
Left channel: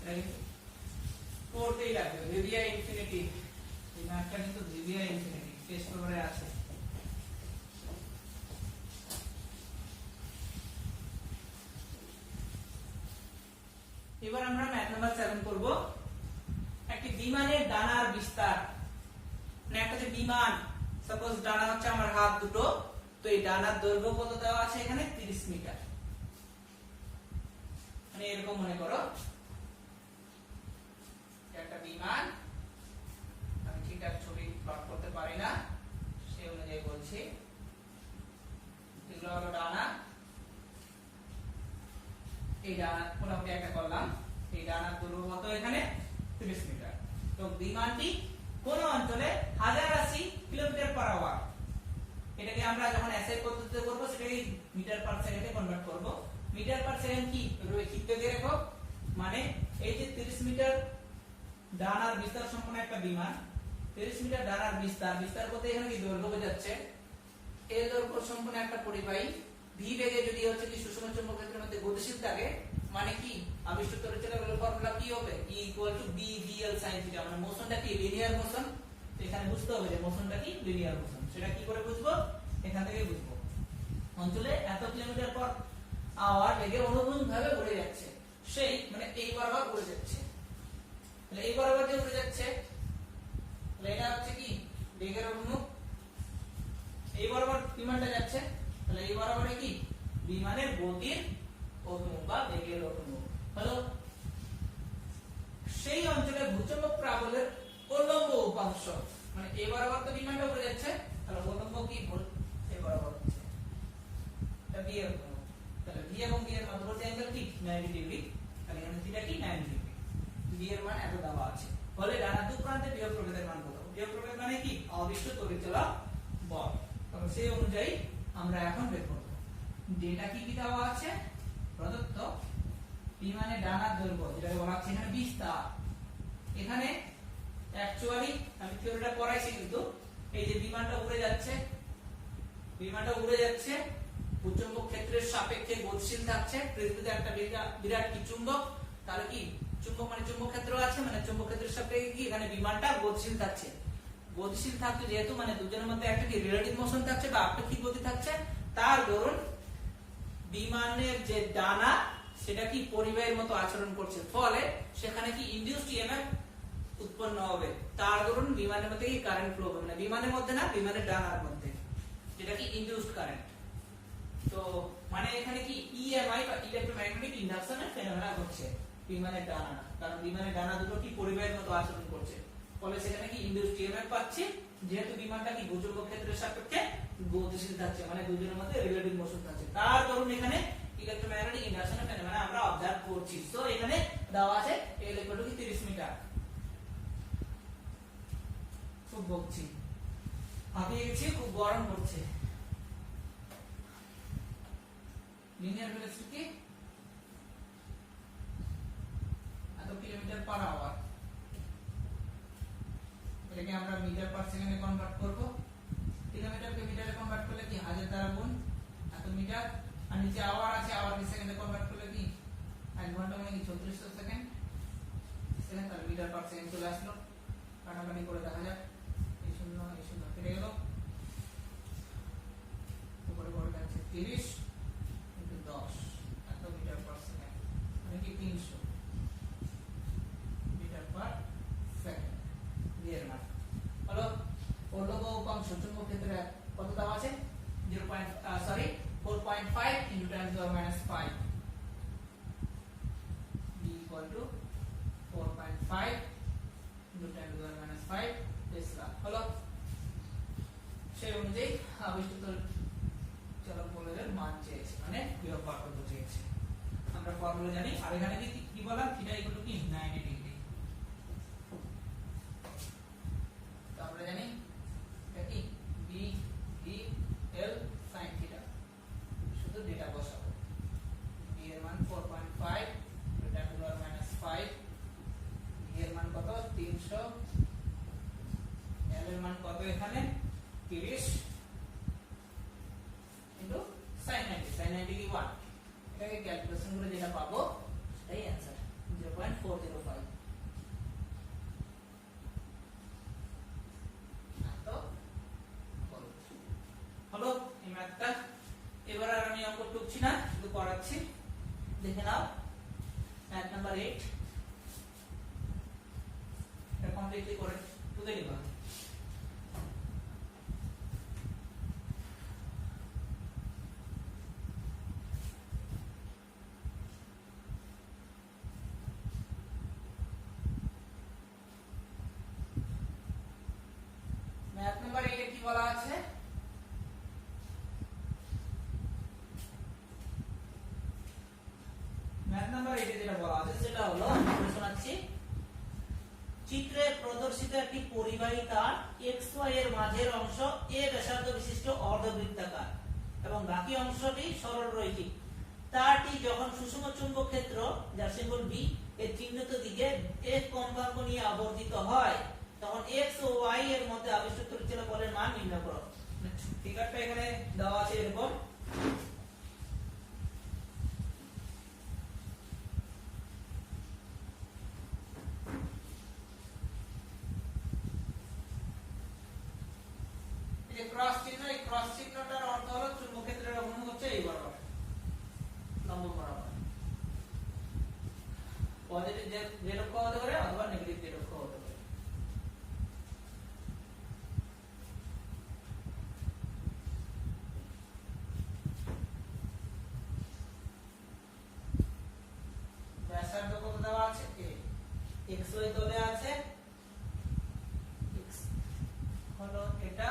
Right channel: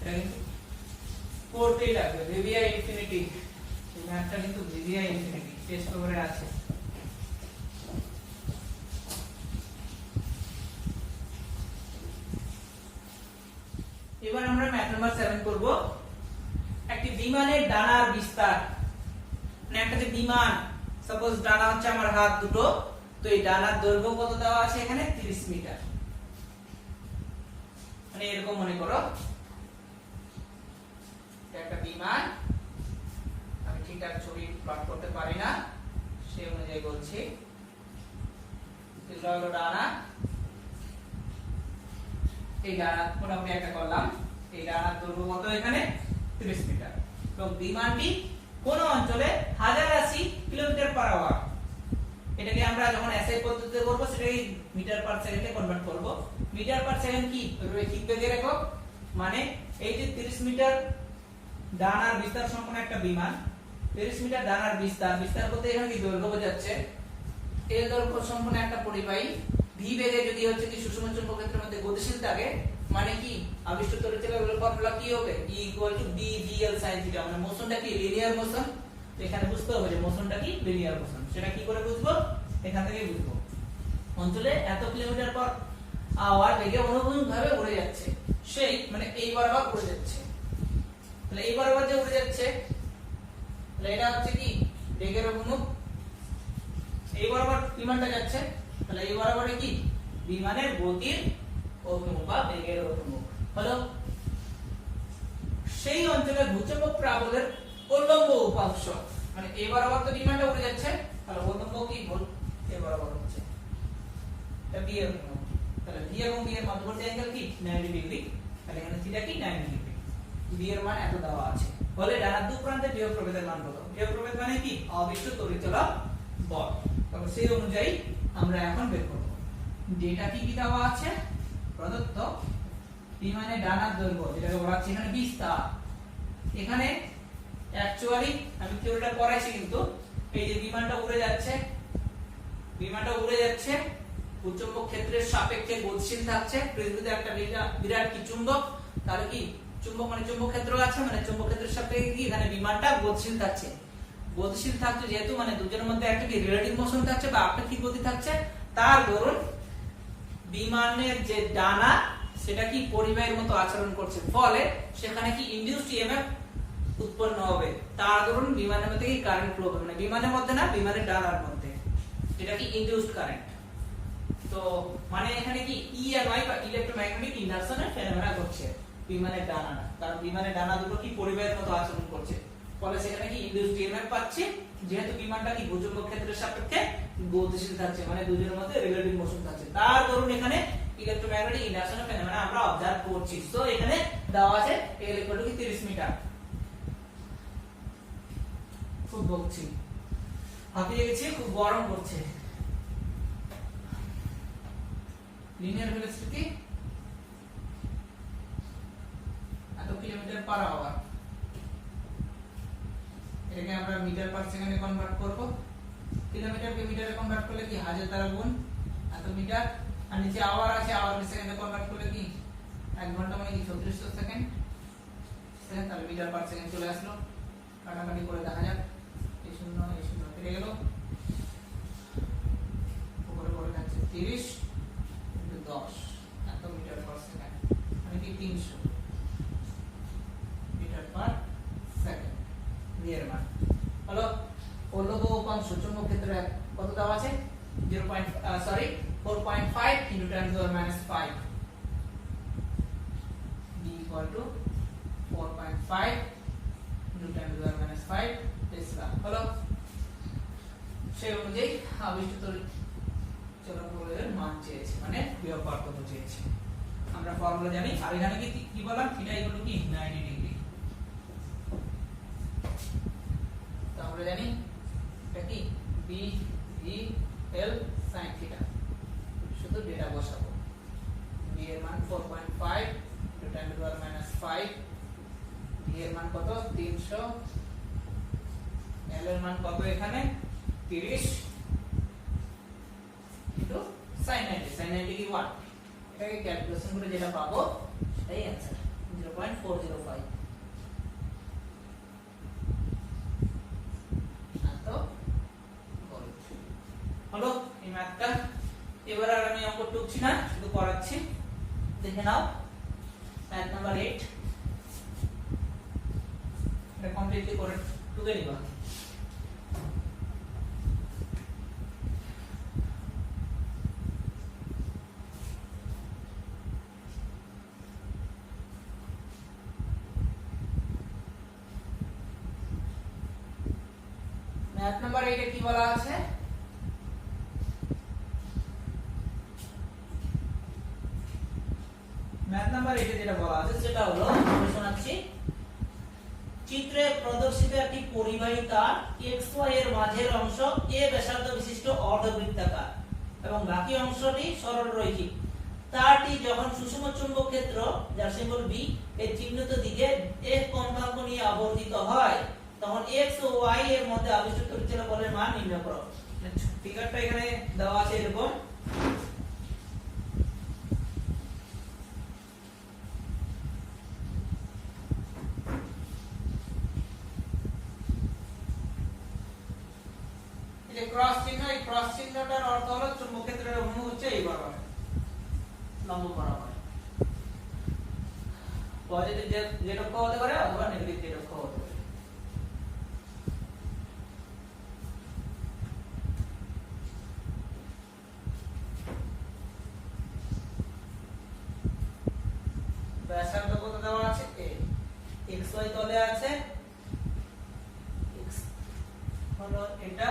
এটা কিন্তু করতেই লাগবে ভিভিআই ইনফিনিটি এই ম্যাথটা কিন্তু ভিভিআই ইনফিনিটি টেস্ট পেপারে আছে এবার আমরা ম্যাথ নাম্বার 7 করব একটি বিমানের ডানার বিস্তার মানে একটা যে বিমান সাপোজ ডানা হচ্ছে আমার হাত দুটো তো এই ডানার দৈর্ঘ্য কত দেওয়া আছে এখানে 30 মিটার মানে এরকম মনে করো একটা বিমান আমি ঠিকঠাক ছবি প্লট করতে পারি না সেই অনুযায়ী বলছি এগুলো হলো ডানা এই ডানা মোটামুটি একটা করলাম এই ডানার দৈর্ঘ্য কত এখানে 30 মিটার তো বিমানটি কোন অঞ্চলে 1080 কিলোমিটার পার আওয়ার এটাকে আমরা যখন এসআই পদ্ধতিতে করব সেটাকে মিটার পার সেকেন্ডে কনভার্ট করব মিটার পার সেকেন্ড কি রৈখিক বেগের একক মানে এই যে 30 মিটার ডানার বিস্তার সম্পন্ন একটা বিমান 30 মিটার ডানার বিস্তার বলতে এখানে কি দৈর্ঘ্য বোঝাচ্ছে এই দৈর্ঘ্য সম্পন্ন একটা পরিবাহী ভি বেগে যদি হচ্ছে কি সুষম চৌম্বক ক্ষেত্রের মধ্যে গতিশীল থাকে মানে কি আবিষ্ট তড়িৎ চলাচলের ফর্মুলা কি হবে E = BVL sin θ মানে মোশনটা কি লিনিয়ার মোশন এখানে বুঝতে হবে যে মোশনটা কি লিনিয়ার মোশন সেটা কি করে বুঝবো এখান থেকেই বুঝবো অঞ্চলে এত কিলোমিটার পার আওয়ার বেগে অনুভূমিকভাবে উড়ে যাচ্ছে সেই মানে এই বরাবর উড়ে যাচ্ছে তাহলে এই বরাবর যে উড়ে যাচ্ছে তাহলে এটা হচ্ছে কি বেগের অভিমুখ এই বরাবর বিমানটা যাচ্ছে তাহলে এই বরাবরে কি বিমানের গতির অভিমুখ বা বেগের অভিমুখ হলো সেই অঞ্চলে ভূচুম্বক প্রাবল্যের উল্লম্ব উপাংশ, মানে এ বরাবর তো বিমানটা উড়ে যাচ্ছে, তাহলে উল্লম্ব কি ভুল, এ বরাবর হচ্ছে এটা বি এর অভিমুখ, তাহলে ভি এবং বি এর মধ্যবর্তী অ্যাঙ্গেল কি 90 ডিগ্রি, তাহলে এখানে থিটা কি 90 ডিগ্রি, বি এর মান এত দেওয়া আছে। বলে ডানার দু প্রান্তে বিয়োগ প্রভেদের মান কত, বিয়োগ প্রভেদ মানে কি অবিষ্ট তড়িৎচলক বল, তবে সেই অনুযায়ী আমরা এখন বের করব। যেটা কি দেওয়া আছে প্রদত্ত বিমানের ডানার দৈর্ঘ্য যেটাকে বলা হচ্ছে এখানে বিস্তার, এখানে অ্যাকচুয়ালি আমি থিওরিটা পড়াইছি, কিন্তু এই যে বিমানটা উড়ে যাচ্ছে, বিমানটা উড়ে যাচ্ছে ভূচুম্বক ক্ষেত্রের সাপেক্ষে গতিশীল থাকছে, পৃথিবীতে একটা বিরাট কি চুম্বক, তাহলে কি চুম্বক মানে চুম্বক ক্ষেত্র আছে, মানে চুম্বক ক্ষেত্রের সাপেক্ষে কি এখানে বিমানটা গতিশীল থাকছে, গতিশীল থাকছে যেহেতু মানে দুজনের মধ্যে একটা কি রিলেটিভ মোশন থাকছে বা আপেক্ষিক গতি থাকছে, তার দরুন বিমানের যে ডানা সেটা কি পরিবাহীর মতো আচরণ করছে, ফলে সেখানে কি ইনডিউসড ইএমএফ উৎপন্ন হবে, তার দরুন বিমানের মধ্যে কি কারেন্ট ফ্লো হবে, মানে বিমানের মধ্যে না বিমানের ডানার মধ্যে, যেটা কি ইনডিউসড কারেন্ট। তো মানে এখানে কি ইএমআই বা ইলেকট্রোম্যাগনেটিক ইন্ডাকশনের ফেনোমেনা ঘটছে বিমানের ডানাটা, কারণ বিমানের ডানা দুটো কি পরিবাহীর মতো আচরণ করছে, ফলে সেখানে কি ইনডিউসড ইএমএফ পাচ্ছে, যেহেতু বিমানটা কি ভূচুম্বক ক্ষেত্রের সাপেক্ষে গতিশীল থাকছে, মানে দুজনের মধ্যে রিলেটিভ মোশন থাকছে, তার দরুন এখানে ইলেকট্রোম্যাগনেটিক ইন্ডাকশনের ফেনোমেনা আমরা অবজার্ভ করছি। তো এখানে দেওয়া আছে L = 30 মিটার। খুব বকছি, হাঁপিয়ে গেছি, খুব গরম করছে। লিনিয়ার ভেলোসিটি এত কিলোমিটার পার আওয়ার, এটাকে আমরা মিটার পার সেকেন্ডে কনভার্ট করব, কিলোমিটারকে মিটারে কনভার্ট করলে কি 1000 দ্বারা গুণ এত মিটার, আর নিচে আওয়ার আছে, আওয়ারকে সেকেন্ডে কনভার্ট করলে কি 1 ঘন্টা মানে কি 3400 সেকেন্ড, তাহলে মিটার পার সেকেন্ড চলে আসলো, কাটাকাটি করে দেখা যাক, এই শূন্য কেটে গেল, উপরে পড়ে যাচ্ছে 30 × 10 এত মিটার পার সেকেন্ড, মানে কি 300 মিটার পার সেকেন্ড। এর মান হলো উল্লম্ব উপাংশ চুম্বক ক্ষেত্রে কত দেওয়া আছে 4.5 × 10⁻⁵, b = 4.5 × 10⁻⁵ টেসলা হলো, সেই অনুযায়ী আবিষ্ট তড়িৎচলক বলের মান চেয়েছে, মানে বিভব বার করতে চেয়েছে। আমরা ফর্মুলা জানি, আর এখানে কি বললাম থিটা = কি 90 ডিগ্রি, তারপরে জানি এটা কি b v l sin theta, শুধু ডেটা বসাবো, b এর মান 4.5 × 10⁻⁵, v এর মান কত 300, l এর মান কত এখানে 30 কিন্তু sin 90 কি 1, এটাকে ক্যালকুলেশন করে যেটা পাবো সেটাই आंसर 0.405। হলো এই ম্যাথটা। এবার আর আমি অঙ্ক টুকছি না, শুধু করাচ্ছি, দেখে নাও ম্যাথ নাম্বার 8, এটা কমপ্লিটলি করে টুকে নিবা। ম্যাথ নাম্বার 8 এ কি বলা আছে, ম্যাথ নাম্বার 8 এ যেটা বলা আছে সেটা হলো, আমি শোনাচ্ছি, চিত্রে প্রদর্শিত একটি পরিবাহী তার xy এর মাঝের অংশ a ব্যাসার্ধ বিশিষ্ট অর্ধবৃত্তাকার এবং বাকি অংশটি সরলরৈখিক। তারটি যখন সুষম চুম্বক ক্ষেত্র যার সিম্বল b এর চিহ্নিত দিকে f কম্পাঙ্ক নিয়ে আবর্তিত হয়, তখন x ও y এর মধ্যে আবিষ্ট তড়িৎচলক বলের মান নির্ণয় করো। ফিগারটা এখানে দেওয়া আছে এরকম, ক্রস চিহ্ন, এই ক্রস চিহ্নটার অর্থ হলো চুম্বক ক্ষেত্রের অভিমুখ হচ্ছে এই বরাবর, লম্ব বরাবর, পজিটিভ জেড অক্ষ হতে পারে অথবা নেগেটিভ জেড অক্ষ হতে পারে। xy তলে আছে, x হলো এটা,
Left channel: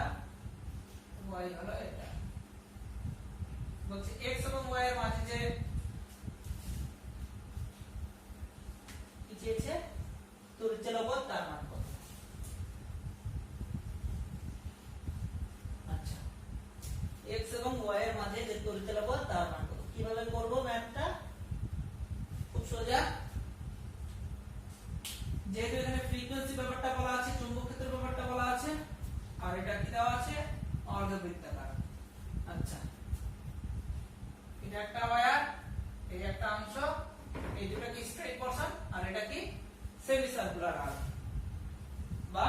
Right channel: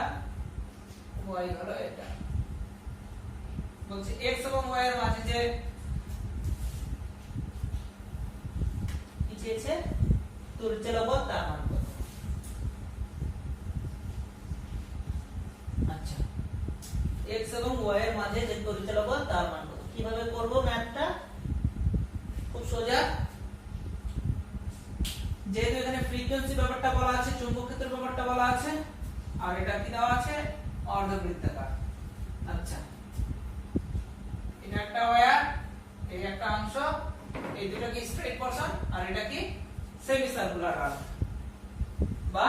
y হলো এটা। বলছে x এবং y এর মাঝে যে কি চেয়েছে, তড়িৎচলক বল তার মান কত। আচ্ছা, x এবং y এর মাঝে যে তড়িৎচলক বল তার মান কত। কিভাবে করব ম্যাথটা? খুব সোজা। যেহেতু এখানে ফ্রিকোয়েন্সি ব্যাপারটা বলা আছে, চৌম্বক ক্ষেত্রের ব্যাপারটা বলা আছে, আর এটা কি দেওয়া আছে, অর্ধবৃত্তাকার। আচ্ছা, এটা একটা ওয়্যার, এই একটা অংশ, এই দুটো কি স্ট্রেট পোরশন, আর এটা কি সেমি সার্কুলার আর্ক বা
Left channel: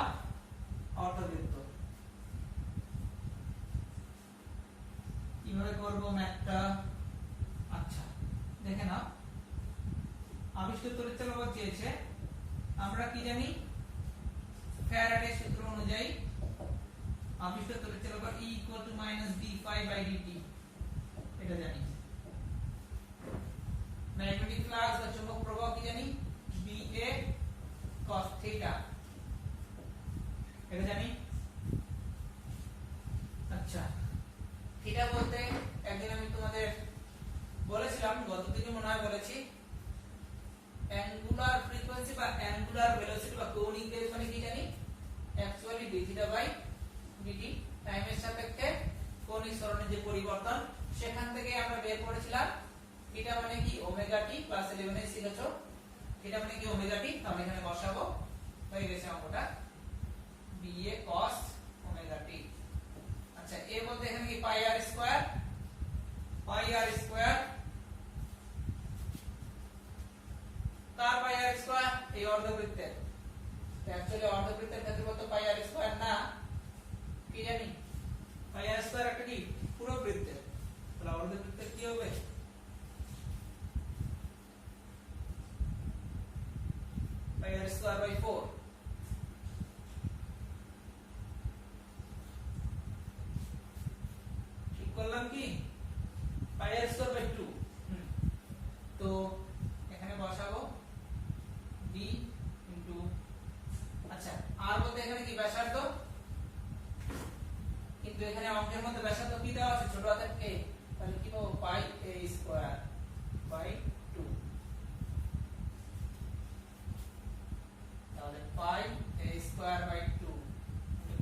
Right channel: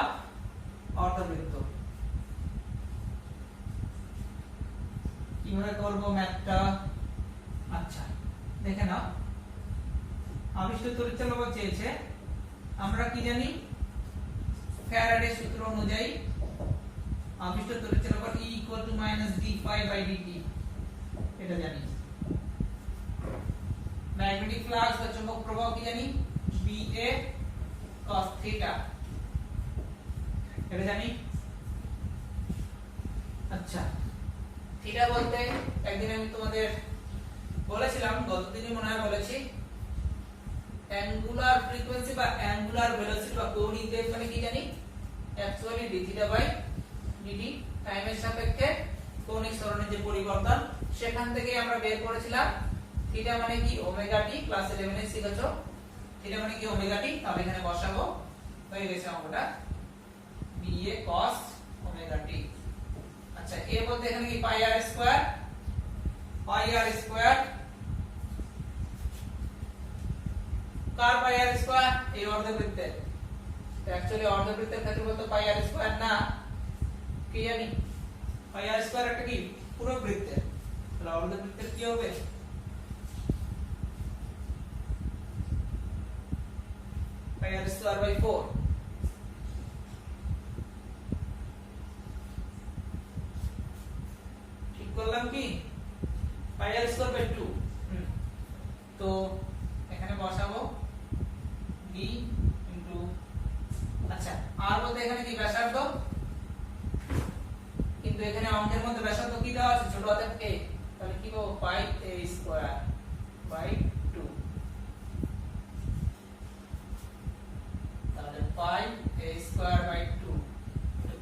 অর্ধবৃত্ত। কিভাবে করব ম্যাথটা? আচ্ছা, দেখে নাও। আবিষ্ট তড়িৎচলক বল চেয়েছে, আমরা কি জানি, ফ্যারাডের সূত্র অনুযায়ী আবিষ্ট তড়িৎচলক বল E - d∅dt, এটা জানি। ম্যাগনেটিক ফ্লাক্স বা চুম্বক প্রবাহ কি জানি, BA cos θ, এটা জানি। আচ্ছা, থিটা বলতে একদিন আমি তোমাদের বলেছিলাম, গতদিনই মনে হয় বলেছি, অ্যাঙ্গুলার ফ্রিকোয়েন্সি বা অ্যাঙ্গুলার ভেলোসিটি বা কৌণিক বেগ মানে কি জানি, অ্যাকচুয়ালি d θ বাই dt, টাইমের সাপেক্ষে কৌণিক ত্বরণের যে পরিবর্তন, সেখান থেকে আমরা বের করেছিলাম থিটা মানে কি ওমেগা টি, ক্লাস 11 এ শিখেছো থিটা মানে কি ওমেগা টি। তাহলে এখানে বসাবো, হয়ে গেছে অঙ্কটা BA cos ওমেগা টি। আচ্ছা, এর মধ্যে এখানে কি পাই আর স্কয়ার, কার পাই আর স্কয়ার, এই অর্ধবৃত্তের। অ্যাকচুয়ালি অর্ধবৃত্তের ক্ষেত্রে বলতে পাই আর স্কয়ার না, কি জানি, পাই আর স্কয়ার একটা কি পুরো বৃত্তের। তাহলে অর্ধবৃত্তের কি হবে, পাই আর স্কয়ার বাই 4। ঠিক করলাম কি, পাই আর স্কয়ার বাই 2। তো এখানে বসাবো b ইনটু, আচ্ছা আর বলতে এখানে কি ব্যাসার্ধ, কিন্তু এখানে অঙ্কের মধ্যে ব্যাসার্ধ কি দেওয়া আছে, ছোট হাতের a, তাহলে কি পাবো, পাই a স্কয়ার বাই 2। তাহলে pi a square by 2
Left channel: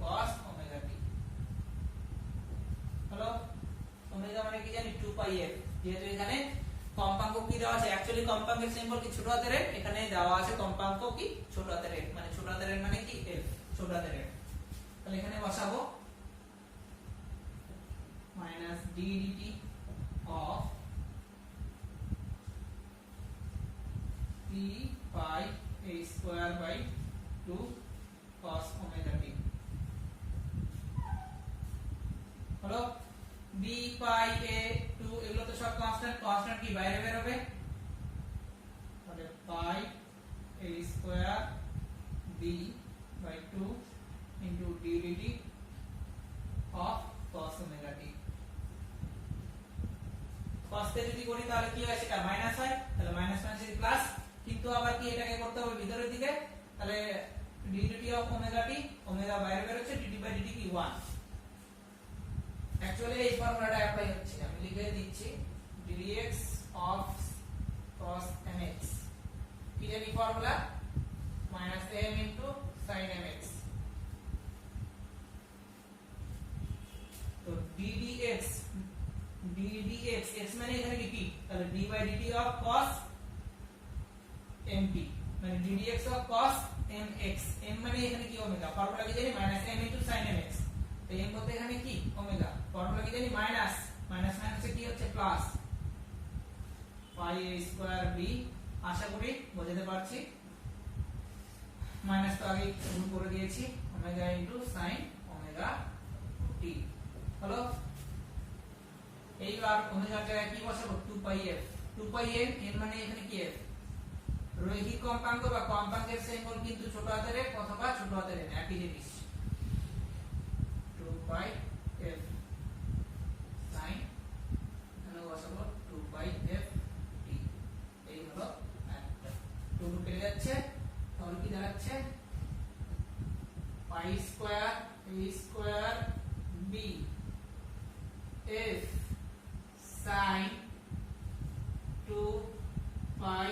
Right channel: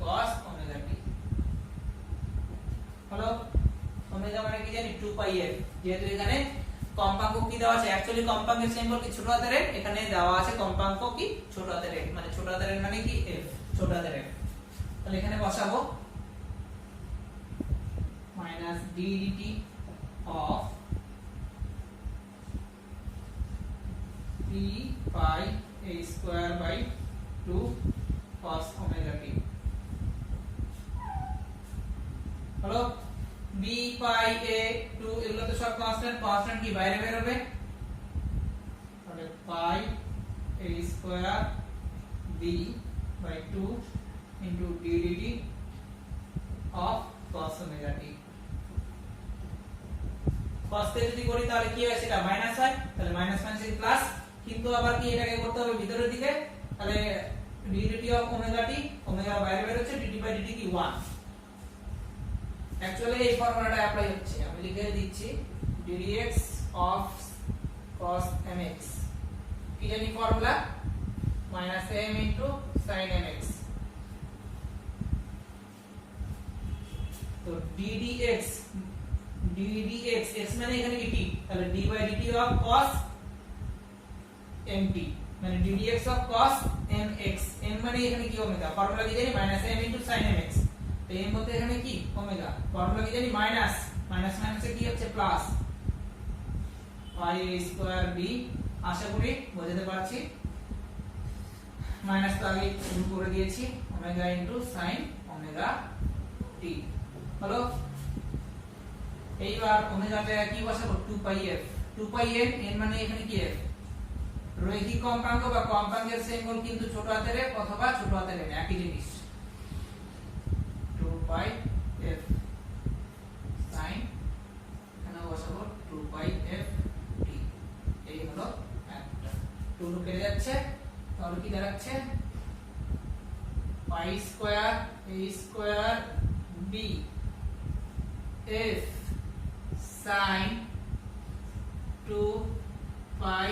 cos omega t হলো। ওমেগা মানে কি জানি, 2 পাই f। যেহেতু এখানে কম্পাঙ্ক কি দেওয়া আছে, অ্যাকচুয়ালি কম্পাঙ্কের সিম্বল কি ছোট হাতের f, এখানে দেওয়া আছে কম্পাঙ্ক কি ছোট হাতের f, মানে ছোট হাতের f মানে কি f, ছোট হাতের f। তাহলে এখানে বসাবো minus d dt of p pi a square by 2 cos omega t হলো। b pi a 2 এগুলো তো সব কনস্ট্যান্ট, কনস্ট্যান্ট কি বাইরে বের হবে, তাহলে pi a square b by 2 into d dt of cos omega t। cos কে যদি করি তাহলে কি হয়, সেটা মাইনাস হয়, তাহলে মাইনাস মাইনাস কি প্লাস, কিন্তু আবার কি এটাকে করতে হবে ভিতরের দিকে, তাহলে d dt of omega t, omega বাইরে বের হচ্ছে, dt by dt কি 1। অ্যাকচুয়ালি এই ফর্মুলাটা অ্যাপ্লাই হচ্ছে, আমি লিখে দিচ্ছি dx of cos mx, কি জানি formula, minus m into sin mx। তো ddx x মানে এখানে কি t, তাহলে d by dt of cos mt মানে ddx of cos mx, m মানে এখানে কি ওমেগা, ফর্মুলা কি জানি minus m into sin mx। তো m বলতে এখানে কি ওমেগা, ফর্মুলা কি জানি মাইনাস, মাইনাস মাইনাসে কি হচ্ছে plus, pi a square b। আশা করি বোঝাতে পারছি, মাইনাস তো আগে শুরু করে দিয়েছি, omega into sin omega t হলো। এইবার ওমেগাটা কি বসাবো, 2 পাই f, 2 পাই f, n মানে এখানে কি f, রৈখিক কম্পাঙ্ক বা কম্পাঙ্কের সিম্বল কিন্তু ছোট হাতের f অথবা ছোট হাতের m একই জিনিস, 2 পাই f sin, এখানে বসাবো 2 পাই f t। এই হলো একটা, 2 কেটে যাচ্ছে, তাহলে কি দাঁড়াচ্ছে pi square a square b f sin 2 pi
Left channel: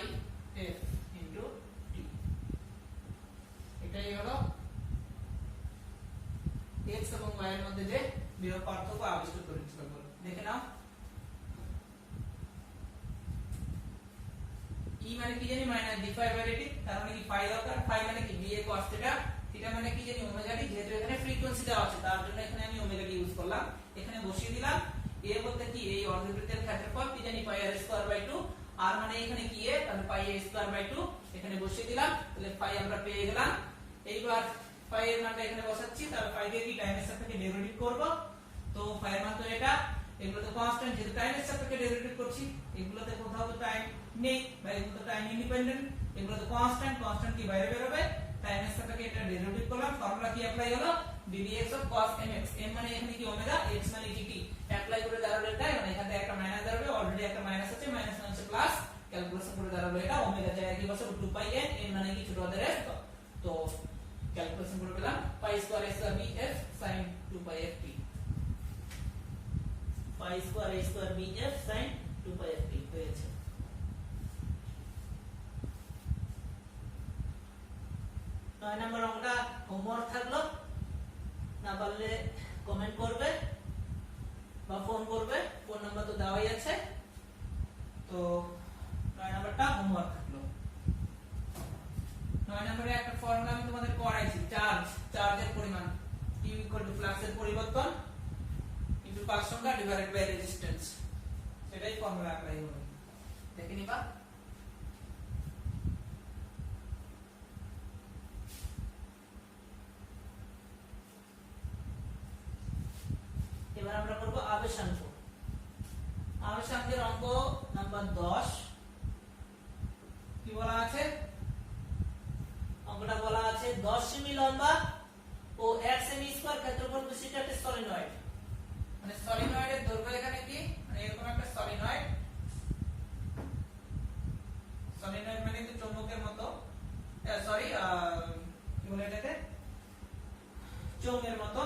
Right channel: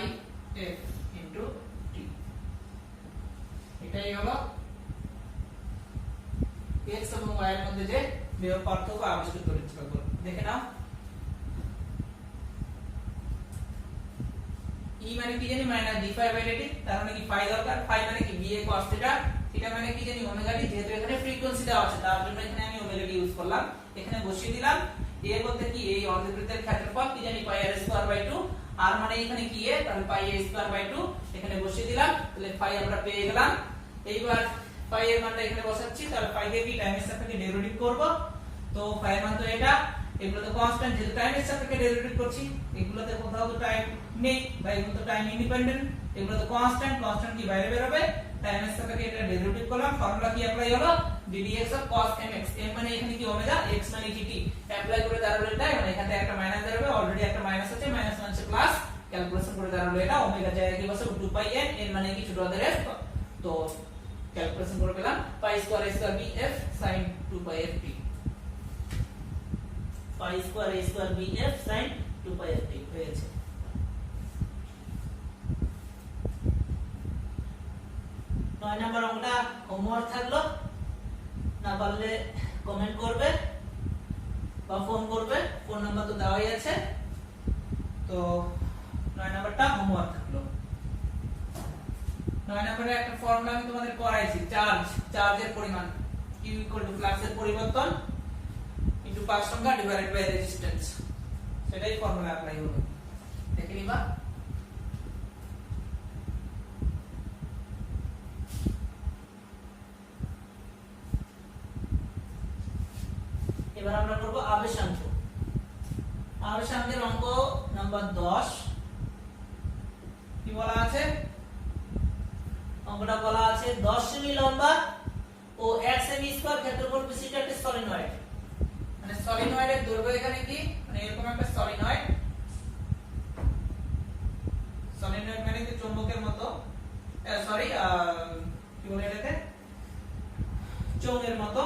f into t। এটাই হলো x এবং y এর মধ্যে যে বিভব পার্থক্য আবিষ্কার করেছিল। দেখে নাও e মানে কি জানি minus d phi by dt, তার মানে কি phi দরকার, phi মানে কি ba cos থিটা, থিটা মানে কি জানি ওমেগা t, যেহেতু এখানে ফ্রিকোয়েন্সি দেওয়া আছে তার জন্য এখানে আমি ওমেগা t ইউজ করলাম, এখানে বসিয়ে দিলাম। a বলতে কি এই অর্ধবৃত্তের ক্ষেত্রফল কি জানি পাই r স্কয়ার বাই 2, আর মানে এখানে কি a, তাহলে পাই a স্কয়ার বাই 2 এখানে বসিয়ে দিলাম, তাহলে phi আমরা পেয়ে গেলাম। এইবার phi এর মানটা এখানে বসাচ্ছি, তাহলে phi দিয়ে কি টাইমের সাপেক্ষে ডেরিভেটিভ করব, তো phi এর মান তো এটা, এগুলো তো কনস্ট্যান্ট, যেহেতু টাইমের সাপেক্ষে ডেরিভেটিভ করছি, এগুলোতে কোথাও তো টাইম নেই বা এগুলো তো টাইম ইন্ডিপেন্ডেন্ট, এগুলো তো কনস্ট্যান্ট, কনস্ট্যান্ট কি বাইরে বের হবে, টাইমের সাপেক্ষে এটা ডেরিভেটিভ করলাম, ফর্মুলা কি অ্যাপ্লাই হলো ddx of cos mx, m মানে এখানে কি ওমেগা, x মানে dt, অ্যাপ্লাই করে দাঁড়ালো এটা, মানে এখানে একটা মাইনাস দাঁড়াবে, অলরেডি একটা মাইনাস আছে, মাইনাস মানে প্লাস, ক্যালকুলেশন করে দাঁড়ালো এটা ওমেগা জায়গায় কি বসে 2 পাই n, n মানে কি ছোট হাতের f, তো ক্যালকুলেশন করে পেলাম pi square a square b f sin 2 pi f t, pi square a square b f sin 2 pi f t হয়েছে। নয় নাম্বার অঙ্কটা হোমওয়ার্ক থাকলো, না পারলে কমেন্ট করবে বা ফোন করবে, ফোন নাম্বার তো দেওয়াই আছে, তো 9 নাম্বারটা হোমওয়ার্ক থাকলো। 9 নম্বরে একটা ফর্মুলা আমি তোমাদের করাইছি, চার্জের পরিমাণ q ফ্লাক্সের পরিবর্তন ইনটু পাক সংখ্যা ডিভাইডেড বাই রেজিস্ট্যান্স, সেটাই ফর্মুলা অ্যাপ্লাই হবে, দেখে নিবা। এবার আমরা করব আবেশাঙ্ক। আবেশাঙ্কের অঙ্ক নাম্বার 10। কি বলা আছে, অঙ্কটা বলা আছে 10 সেমি লম্বা ও 1 সেমি স্কয়ার ক্ষেত্রফল বিশিষ্ট একটা সলিনয়েড, মানে সলিনয়েডের দৈর্ঘ্য এখানে কি, মানে এরকম একটা সলিনয়েড, সলিনয়েড মানে কি চৌম্বকের মতো, সরি কি বলে এটাকে, চোঙের মতো,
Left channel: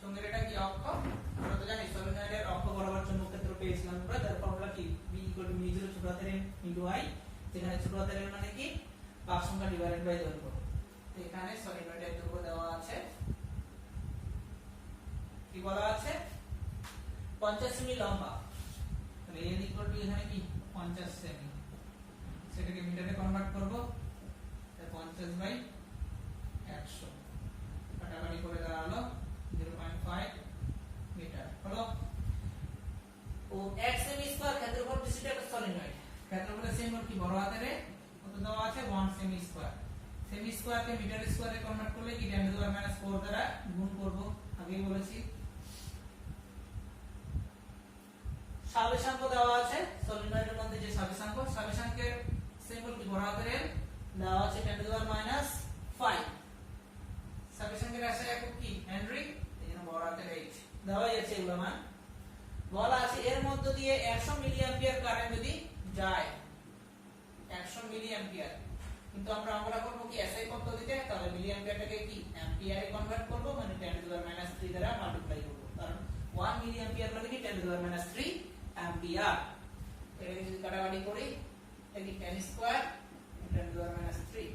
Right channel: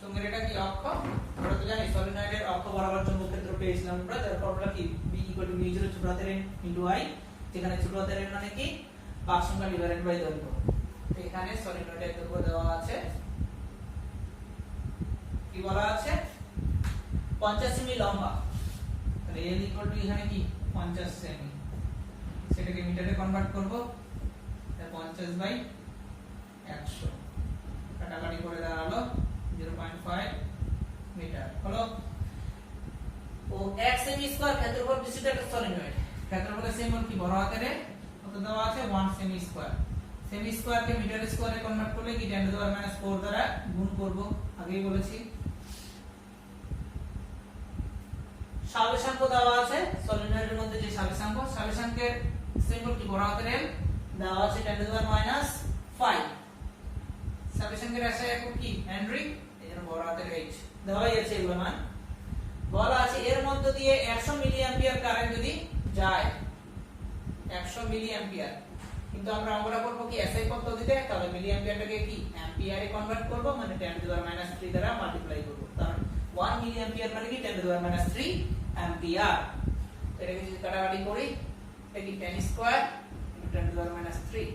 চোঙের এটা কি অক্ষ, আমরা তো জানি সলিনয়েডের অক্ষ বরাবর চৌম্বক ক্ষেত্র পেয়েছিলাম আমরা, তার ফর্মুলা কি b μ0 ছোট হাতের n * i, যেখানে ছোট হাতের n মানে কি পাক সংখ্যা ডিভাইডেড বাই দৈর্ঘ্য, এখানে সলিনয়েডের দৈর্ঘ্য দেওয়া আছে, কি বলা আছে 50 সেমি লম্বা, তাহলে n এখানে কি 50 সেমি, সেটাকে মিটারে কনভার্ট করব, 50 বাই 100 কাটাকাটি করে দাঁড়ালো 0.5 মিটার হলো। ও 1 সেমি স্কয়ার ক্ষেত্রফল বিশিষ্ট একটা সলিনয়েড, ক্ষেত্রফলের সিম্বল কি বড় হাতের কত দেওয়া আছে 1 সেমি স্কয়ার, সেমি স্কয়ার কে মিটার স্কয়ারে কনভার্ট করলে কি 10 টু দি পাওয়ার -4 দ্বারা গুণ করব, আগেই বলেছি। সাবেশাঙ্ক দেওয়া আছে, সলিনয়েডের মধ্যে যে সাবেশাঙ্ক, সাবেশাঙ্কের সিম্বল কি বড় হাতের L, দেওয়া আছে 10 টু দি পাওয়ার -5, সাবেশাঙ্কের এসআই একক কি হেনরি, এজন্য বড় হাতের H দেওয়াই আছে এগুলো মান। বলা আছে এর মধ্য দিয়ে 100 মিলি অ্যাম্পিয়ার কারেন্ট যদি যায়, 100 মিলি অ্যাম্পিয়ার, কিন্তু আমরা অঙ্কটা করব কি এসআই পদ্ধতিতে, তাহলে মিলি অ্যাম্পিয়ারটাকে কি অ্যাম্পিয়ারে কনভার্ট করব, মানে 10 টু দি পাওয়ার -3 দ্বারা মাল্টিপ্লাই করব, কারণ 1 মিলি অ্যাম্পিয়ার মানে কি 10 টু দি পাওয়ার -3 অ্যাম্পিয়ার, এটাকে যদি কাটাকাটি করি এটা কি 10 স্কয়ার 10 টু দি পাওয়ার -3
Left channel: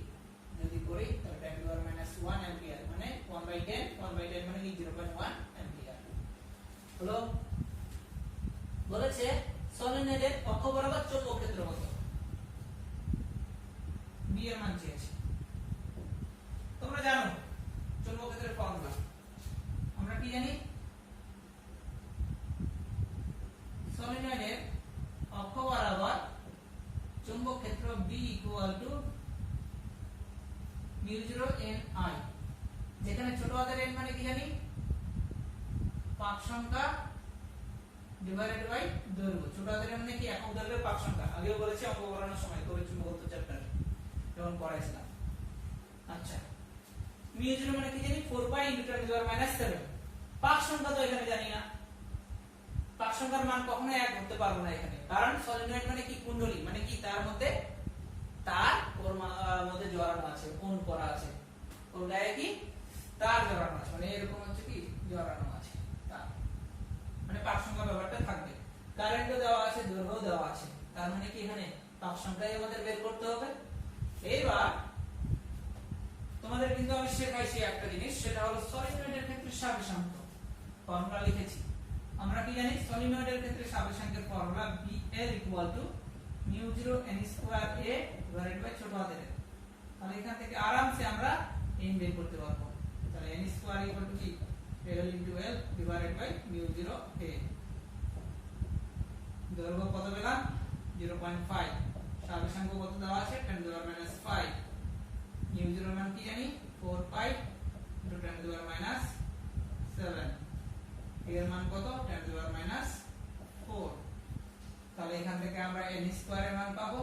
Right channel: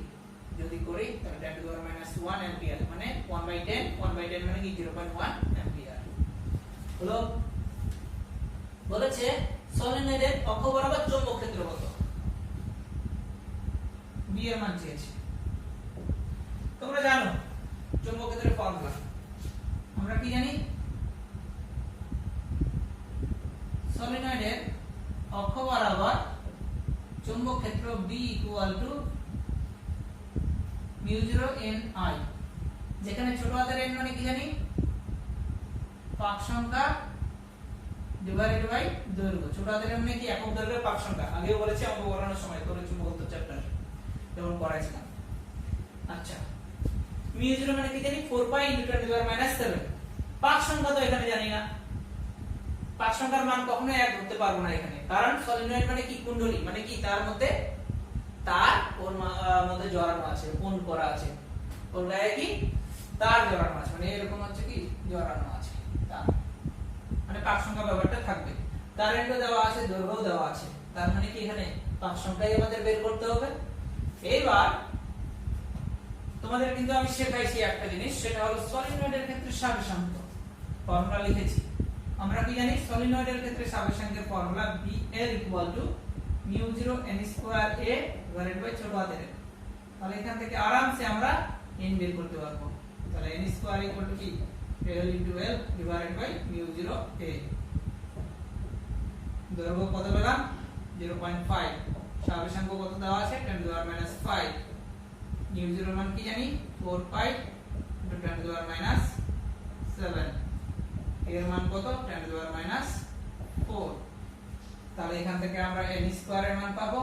যদি করি তাহলে 10 টু দি পাওয়ার -1 অ্যাম্পিয়ার, মানে 1/10 মানে কি 0.1 অ্যাম্পিয়ার হলো। বলেছে সলিনয়েডের অক্ষ বরাবর চৌম্বক ক্ষেত্র কত, b এর মান চেয়েছে। তোমরা জানো চৌম্বক ক্ষেত্রের ফর্মুলা, আমরা কি জানি, সলিনয়েডের অক্ষ বরাবর চৌম্বক ক্ষেত্র b μ0 n I, যেখানে ছোট হাতের n মানে কি জানি পাক সংখ্যা ডিভাইডেড বাই দৈর্ঘ্য, ছোট হাতের n মানে কি একক দৈর্ঘ্যের পাক সংখ্যা, আগেও বলেছি অঙ্ক করানোর সময় তড়িৎ চুম্বকত্ব চ্যাপ্টারে যখন পড়াইছিলাম। আচ্ছা μ0 মানে কি জানি 4 পাই × 10⁻⁷, পাক সংখ্যা তো এখানে জানি না, পাক সংখ্যার মান কখনো এক ধরতে পারবো না এখানে, কারণ সলিনয়েড মানে কি কুণ্ডলী, মানে কি তার মধ্যে তার ওর মধ্যে জড়ানো আছে, অন করা আছে, ওর গায়ে কি তার জড়ানো আছে, মানে এরকম হচ্ছে কি জড়ানো আছে তার, মানে পাক সংখ্যা ব্যাপারটা থাকবে। কারেন্টও দেওয়া আছে, দৈর্ঘ্যও দেওয়া আছে, তার মানে কি এখানে পাক সংখ্যাই আমাদের বের করতে হবে। এইবার তোমাদের কিন্তু আমি শেখাইছি একটা জিনিস, সেটা হলো সলিনয়েডের ক্ষেত্রে সাবেশাঙ্ক ফর্মুলা লিখেছি। আমরা কি জানি সলিনয়েডের ক্ষেত্রে সাবেশাঙ্কের formula BL μ0 n2a divided by ছোট হাতের n। তাহলে এখান থেকে আরামসে আমরা n বের করতে পারবো। তাহলে n2 কি L * L divided by μ0 a। দৈর্ঘ্য কত পেলাম 0.5, সাবেশাঙ্ক কত দেওয়া আছে 10⁻⁵, μ0 মান কি জানি 4 পাই * 10⁻⁷, এর মান কত 10⁻⁴। তাহলে এখান থেকে আমরা n² এর মান পাবো,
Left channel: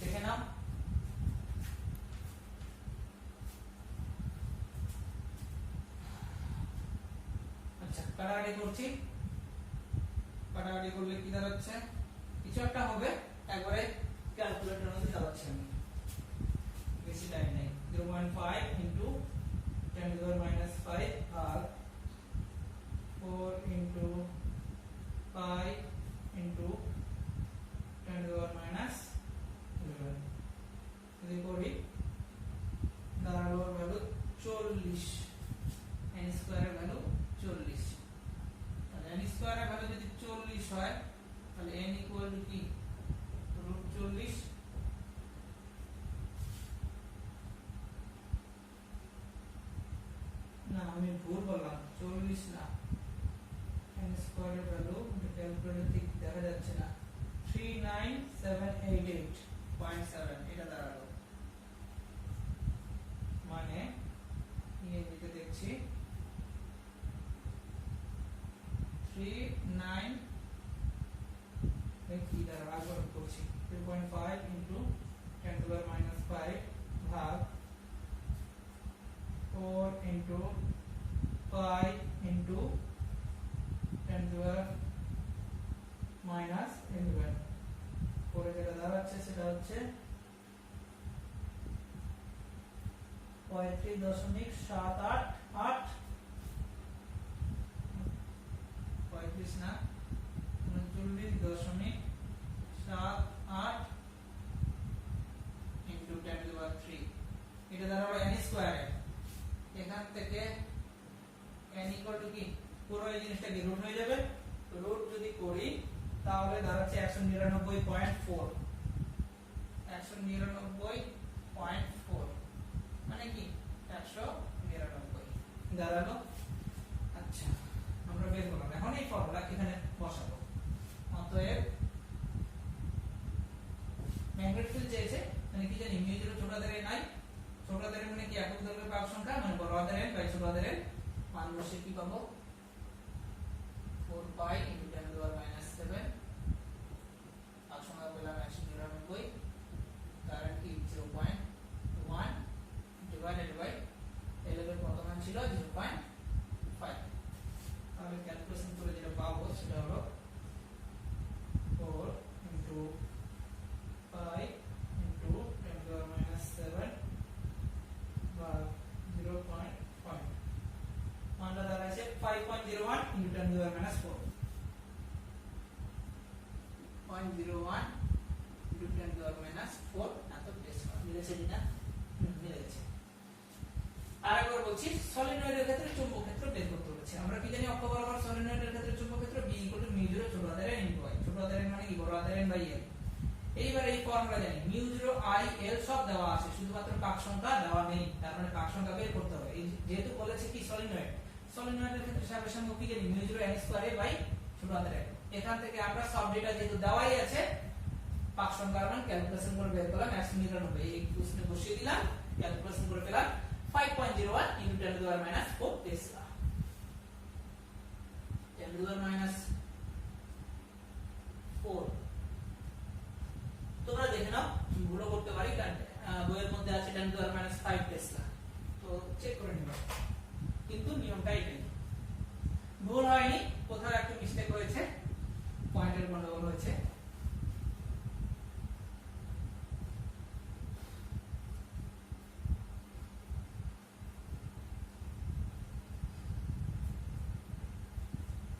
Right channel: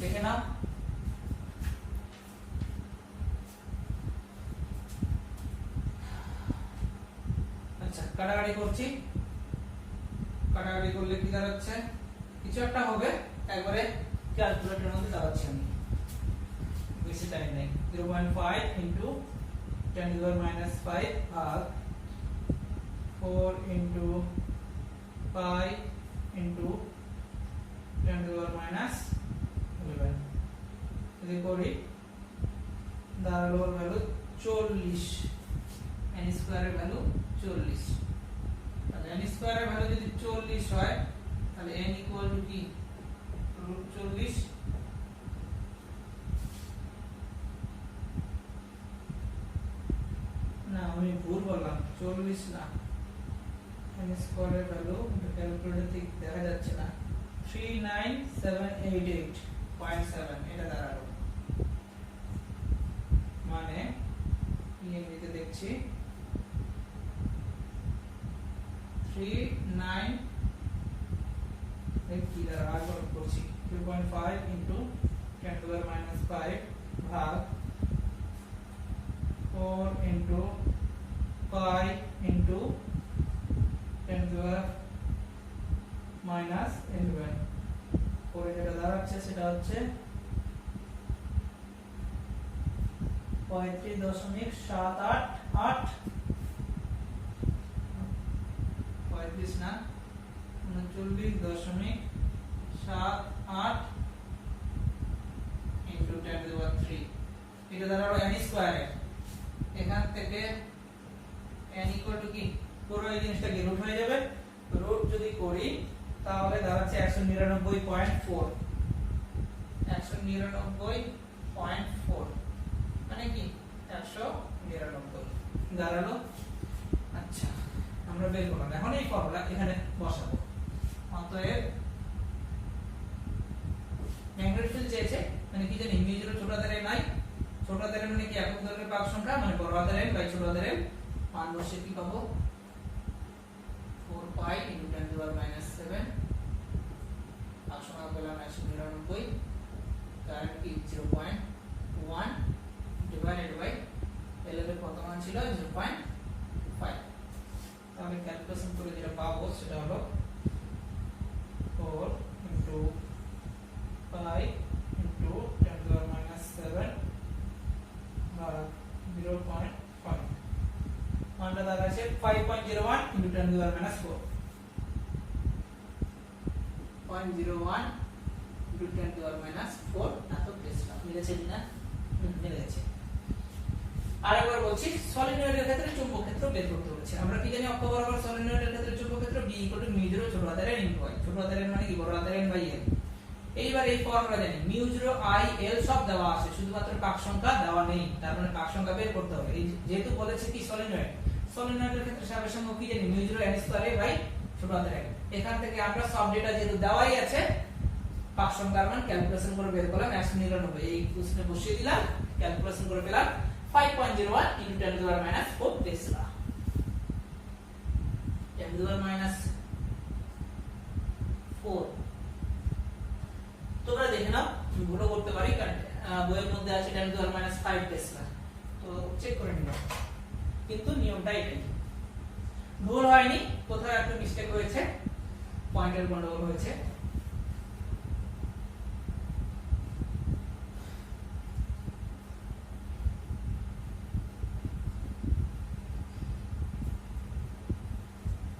দেখে নাও। আচ্ছা কাটাকাটি করছি, কাটাকাটি করলে কি দাঁড়াচ্ছে, কিছু একটা হবে, একবারে ক্যালকুলেটরের মধ্যে দাঁড়াচ্ছে, আমি বেশি টাইম নেই। 0.5 * 10⁻⁵ ভাগ 4 * pi * 10⁻11 যদি করি দাঁড়ালো ভ্যালু 40, n² এর ভ্যালু 40। তাহলে n² এর ভ্যালু যদি 40 হয় তাহলে n = কি √40, না আমি ভুল বললাম, 40 না, n² এর ভ্যালু ক্যালকুলেটর থেকে দেখা যাচ্ছে না, 39788.7 এটা দাঁড়ালো, মানে ইংরেজিতে দেখছি 39 কি দ্বারা আবার করছি 2.5 * 10⁻⁵ ভাগ 4 * pi * 10⁻⁻11 পরে যেটা দাঁড়াচ্ছে সেটা হচ্ছে 35.788, 35 না 39.78 * 10⁻³ এটা দাঁড়ালো n² এর। এখান থেকে n = কি পুরো এই জিনিসটাকে রুট হয়ে যাবে, রুট যদি করি তাহলে দাঁড়াচ্ছে 199.4, 199.4 মানে কি 199 দাঁড়ালো। আচ্ছা আমরা বের করলাম, এখন এই ফর্মুলা এখানে বসাবো। অতএব ম্যাগনেটিক ফিল্ড চেয়েছে, মানে কি জানি μ0 ছোট হাতের n নাই, ছোট হাতের n মানে কি একক দৈর্ঘ্যের পাক সংখ্যা, মানে বড় হাতের n বাই ছোট হাতের n, মান বসিয়ে কি পাবো 4 পাই * 10⁻⁷, পাক সংখ্যা পেলাম 199, কারেন্ট কি 0.1 ডিভাইডেড বাই L এর কত মান ছিল 0.5। তাহলে ক্যালকুলেশন করে যেটা পাবো সেটা হলো 4 * pi * 10⁻⁷ ভাগ 0.5, মানটা দাঁড়াচ্ছে 5.01 * 10⁻⁴, 0.01 * 10⁻⁴। এত পেয়েছিলাম, মিলেছে কিনা? মিলে গেছে। আরেকবার বলছি, সলিনয়েডের ক্ষেত্রে চুম্বক ক্ষেত্র বের করতে বলেছে। আমরা কি জানি অক্ষ বরাবর সলিনয়েডের ক্ষেত্রে চুম্বক ক্ষেত্র B = μ0 ছোট হাতের n * y, ছোট হাতের n মানে কি বড় হাতের n বাই l। এইবার এই ফর্মুলা জানি μ0 I L সব দেওয়া আছে, শুধুমাত্র পাক সংখ্যা দেওয়া নেই, তার মানে পাক সংখ্যা বের করতে হবে। এই যেহেতু বলেছে কি সলিনয়েড, সলিনয়েডের ক্ষেত্রে সাবেশাঙ্ক কি জানি μ0 n² বাই ছোট হাতের n। এখান থেকে আমরা সব ডেটা যেহেতু দেওয়াই আছে, পাক সংখ্যার মান ক্যালকুলেশন করে বের করলাম 199, এই কোশ্চেনে বসিয়ে দিলাম, ক্যালকুলেশন করে পেলাম 5.01 * 10⁻⁴ টেসলা। 10⁻⁴ তোমরা দেখে নাও, ভুলও করতে পারি, কারণ বইয়ের মধ্যে আছে 10⁻⁵ টেসলা, তো চেক করে নিব, কিন্তু নিয়মটা এটাই, ভুল হয়নি, কোথাও একটু মিস্টেক হয়েছে। পয়েন্টের গন্ডগোল হয়েছে।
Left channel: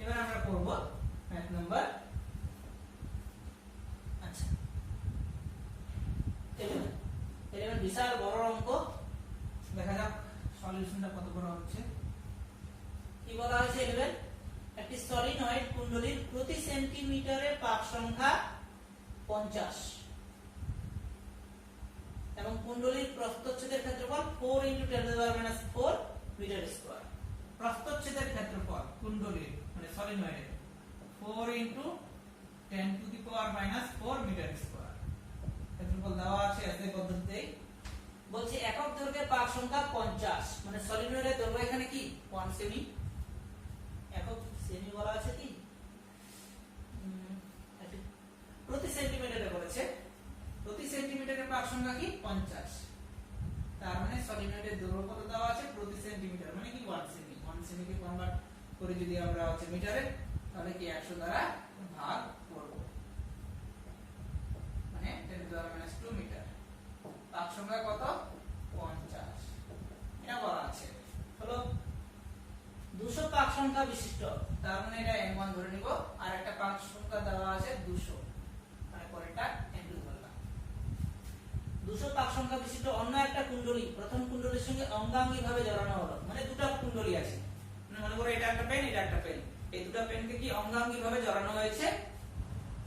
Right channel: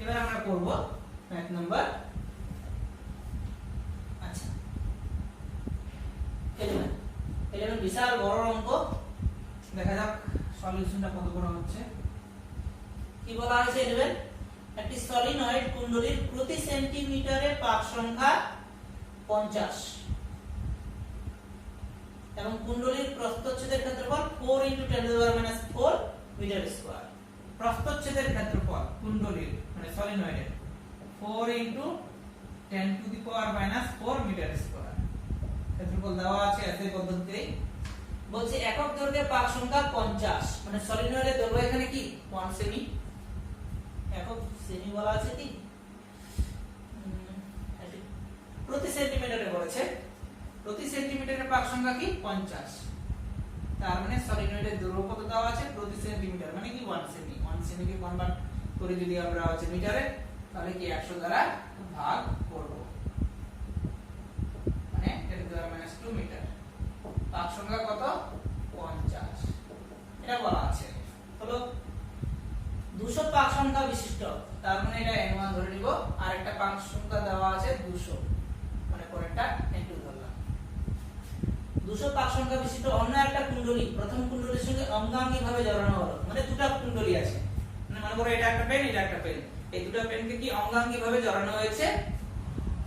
এবার আমরা করব ম্যাথ নাম্বার 11 বিশাল বড় অঙ্ক। দেখা যাক সলিউশনটা কত বড় হচ্ছে। কি বলা হয়েছে 11 একটি সলিনয়েড কুণ্ডলীর প্রতি সেন্টিমিটারে পাক সংখ্যা 50 এবং কুণ্ডলীর প্রস্থচ্ছেদের ক্ষেত্রফল 4 × 10⁻⁴ মিটার স্কয়ার। প্রস্থচ্ছেদের ক্ষেত্রফল কুণ্ডলীর মানে সলিনয়েডের 4 × 10⁻⁴ মিটার স্কয়ার। ক্ষেত্রফল দেওয়া আছে একই পদ্ধতিতে। বলছে একক দৈর্ঘ্যে পাক সংখ্যা 50 মানে সলিনয়েডের দৈর্ঘ্য এখানে কি 1 সেমি। একক সেমি বলা আছে কি প্রতি সেন্টিমিটারে বলেছে। প্রতি সেন্টিমিটারে পাক সংখ্যা কি 50। তার মানে সলিনয়েডের দৈর্ঘ্য কত দেওয়া আছে প্রতি সেন্টিমিটার মানে কি 1 সেমি। 1 সেমি কে কনভার্ট করে যদি আমরা হচ্ছে মিটারে তাহলে কি 100 দ্বারা ভাগ করব মানে 10⁻² মিটার। পাক সংখ্যা কত 50 এটা বলা আছে। হলো 200 পাক সংখ্যা বিশিষ্ট তার মানে এটা n1 ধরে নিব। আর একটা পাক সংখ্যা দেওয়া আছে 200 মানে পরেরটা n2 ধরলাম। 200 পাক সংখ্যা বিশিষ্ট অন্য একটা কুণ্ডলী প্রথম কুণ্ডলীর সঙ্গে অঙ্গাঙ্গী ভাবে জড়ানো হলো মানে দুটো কুণ্ডলী আছে মানে মনে করো এটা একটা পেন এটা একটা পেন এই দুটো পেনকে কি অঙ্গাঙ্গী ভাবে জড়ানো হয়েছে।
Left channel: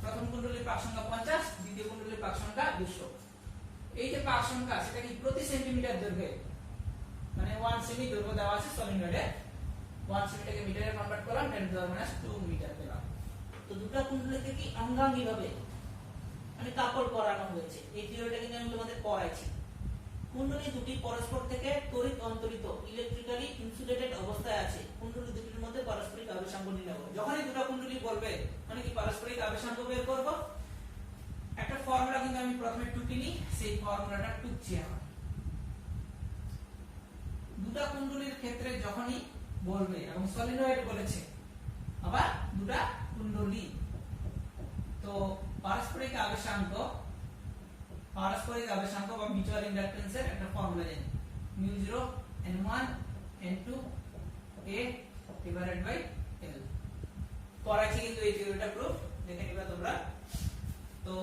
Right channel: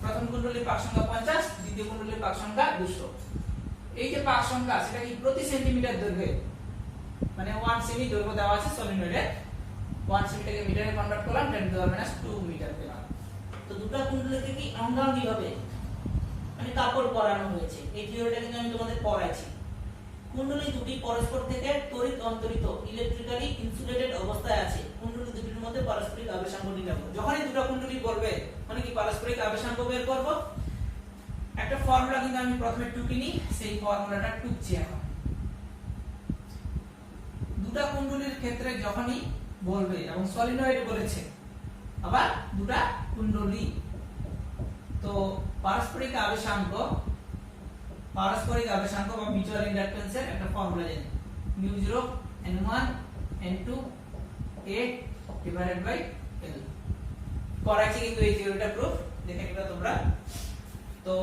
প্রথম কুণ্ডলীর পাক সংখ্যা 50 দ্বিতীয় কুণ্ডলীর পাক সংখ্যা 200। এই যে পাক সংখ্যা সেটা কি প্রতি সেন্টিমিটার দৈর্ঘ্যে মানে 1 সেমি দৈর্ঘ্য দেওয়া আছে সলিনয়েডে। 1 সেমিটাকে মিটারে কনভার্ট করলাম 10⁻² মিটার পেলাম। তো দুটো কুণ্ডলীকে কি অঙ্গাঙ্গী ভাবে মানে কাপড় করানো হয়েছে। এই থিওরিটা কিন্তু আমি তোমাদের পড়াইছি। কুণ্ডলী দুটি পরস্পর থেকে তড়িৎ অন্তরিত ইলেকট্রিক্যালি ইনসুলেটেড অবস্থায় আছে। কুণ্ডলী দুটির মধ্যে পারস্পরিক আবেশাঙ্ক নির্ণয় করব। যখনই দুটো কুণ্ডলী বলবে মানে কি পারস্পরিক আবেশাঙ্ক বের করব। একটা ফর্মুলা কিন্তু আমি প্রথমে টুকিনি সেই ফর্মুলাটা টুকছি এখন। দুটো কুণ্ডলীর ক্ষেত্রে যখনই বলবে এবং সলিনয়েড বলেছে আবার দুটো কুণ্ডলী তো পারস্পরিক আবেশাঙ্ক বা মিউচুয়াল ইন্ডাকটেন্সের একটা ফর্মুলা জানি μ0 n1 n2 a divided by l। পড়াইছি কিন্তু এই থিওরিটা প্রুফ দেখে নিবা তোমরা। তো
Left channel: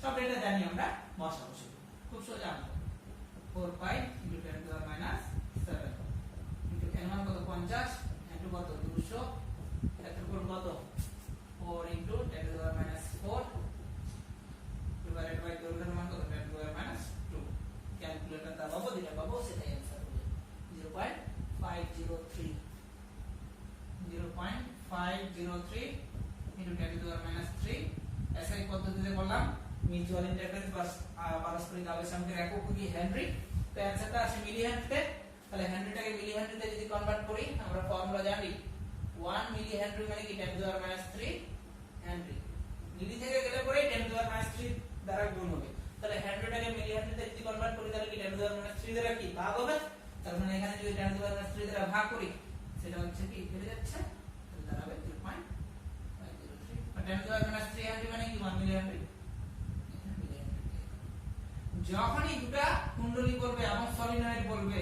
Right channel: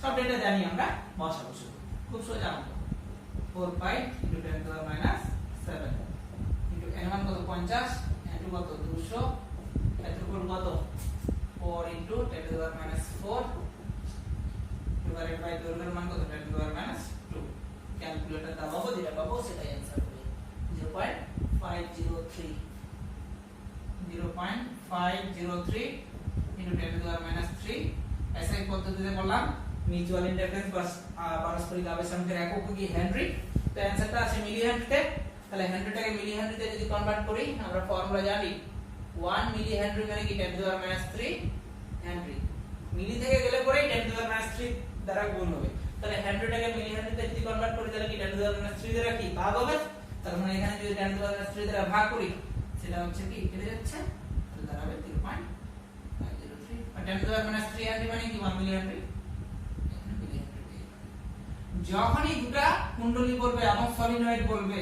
সব ডেটা জানি আমরা বসাবো শুধু খুব সোজা অঙ্ক 4 পাই × 10⁻⁷ ইনটু n1 কত 50 n2 কত 200 ক্ষেত্রফল কত 4 × 10⁻⁴ ডিভাইডেড বাই দৈর্ঘ্যের মান কত 10⁻²। ক্যালকুলেটর দাবাবো যেটা পাবো সেটাই आंसर হবে 0.503 × 10⁻³ ऐसा ही পদ্ধতিতে করলাম। মিউচুয়াল ইন্ডাকটেন্স বা পারস্পরিক আবেশাঙ্কের একক কি হেনরি। তো आंसरটা আছে মিলি হেনরিতে। তাহলে হেনরিটাকে মিলি হেনরিতে যদি কনভার্ট করি আমরা ফর্মুলা জানি 1 মিলি হেনরি মানে কি 10⁻³ হেনরি। মিলি থেকে গেলে পরে 10⁻³ দ্বারা গুণ হবে। তাহলে হেনরিটাকে মিলি হেনরিতে যদি কনভার্ট করি তাহলে কি 10⁻³ দ্বারা কি ভাগ হবে। তার মানে এখানে যদি 10⁻³ দ্বারা ভাগ করি সেটা হচ্ছে কি কেটে যাচ্ছে তাহলে দাঁড়াবে 3.503 আর 10⁻³ হেনরি মানে কি 1 মিলি হেনরি। যখনই দুটো কুণ্ডলী বলবে এবং সলিনয়েড বলবে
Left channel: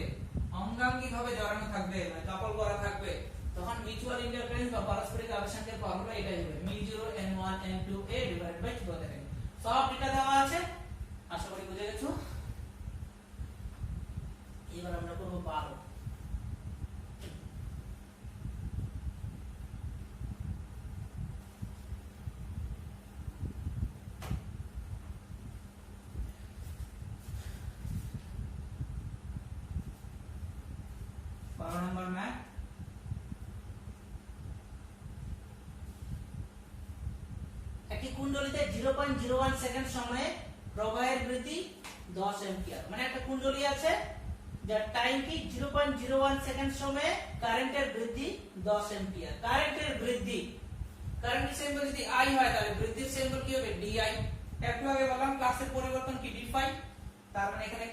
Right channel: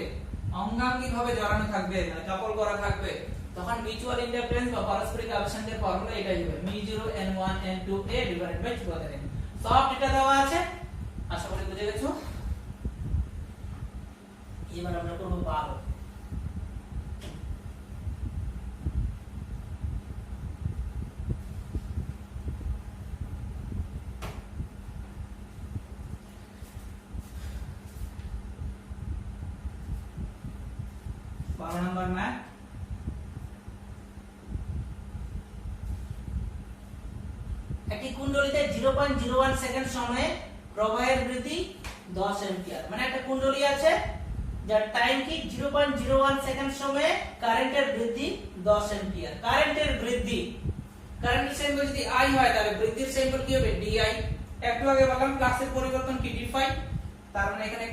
অঙ্গাঙ্গী ভাবে জড়ানো থাকবে মানে কাপড় করা থাকবে তখন মিউচুয়াল ইন্ডাকটেন্স বা পারস্পরিক আবেশাঙ্কের ফর্মুলা এটাই হবে μ0 n1 n2 a divided by 2 সব ডেটা দেওয়া আছে। আশা করি বুঝে গেছো। এবার আমরা করব 12। নম্বর ম্যাথ একটি কুণ্ডলীতে 0.01 সেকেন্ড সময়ে প্রবাহের বৃদ্ধি 10 অ্যাম্পিয়ার মানে একটা কুণ্ডলী আছে যার টাইম কি 0.01 সেকেন্ড সময়ে কারেন্টের বৃদ্ধি 10 অ্যাম্পিয়ার। কারেন্টের সিম্বল যদি I হয় তাহলে বৃদ্ধির সিম্বল কি হবে DI। একটু আগে বললাম ফ্লাক্সের পরিবর্তন কি dϕ। তার মানে এখানে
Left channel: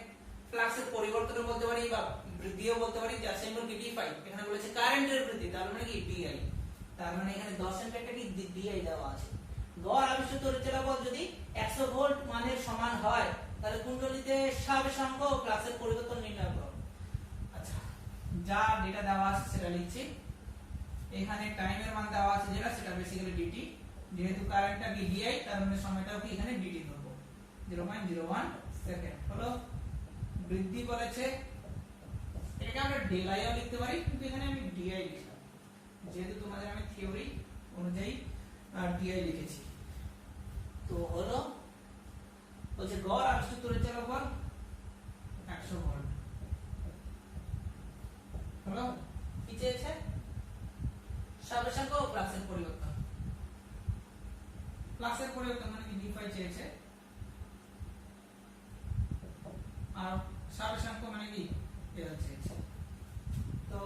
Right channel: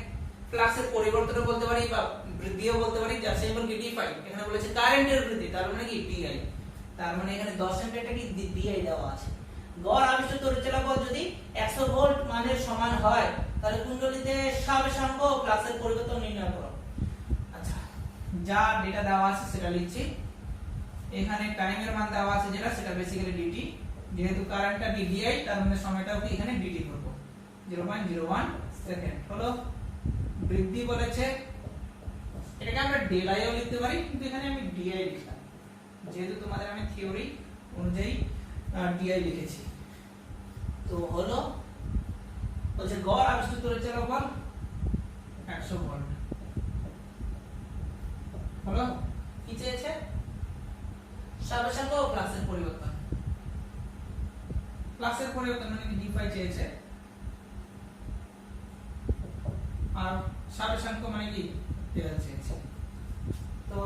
ফ্লাক্সের পরিবর্তনও বলতে পারি বা বৃদ্ধিও বলতে পারি যার সিম্বল কি dϕ। এখানে বলেছে কারেন্টের বৃদ্ধি তার মানে কি DI। তার মানে এখানে 10 অ্যাম্পিয়ারটা কি ডিআই দেওয়া আছে। গড় আবিষ্ট তড়িৎচালক বল যদি 100 ভোল্ট মানের সমান হয় তাহলে কুণ্ডলীতে স্বাবেশাঙ্ক ও ফ্লাক্সের পরিবর্তন নির্ণয় করো। আচ্ছা, যা ডেটা দেওয়া আছে সেটা লিখছি। এখানে টাইমের মান দেওয়া আছে যেটা, সেটা বেসিক্যালি ডিটি, যেহেতু কারেন্টটা ডিআই তার মানে সময়টাও কি এখানে ডিটি করব। 0.01 সেকেন্ড হলো। বৃদ্ধি বলেছে, এটাকে আমরা ডেলাইও লিখতে পারি, কিন্তু এখানে আমি ডিআই লিখলাম যেহেতু তোমাদের আমি থিওরি অনুযায়ী ডিআই লিখেছি। তো হলো বলছে গড় আবিষ্ট তড়িৎচালক বল 100 ভোল্ট হলো। কি চেয়েছে? স্বাবেশাঙ্ক ও ফ্লাক্সের পরিবর্তন। ফ্লাক্সের পরিবর্তন মানে কি d5 চেয়েছে, আর স্বাবেশাঙ্ক মানে কি ডেল চেয়েছে। তো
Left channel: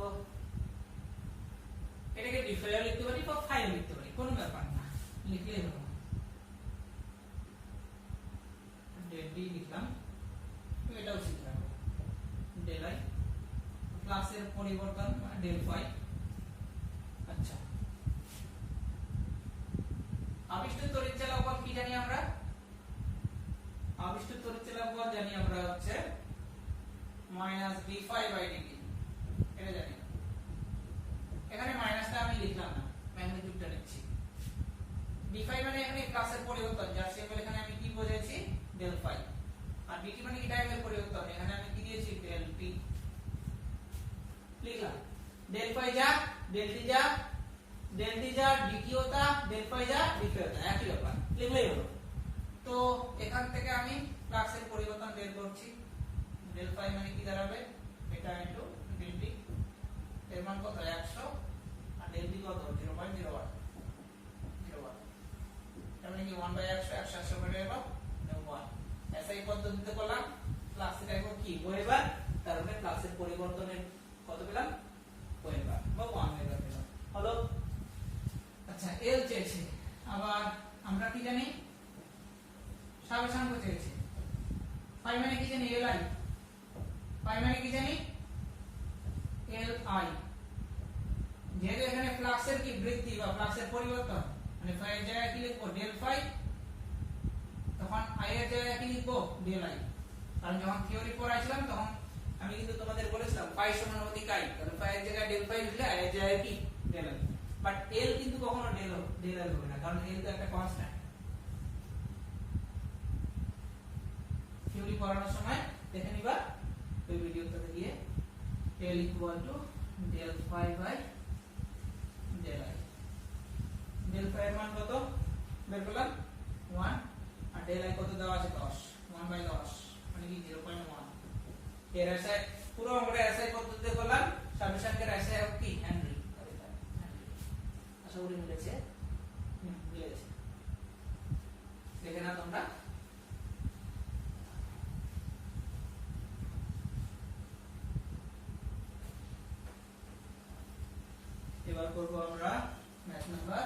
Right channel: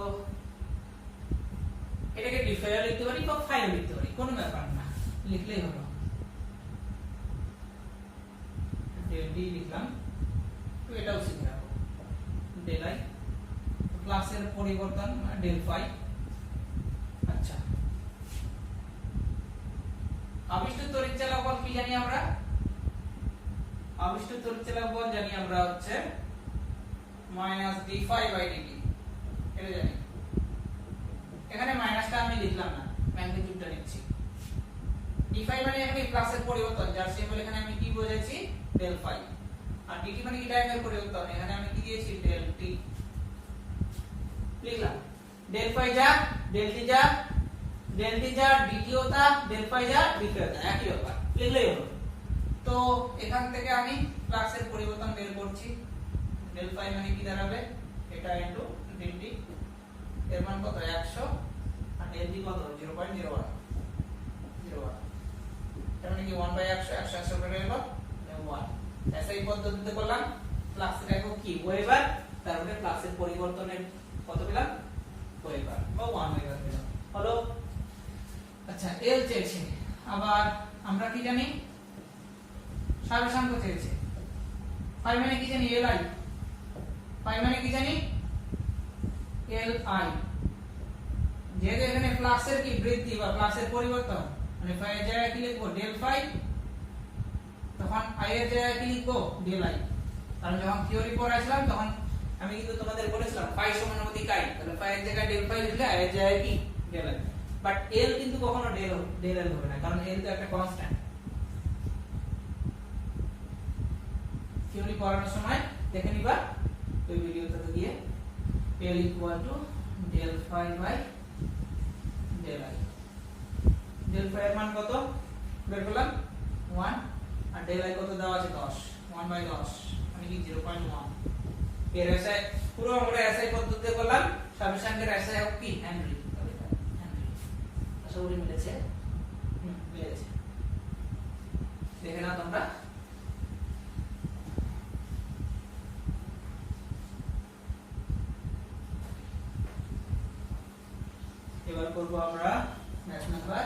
এটাকে d5 লিখতে পারি বা 5 লিখতে পারি, কোনো ব্যাপার না, লিখলেই হলো। ডেল d লিখলাম, তো এটাও শিখে রাখো ডেল i, ফ্লাক্সের পরিবর্তন মানে ডেল 5। আচ্ছা, আবিষ্ট তড়িৎচালক বল কি জানি আমরা? আবিষ্ট তড়িৎচালক বল জানি আমরা হচ্ছে -d5/dt, এটা জানি। এখানে মাইনাসটা আমি লিখলাম না, ম্যাগনিটিউডটা লিখছি। d5 মানে এখানে ফ্লাক্সের পরিবর্তন, যার সিম্বল এখানে আমি কি বোঝাচ্ছি ডেল 5, আর dt মানে কি টাইমের পরিবর্তন, এখানে আমি কি দিয়েছি ডেল t লিখলাম। ডেল 5 যা ডেল t যা ডেল t যা dt होता, ডেল 5 যা dt होता, একই ব্যাপার, লিখলেই হলো। তো এখান থেকে আমি ফ্লাক্সের পরিবর্তন বের করছি। ডেল 5 মানে কি দাঁড়াবে, এটা ইনটু ডেল t, এর মান কত 100, আর ডেল t কত 0.01, তার মানে কি 1/100, 100 করে গেল 1। এসআই পদ্ধতিতে করলাম, ফ্লাক্সের একক কি ওয়েবার, তার মানে ফ্লাক্সের পরিবর্তনের কত পেলাম ওয়েবার বা 1 ওয়েবার পেলাম হলো। আচ্ছা, এল চেয়েছে, আবার আমরা কি জানি স্বাবেশাঙ্ক চেয়েছে। 5 মানে কি জানি এল আই, 5 মানে কি জানি এল আই, যেহেতু এখানে ফ্লাক্সের কি বৃদ্ধি বা ফ্লাক্সের পরিবর্তন, মানে 5 এর জায়গায় কি লিখবো ডেল 5, তখন i এর জায়গায় কি লিখবো ডেল i। কারণ যখন থিওরি পড়াইছিলাম তখন আমি কিন্তু তোমাদের বলেছিলাম phi সমানুপাতিক i, তাহলে phi এর জায়গায় ডেল 5 লিখলে i এর জায়গায় কি ডেল i। বাট l কিন্তু কখনো ডেল l হবে না, কারণ l তো একটা কনস্ট্যান্ট। থিওরি পড়ানোর সময় দেখে নিবা এই ভিডিওটাতে গিয়ে, l equal to del 5 by del i। Del 5 এর মান কত বের করলাম 1, আর ডেল i কত দেওয়া আছে 10, 1/10 মানে কি 0.1। এর এসআই পুরো আমরা এসআই পদ্ধতিতে করলাম, স্বাবেশাঙ্কের এসআই হবে কি হেনরি। আশা করি মিলেছে, মিলেছে, দেখে নাও তোমরা। এবার করব আমরা ম্যাথ নাম্বার